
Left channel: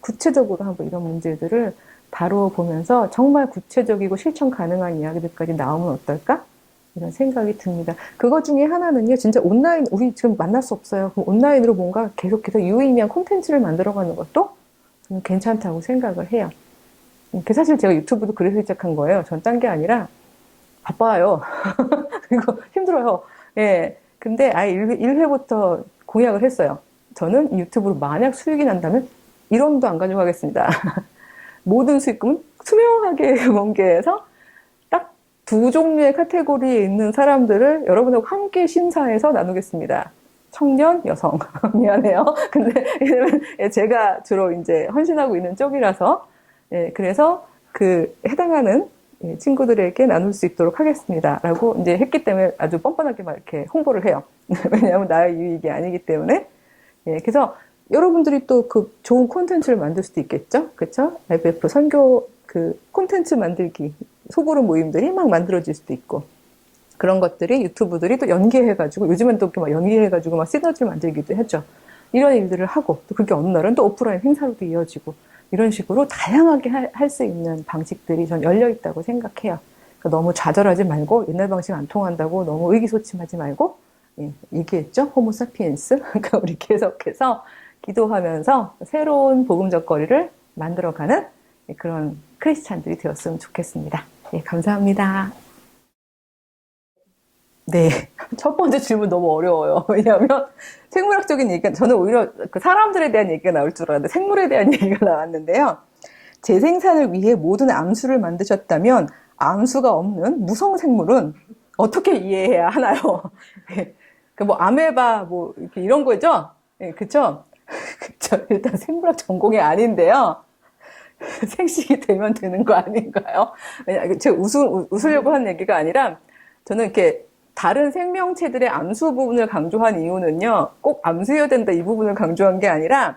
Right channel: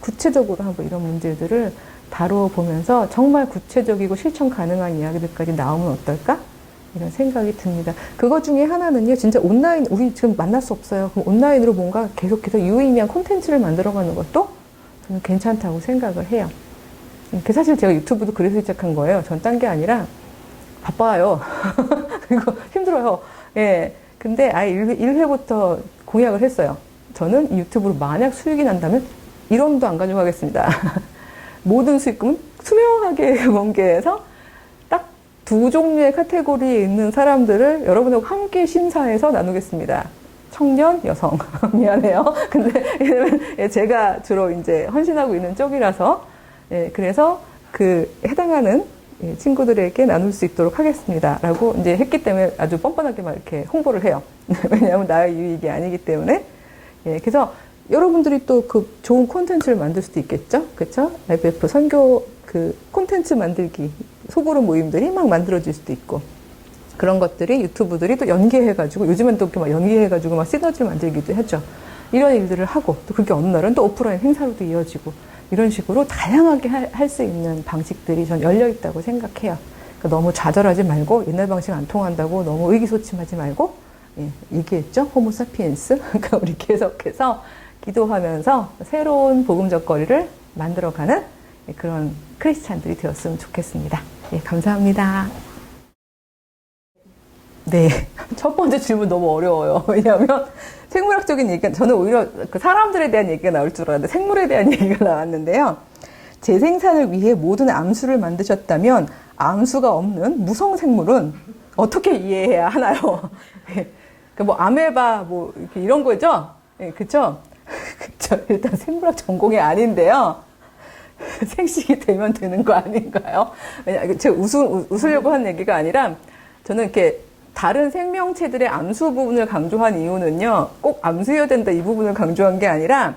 구체적으로 이런 문제들을 다뤄보면서 정말 구체적이고 실천 가능한 이야기들까지 나오면 어떨까? 이런 생각이 듭니다. 그거 중에 하나는요, 진짜 온라인, 우리 지금 만날 수 없어요. 그럼 온라인으로 뭔가 계속해서 유의미한 콘텐츠를 만들어가는 것도 저는 괜찮다고 생각을 해요. 사실 제가 유튜브도 그래서 시작한 거예요. 전 딴 게 아니라 바빠요. 그리고 힘들어요. 예. 근데 1회부터 공약을 했어요. 저는 유튜브로 만약 수익이 난다면 1원도 안 가져가겠습니다. 모든 수익금 투명하게 공개해서 딱 2종류의 카테고리에 있는 사람들을 여러분들과 함께 심사해서 나누겠습니다. 청년, 여성. 미안해요. 근데 제가 주로 이제 헌신하고 있는 쪽이라서, 예, 그래서 해당하는 친구들에게 나눌 수 있도록 하겠습니다. 라고 이제 했기 때문에 아주 뻔뻔하게 막 이렇게 홍보를 해요. 왜냐하면 나의 유익이 아니기 때문에. 예, 그래서 여러분들이 또 좋은 콘텐츠를 만들 수도 있겠죠? 그쵸? IBF 선교 콘텐츠 만들기, 소그룹 모임들이 막 만들어질 수도 있고. 그런 것들이 유튜브들이 또 연계해가지고, 요즘엔 또 이렇게 막 연계해가지고 막 시너지를 만들기도 했죠. 이런 일들을 하고, 또 그게 어느 날은 또 오프라인 행사로도 이어지고, 이런 식으로 다양하게 할 수 있는 방식들이 전 열려있다고 생각해요. 그러니까 너무 좌절하지 말고, 옛날 방식 안 통한다고 너무 의기소침하지 말고, 예, 얘기했죠? 호모사피엔스. 그러니까 우리 계속해서 기도하면서 새로운 복음적 거리를 만들어가는 그런 크리스찬들이 되었으면 좋겠습니다. 예, 감사합니다. 네. 첫 번째 질문 너무 어려워요. 왜냐하면 생물학적인 얘기가, 저는 오히려 그 사람들에 대한 얘기가 나올 줄 알았는데 생물에 대한 얘기가 나왔는데요. 재생산을 위해 모든 암수를 만드셨다면 암수가 없는 무성생물은 어떻게 이해해야 하나요? 뭐 아메바 뭐 이렇게 이런 거죠? 네, 그쵸? 그쵸. 일단 생물학 전공이 아닌데요. 생식이 되면 되는 거 아닌가요? 제가 웃으려고 한 얘기가 아니라 저는 이렇게 다른 생명체들의 암수 부분을 강조한 이유는요, 꼭 암수여야 된다 이 부분을 강조한 게 아니라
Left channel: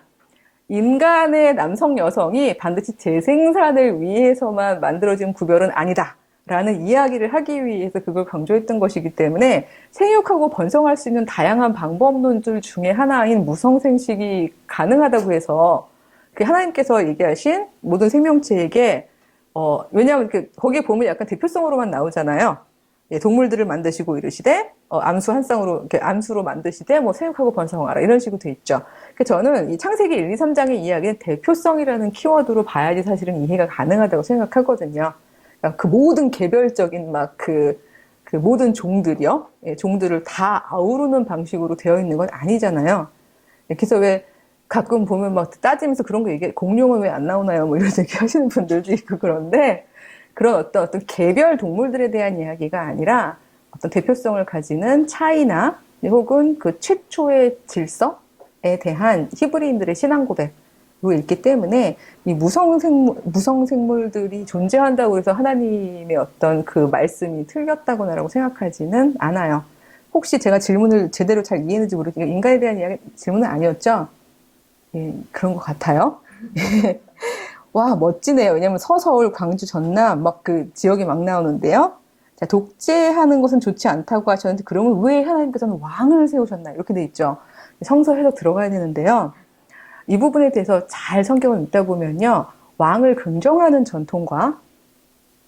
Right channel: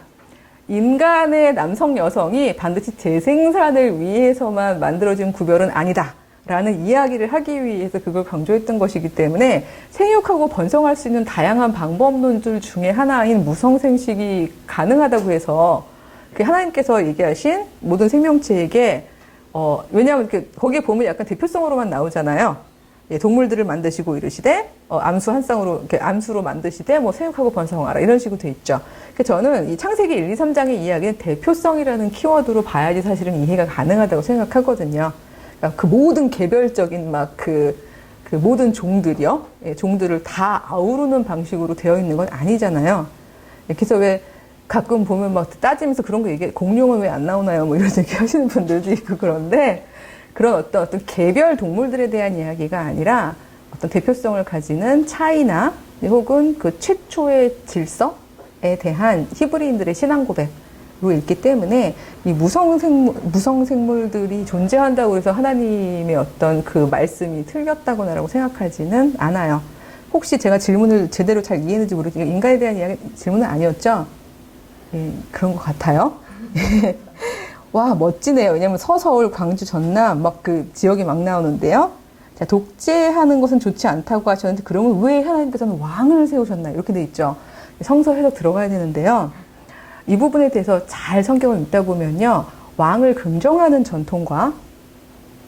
인간의 남성 여성이 반드시 재생산을 위해서만 만들어진 구별은 아니다 라는 이야기를 하기 위해서 그걸 강조했던 것이기 때문에 생육하고 번성할 수 있는 다양한 방법론들 중에 하나인 무성생식이 가능하다고 해서 그 하나님께서 얘기하신 모든 생명체에게 왜냐하면 거기에 보면 약간 대표성으로만 나오잖아요. 예, 동물들을 만드시고 이르시되 암수 한 쌍으로 이렇게 암수로 만드시되 뭐 생육하고 번성하라 이런 식으로 돼 있죠. 그래서 저는 이 창세기 1, 2, 3장의 이야기는 대표성이라는 키워드로 봐야지 사실은 이해가 가능하다고 생각하거든요. 그러니까 그 모든 개별적인 막 그 모든 종들이요, 예, 종들을 다 아우르는 방식으로 되어 있는 건 아니잖아요. 예, 그래서 왜 가끔 보면 막 따지면서 그런 거 얘기, 공룡은 왜 안 나오나요? 뭐 이런 얘기 하시는 분들도 있고 그런데 그런 어떤 개별 동물들에 대한 이야기가 아니라 어떤 대표성을 가지는 차이나 혹은 그 최초의 질서에 대한 히브리인들의 신앙 고백으로 있기 때문에 이 무성생물들이 존재한다고 해서 하나님의 어떤 그 말씀이 틀렸다거나라고 생각하지는 않아요. 혹시 제가 질문을 제대로 잘 이해했는지 모르겠지만 인간에 대한 질문은 아니었죠? 예, 그런 것 같아요. 와, 멋지네요. 왜냐면 서서울, 광주, 전남, 막 그 지역이 막 나오는데요. 자, 독재하는 것은 좋지 않다고 하셨는데, 그러면 왜 하나님께서는 왕을 세우셨나요? 이렇게 돼 있죠. 성서 해석 들어가야 되는데요. 이 부분에 대해서 잘 성경을 읽다 보면요. 왕을 긍정하는 전통과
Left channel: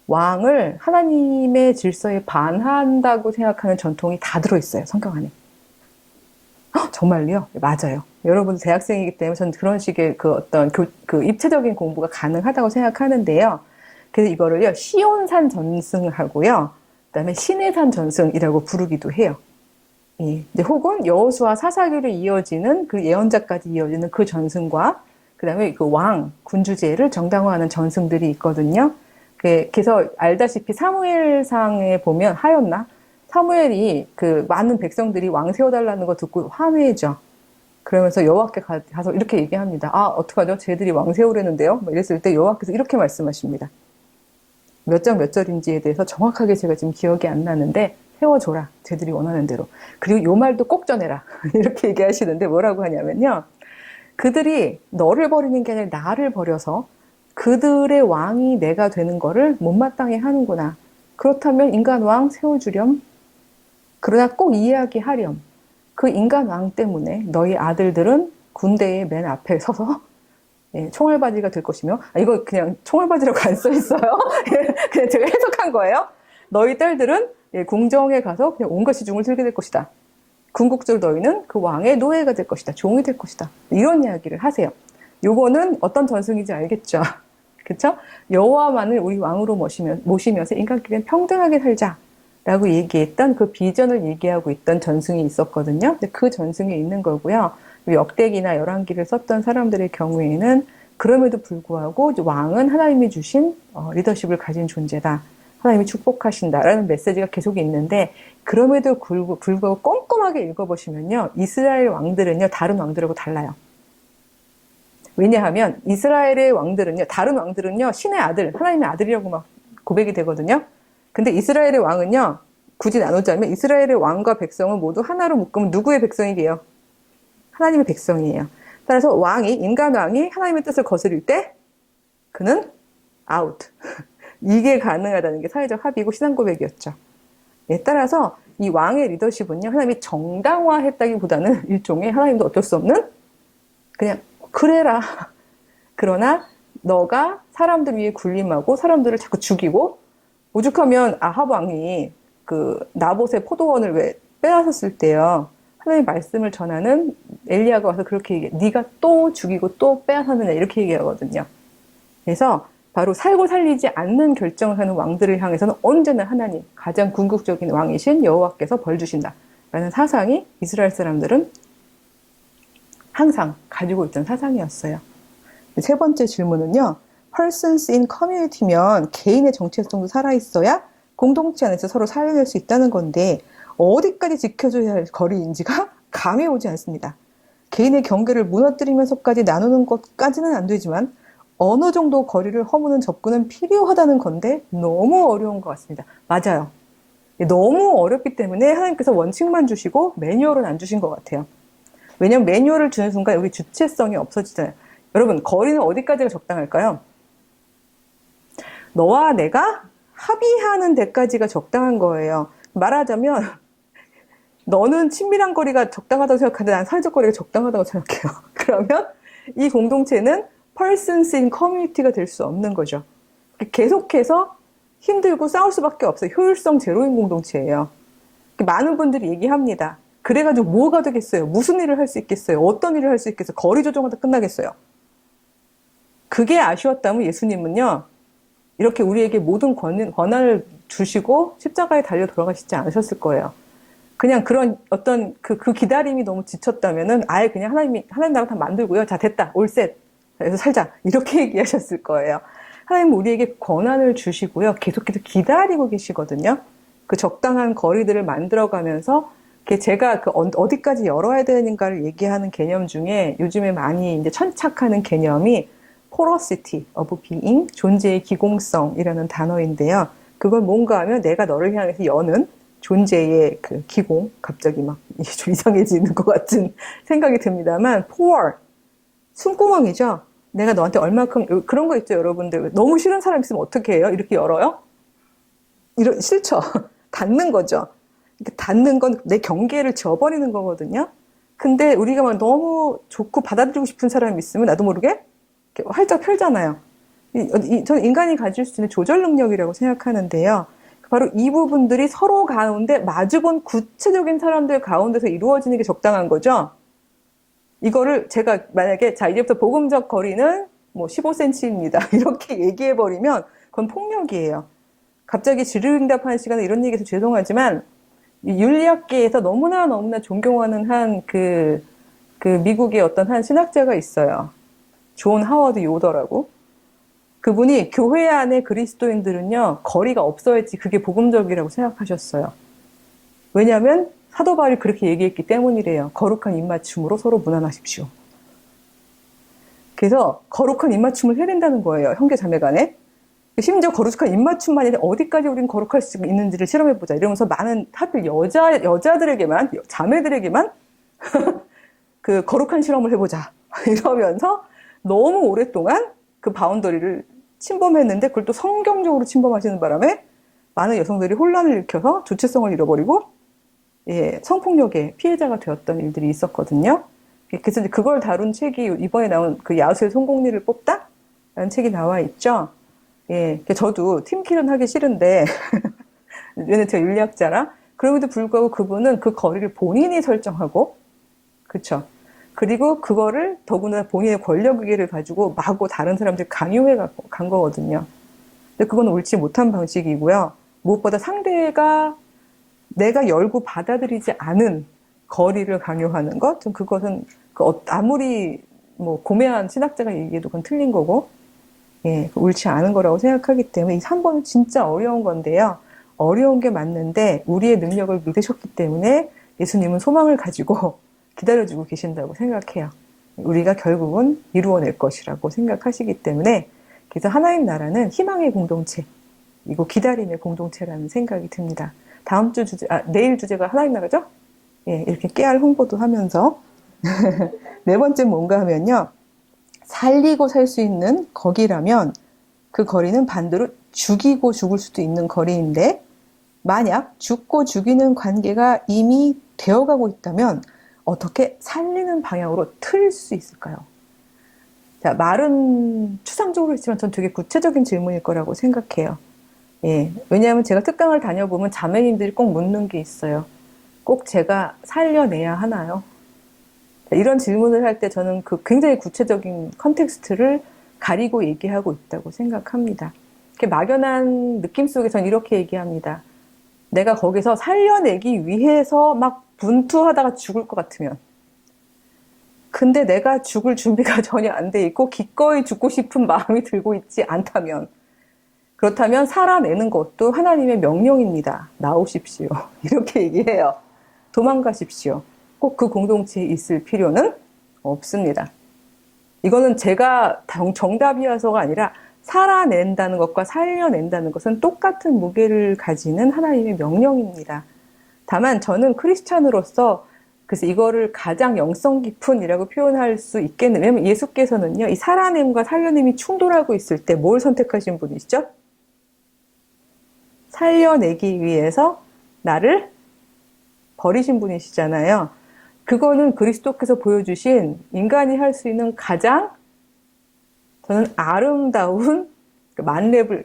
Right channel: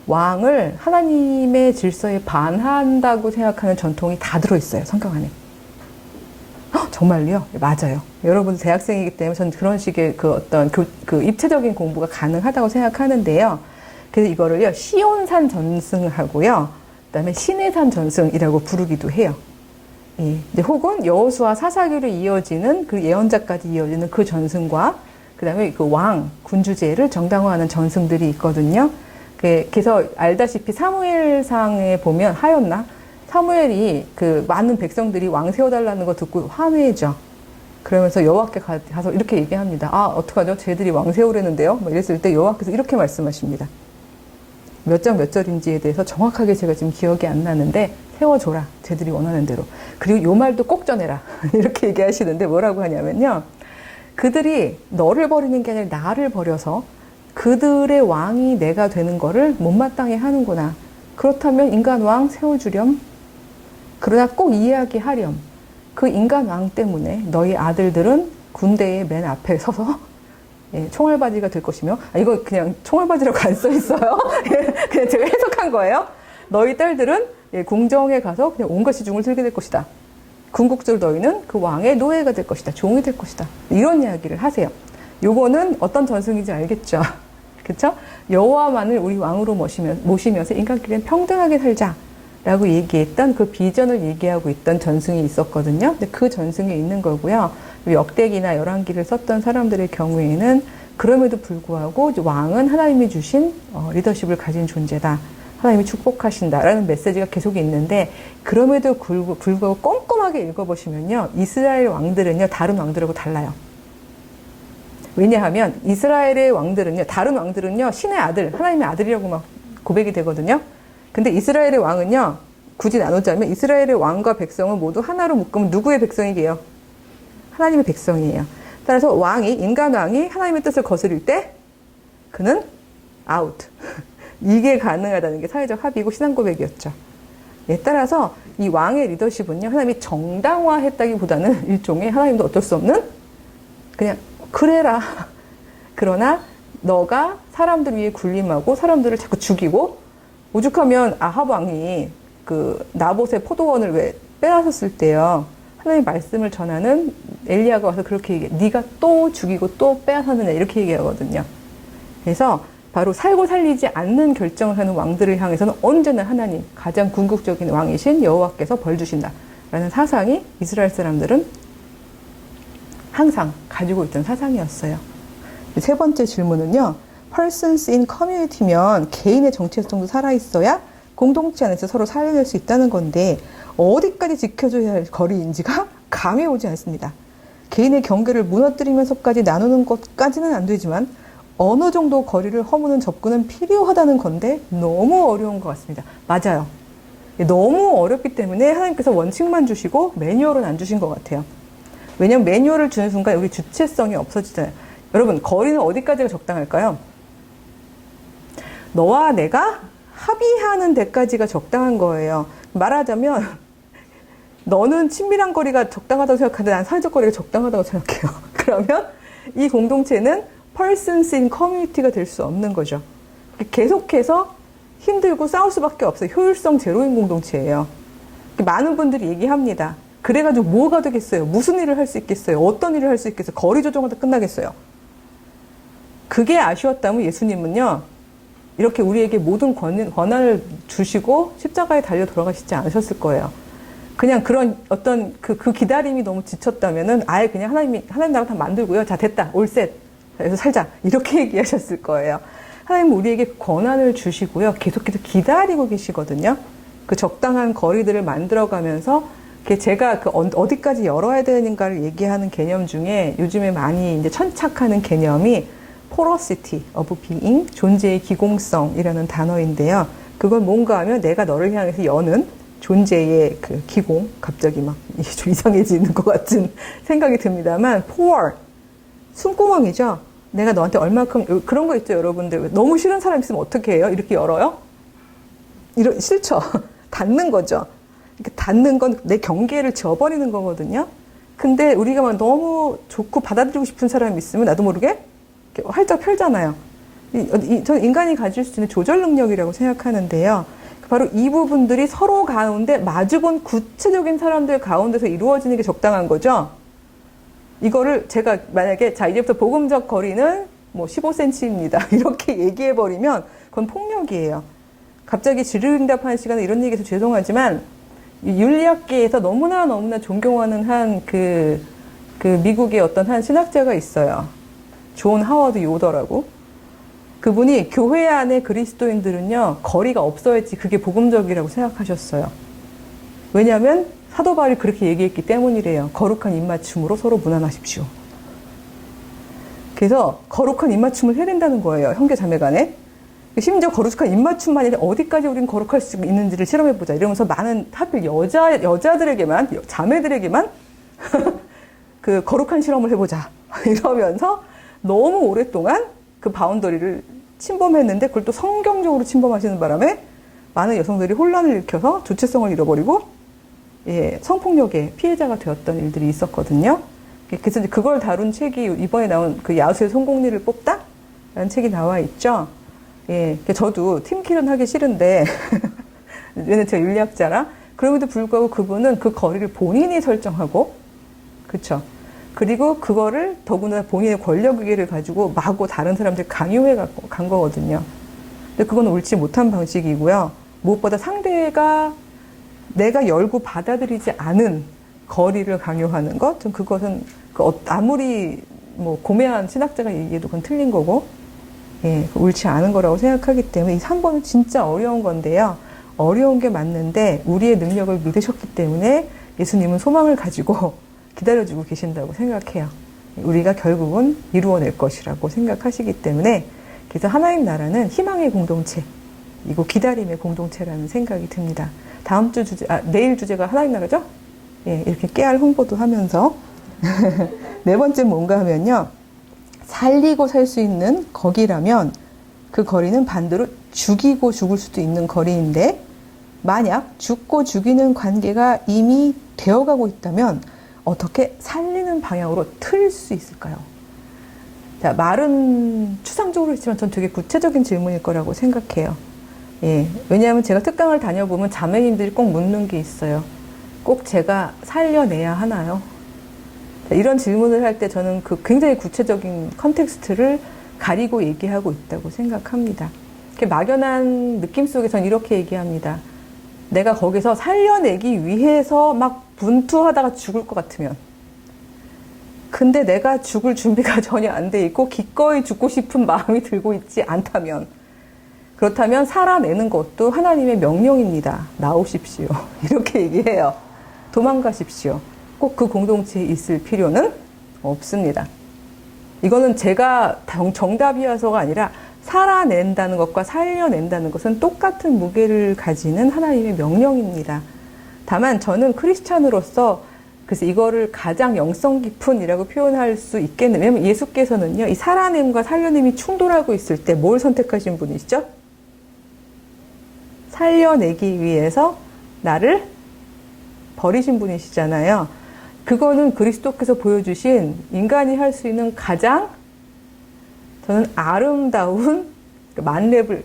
왕을 하나님의 질서에 반한다고 생각하는 전통이 다 들어있어요. 성경 안에. 정말요? 맞아요. 여러분 대학생이기 때문에 저는 그런 식의 그 어떤 그 입체적인 공부가 가능하다고 생각하는데요. 그래서 이거를요, 시온산 전승하고요, 그다음에 신해산 전승이라고 부르기도 해요. 예. 혹은 여호수아 사사기로 이어지는 그 예언자까지 이어지는 그 전승과 그다음에 그 왕 군주제를 정당화하는 전승들이 있거든요. 그래서 알다시피 사무엘상에 보면 하였나? 사무엘이 그 많은 백성들이 왕 세워달라는 거 듣고 화내죠. 그러면서 여호와께 가서 이렇게 얘기합니다. 아, 어떡하죠? 쟤들이 왕 세우려는데요? 뭐 이랬을 때 여호와께서 이렇게 말씀하십니다. 몇 장 몇 절인지에 대해서 정확하게 제가 지금 기억이 안 나는데 세워줘라. 쟤들이 원하는 대로. 그리고 요 말도 꼭 전해라. 이렇게 얘기하시는데 뭐라고 하냐면요. 그들이 너를 버리는 게 아니라 나를 버려서 그들의 왕이 내가 되는 거를 못마땅해 하는구나. 그렇다면 인간 왕 세워주렴. 그러나 꼭 이야기하렴. 그 인간 왕 때문에 너희 아들들은 군대의 맨 앞에 서서 총알바지가 될 것이며, 이거 그냥 총알바지라고 안 써 있어요. 그냥 제가 해석한 거예요. 너희 딸들은 궁정에 가서 그냥 온갖 시중을 들게 될 것이다. 궁극적으로 너희는 그 왕의 노예가 될 것이다. 종이 될 것이다. 이런 이야기를 하세요. 요거는 어떤 전승인지 알겠죠? 그쵸? 여호와만을 우리 왕으로 모시면서 인간끼리는 평등하게 살자. 라고 얘기했던 그 비전을 얘기하고 있던 전승이 있었거든요. 근데 그 전승에 있는 거고요. 역대기나 열왕기를 썼던 사람들의 경우에는 그럼에도 불구하고 왕은 하나님이 주신 리더십을 가진 존재다. 하나님이 축복하신다라는 메시지가 계속 있는데, 그럼에도 불구하고 꼼꼼하게 읽어보시면요. 이스라엘 왕들은요, 다른 왕들하고 달라요. 왜냐하면 이스라엘의 왕들은요, 다른 왕들은요, 신의 아들, 하나님의 아들이라고 막 고백이 되거든요. 근데 이스라엘의 왕은요, 굳이 나누자면 이스라엘의 왕과 백성은 모두 하나로 묶으면 누구의 백성이게요? 하나님의 백성이에요. 따라서 인간 왕이 하나님의 뜻을 거스릴 때 그는 아웃. 이게 가능하다는 게 사회적 합의고 신앙 고백이었죠. 예, 따라서 이 왕의 리더십은요, 하나님이 정당화했다기보다는 일종의 하나님도 어쩔 수 없는 그냥 그래라. 그러나 너가 사람들 위에 군림하고 사람들을 자꾸 죽이고, 오죽하면 아합 왕이 그 나봇의 포도원을 왜 빼앗았을 때요, 하나님의 말씀을 전하는 엘리야가 와서 그렇게 얘기해. 네가 또 죽이고 또 빼앗았느냐 이렇게 얘기하거든요. 그래서 바로 살고 살리지 않는 결정을 하는 왕들을 향해서는 언제나 하나님, 가장 궁극적인 왕이신 여호와께서 벌 주신다 라는 사상이 이스라엘 사람들은 항상 가지고 있던 사상이었어요. 세 번째 질문은요. Persons in community면 개인의 정체성도 살아있어야 공동체 안에서 서로 살려낼 수 있다는 건데 어디까지 지켜줘야 할 거리인지가 감이 오지 않습니다. 개인의 경계를 무너뜨리면서까지 나누는 것까지는 안 되지만 어느 정도 거리를 허무는 접근은 필요하다는 건데 너무 어려운 것 같습니다. 맞아요. 너무 어렵기 때문에 하나님께서 원칙만 주시고 매뉴얼은 안 주신 것 같아요. 왜냐하면 매뉴얼을 주는 순간 우리 주체성이 없어지잖아요. 여러분, 거리는 어디까지가 적당할까요? 너와 내가 합의하는 데까지가 적당한 거예요. 말하자면 너는 친밀한 거리가 적당하다고 생각하는데 난 사회적 거리가 적당하다고 생각해요. 그러면 이 공동체는 persons in community가 될 수 없는 거죠. 계속해서 힘들고 싸울 수밖에 없어요. 효율성 제로인 공동체예요. 많은 분들이 얘기합니다. 그래가지고 뭐가 되겠어요? 무슨 일을 할 수 있겠어요? 어떤 일을 할 수 있겠어요? 거리 조정하다 끝나겠어요? 그게 아쉬웠다면 예수님은요, 이렇게 우리에게 모든 권한을 주시고 십자가에 달려 돌아가시지 않으셨을 거예요. 그냥 그런 어떤 그 기다림이 너무 지쳤다면은 아예 그냥 하나님 나라 다 만들고요. 자, 됐다. 올셋. 그래서 살자. 이렇게 얘기하셨을 거예요. 하나님은 우리에게 권한을 주시고요. 계속해서 기다리고 계시거든요. 그 적당한 거리들을 만들어가면서 제가 그 어디까지 열어야 되는가를 얘기하는 개념 중에 요즘에 많이 이제 천착하는 개념이 porosity of being, 존재의 기공성이라는 단어인데요. 그건 뭔가 하면 내가 너를 향해서 여는 존재의 그 기공, 갑자기 막 좀 이상해지는 것 같은 생각이 듭니다만, pore, 숨구멍이죠. 내가 너한테 얼마큼, 그런 거 있죠, 여러분들. 너무 싫은 사람 있으면 어떻게 해요? 이렇게 열어요? 싫죠. 닫는 거죠. 닫는 건 내 경계를 지워버리는 거거든요. 근데 우리가 막 너무 좋고 받아들이고 싶은 사람이 있으면 나도 모르게 활짝 펼잖아요. 전 인간이 가질 수 있는 조절 능력이라고 생각하는데요. 바로 이 부분들이 서로 가운데 마주본 구체적인 사람들 가운데서 이루어지는 게 적당한 거죠. 이거를 제가 만약에 자 이제부터 복음적 거리는 뭐 15cm입니다. 이렇게 얘기해버리면 그건 폭력이에요. 갑자기 질의응답하는 시간에 이런 얘기해서 죄송하지만 윤리학계에서 너무나 존경하는 그 미국의 어떤 한 신학자가 있어요. 존 하워드 요더라고. 그분이 교회 안에 그리스도인들은요, 거리가 없어야지 그게 복음적이라고 생각하셨어요. 왜냐하면 사도 바울이 그렇게 얘기했기 때문이래요. 거룩한 입맞춤으로 서로 무난하십시오. 그래서 거룩한 입맞춤을 해야 된다는 거예요. 형제 자매 간에. 심지어 거룩한 입맞춤만 아니라 어디까지 우리는 거룩할 수 있는지를 실험해보자. 이러면서 많은 하필 여자들에게만, 자매들에게만 그 거룩한 실험을 해보자. 이러면서 너무 오랫동안 그 바운더리를 침범했는데 그걸 또 성경적으로 침범하시는 바람에 많은 여성들이 혼란을 일으켜서 주체성을 잃어버리고 성폭력의 피해자가 되었던 일들이 있었거든요. 그래서 이제 그걸 다룬 책이 이번에 나온 그 야수의 성공리를 뽑다? 라는 책이 나와 있죠. 저도 팀킬은 하기 싫은데 왜냐면 제가 윤리학자라 그럼에도 불구하고 그분은 그 거리를 본인이 설정하고 그쵸. 그리고 그거를 더구나 본인의 권력의기를 가지고 마구 다른 사람들 강요해 간 거거든요. 근데 그건 옳지 못한 방식이고요. 무엇보다 상대가 내가 열고 받아들이지 않은 거리를 강요하는 것, 좀 그것은 아무리 뭐 고매한 신학자가 얘기해도 그건 틀린 거고, 옳지 않은 거라고 생각하기 때문에 이 3번은 진짜 어려운 건데요. 어려운 게 맞는데 우리의 능력을 믿으셨기 때문에 예수님은 소망을 가지고 기다려주고 계신다고 생각해요. 우리가 결국은 이루어낼 것이라고 생각하시기 때문에 그래서 하나님 나라는 희망의 공동체이고 기다림의 공동체라는 생각이 듭니다. 다음 주 내일 주제가 하나님 나라죠? 이렇게 깨알 홍보도 하면서 네 번째 뭔가 하면요. 살리고 살 수 있는 거기라면 그 거리는 반대로 죽이고 죽을 수도 있는 거리인데 만약 죽고 죽이는 관계가 이미 되어가고 있다면 어떻게 살리는 방향으로 틀 수 있을까요? 자, 말은 추상적으로 했지만 전 되게 구체적인 질문일 거라고 생각해요. 왜냐하면 제가 특강을 다녀보면 자매님들이 꼭 묻는 게 있어요. 꼭 제가 살려내야 하나요? 자, 이런 질문을 할 때 저는 그 굉장히 구체적인 컨텍스트를 가리고 얘기하고 있다고 생각합니다. 막연한 느낌 속에선 이렇게 얘기합니다. 내가 거기서 살려내기 위해서 막 분투하다가 죽을 것 같으면, 근데 내가 죽을 준비가 전혀 안 돼 있고 기꺼이 죽고 싶은 마음이 들고 있지 않다면, 그렇다면 살아내는 것도 하나님의 명령입니다. 나오십시오. 이렇게 얘기해요. 도망가십시오. 꼭 그 공동체에 있을 필요는 없습니다. 이거는 제가 정답이어서가 아니라 살아낸다는 것과 살려낸다는 것은 똑같은 무게를 가지는 하나님의 명령입니다. 다만 저는 크리스찬으로서 그래서 이거를 가장 영성 깊은이라고 표현할 수 있겠네요. 왜냐하면 예수께서는요, 이 살아냄과 살려냄이 충돌하고 있을 때 뭘 선택하신 분이시죠? 살려내기 위해서 나를 버리신 분이시잖아요. 그거는 그리스도께서 보여주신 인간이 할 수 있는 가장 저는 아름다운 만렙을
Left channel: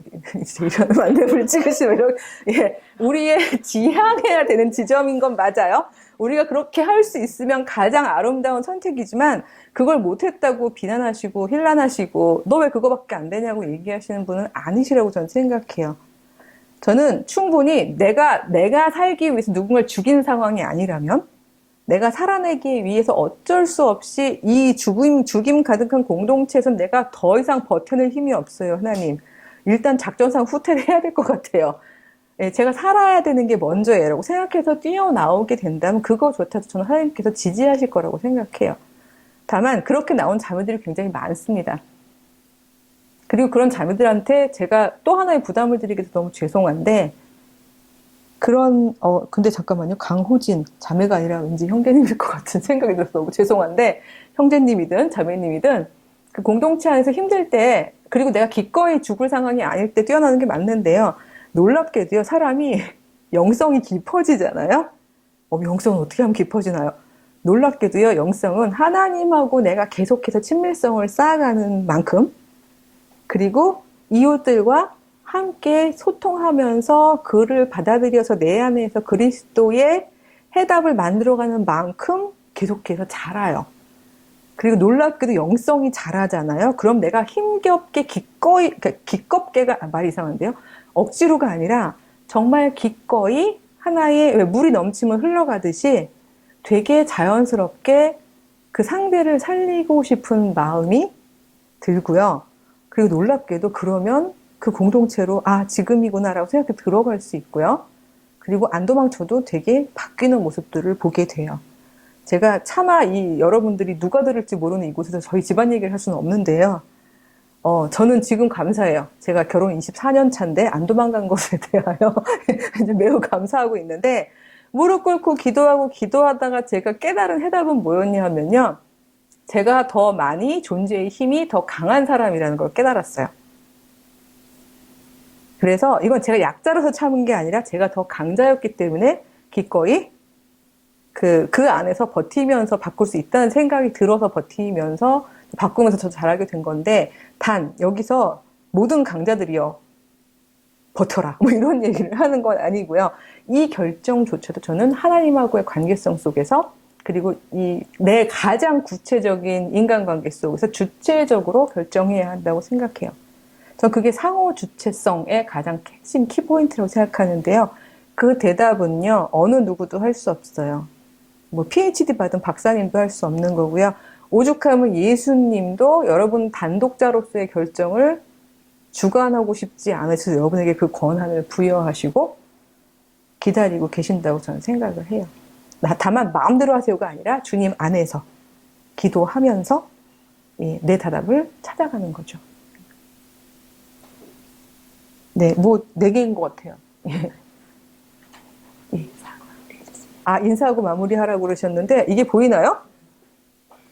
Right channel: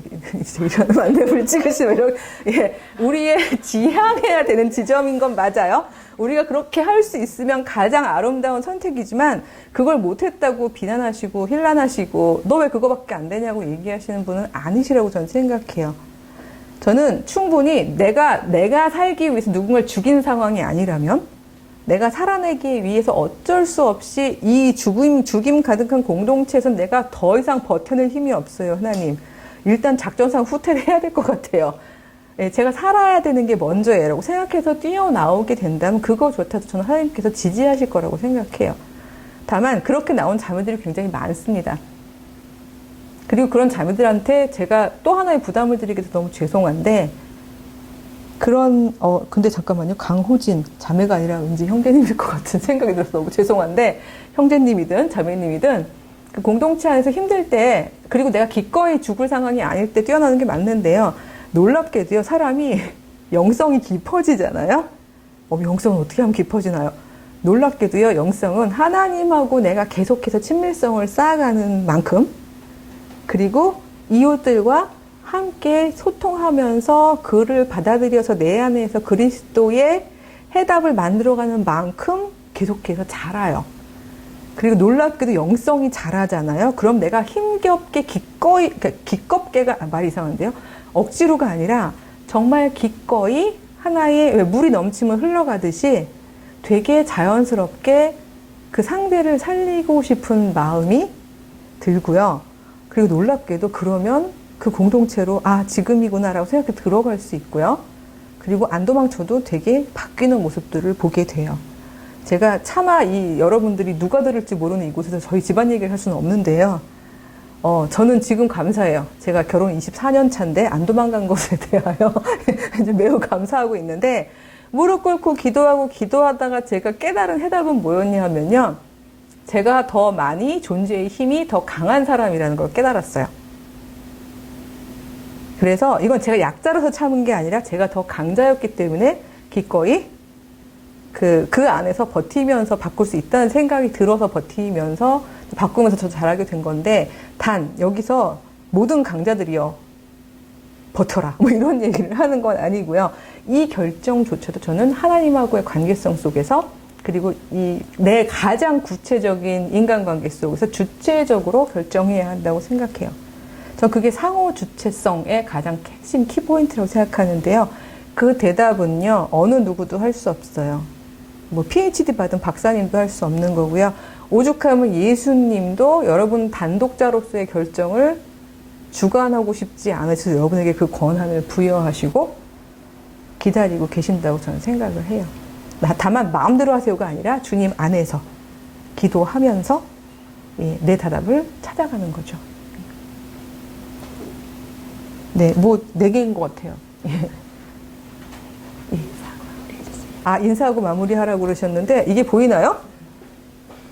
이런 만렙을 찍으시면 예, 우리의 지향해야 되는 지점인 건 맞아요. 우리가 그렇게 할 수 있으면 가장 아름다운 선택이지만 그걸 못했다고 비난하시고 힐난하시고 너 왜 그거밖에 안 되냐고 얘기하시는 분은 아니시라고 저는 생각해요. 저는 충분히 내가 살기 위해서 누군가를 죽인 상황이 아니라면 내가 살아내기 위해서 어쩔 수 없이 이 죽임 가득한 공동체에서 내가 더 이상 버텨낼 힘이 없어요, 하나님. 일단 작전상 후퇴를 해야 될 것 같아요. 예, 제가 살아야 되는 게 먼저예요. 생각해서 뛰어나오게 된다면 그거조차도 저는 하나님께서 지지하실 거라고 생각해요. 다만 그렇게 나온 자매들이 굉장히 많습니다. 그리고 그런 자매들한테 제가 또 하나의 부담을 드리게 돼서 너무 죄송한데 근데 잠깐만요. 강호진, 자매가 아니라 왠지 형제님일 것 같은 생각이 들어서 너무 죄송한데, 형제님이든 자매님이든, 그 공동체 안에서 힘들 때, 그리고 내가 기꺼이 죽을 상황이 아닐 때 뛰어나는 게 맞는데요. 놀랍게도요, 사람이 영성이 깊어지잖아요? 영성은 어떻게 하면 깊어지나요? 놀랍게도요, 영성은 하나님하고 내가 계속해서 친밀성을 쌓아가는 만큼, 그리고 이웃들과 함께 소통하면서 그를 받아들여서 내 안에서 그리스도의 해답을 만들어가는 만큼 계속해서 자라요. 그리고 놀랍게도 영성이 자라잖아요. 그럼 내가 힘겹게 기꺼이, 그러니까 기껍게가 말이 이상한데요. 억지로가 아니라 정말 기꺼이 하나의 왜 물이 넘치면 흘러가듯이 되게 자연스럽게 그 상대를 살리고 싶은 마음이 들고요. 그리고 놀랍게도 그러면 그 공동체로 지금이구나라고 생각해 들어갈 수 있고요. 그리고 안 도망쳐도 되게 바뀌는 모습들을 보게 돼요. 제가 차마 여러분들이 누가 들을지 모르는 이곳에서 저희 집안 얘기를 할 수는 없는데요. 저는 지금 감사해요. 제가 결혼 24년 차인데 안 도망간 것에 대하여 이제 매우 감사하고 있는데 무릎 꿇고 기도하다가 제가 깨달은 해답은 뭐였냐면요. 제가 더 많이 존재의 힘이 더 강한 사람이라는 걸 깨달았어요. 그래서 이건 제가 약자로서 참은 게 아니라 제가 더 강자였기 때문에 기꺼이 그 안에서 버티면서 바꿀 수 있다는 생각이 들어서 버티면서 바꾸면서 더 잘하게 된 건데 단 여기서 모든 강자들이요 버텨라 뭐 이런 얘기를 하는 건 아니고요. 이 결정조차도 저는 하나님하고의 관계성 속에서 그리고 내 가장 구체적인 인간관계 속에서 주체적으로 결정해야 한다고 생각해요. 저 그게 상호 주체성의 가장 핵심 키포인트라고 생각하는데요. 그 대답은요, 어느 누구도 할 수 없어요. 뭐 PhD 받은 박사님도 할 수 없는 거고요. 오죽하면 예수님도 여러분 단독자로서의 결정을 주관하고 싶지 않으셔서 여러분에게 그 권한을 부여하시고 기다리고 계신다고 저는 생각을 해요. 다만 마음대로 하세요가 아니라 주님 안에서 기도하면서 내 대답을 찾아가는 거죠. 네, 뭐 4개인 것 같아요. 예. 인사하고 마무리하라고 그러셨는데 이게 보이나요?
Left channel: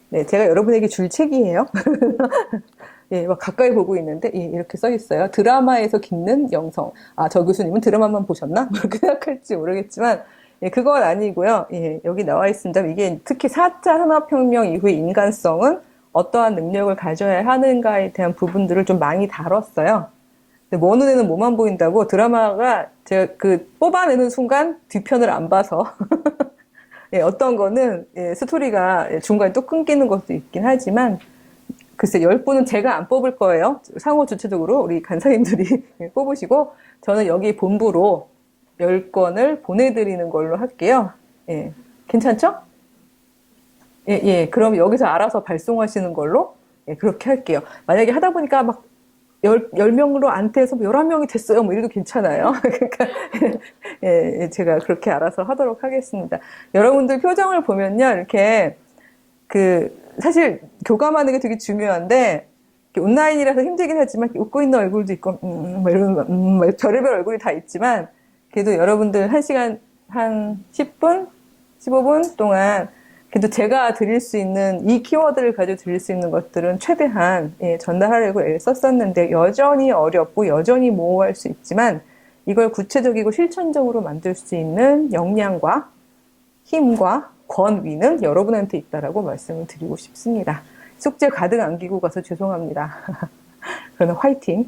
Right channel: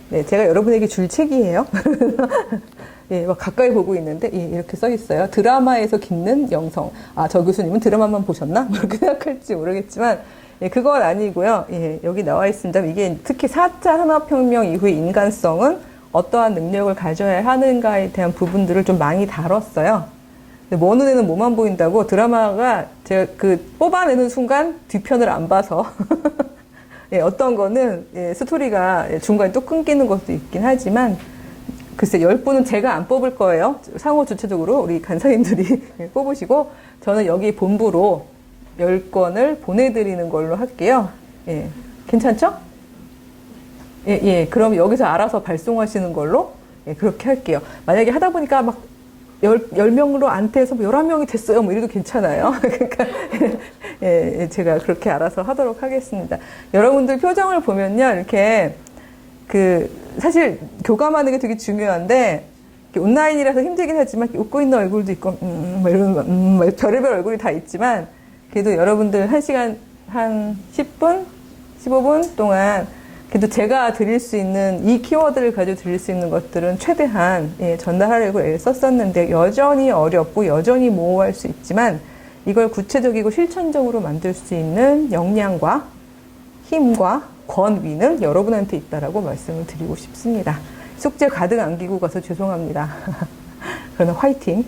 네, 제가 여러분에게 줄 책이에요. 예, 막 가까이 보고 있는데 이렇게 써 있어요. 드라마에서 깃는 영성. 저 교수님은 드라마만 보셨나? 그렇게 생각할지 모르겠지만 그건 아니고요. 예, 여기 나와 있습니다. 이게 특히 4차 산업혁명 이후의 인간성은 어떠한 능력을 가져야 하는가에 대한 부분들을 좀 많이 다뤘어요. 어느 애는 뭐만 보인다고 드라마가 제가 뽑아내는 순간 뒤편을 안 봐서 예, 어떤 거는 스토리가 중간에 또 끊기는 것도 있긴 하지만 글쎄, 10분은 제가 안 뽑을 거예요. 상호 주체적으로 우리 간사님들이 뽑으시고, 저는 여기 본부로 10권을 보내드리는 걸로 할게요. 예. 괜찮죠? 예, 예. 그럼 여기서 알아서 발송하시는 걸로, 예, 그렇게 할게요. 만약에 하다 보니까 막 10명으로 안 돼서 11명이 됐어요. 뭐 이래도 괜찮아요. 그러니까, 예, 예, 제가 그렇게 알아서 하도록 하겠습니다. 여러분들 표정을 보면요. 이렇게, 사실 교감하는 게 되게 중요한데, 온라인이라서 힘들긴 하지만, 웃고 있는 얼굴도 있고, 뭐 이런 거, 뭐 별의별 얼굴이 다 있지만, 그래도 여러분들 1시간, 한 10분? 15분 동안, 그래도 제가 드릴 수 있는, 이 키워드를 가지고 드릴 수 있는 것들은 최대한, 예, 전달하려고 애를 썼었는데, 여전히 어렵고, 여전히 모호할 수 있지만, 이걸 구체적이고 실천적으로 만들 수 있는 역량과 힘과 권위는 여러분한테 있다라고 말씀을 드리고 싶습니다. 숙제 가득 안기고 가서 죄송합니다. 그러나 화이팅!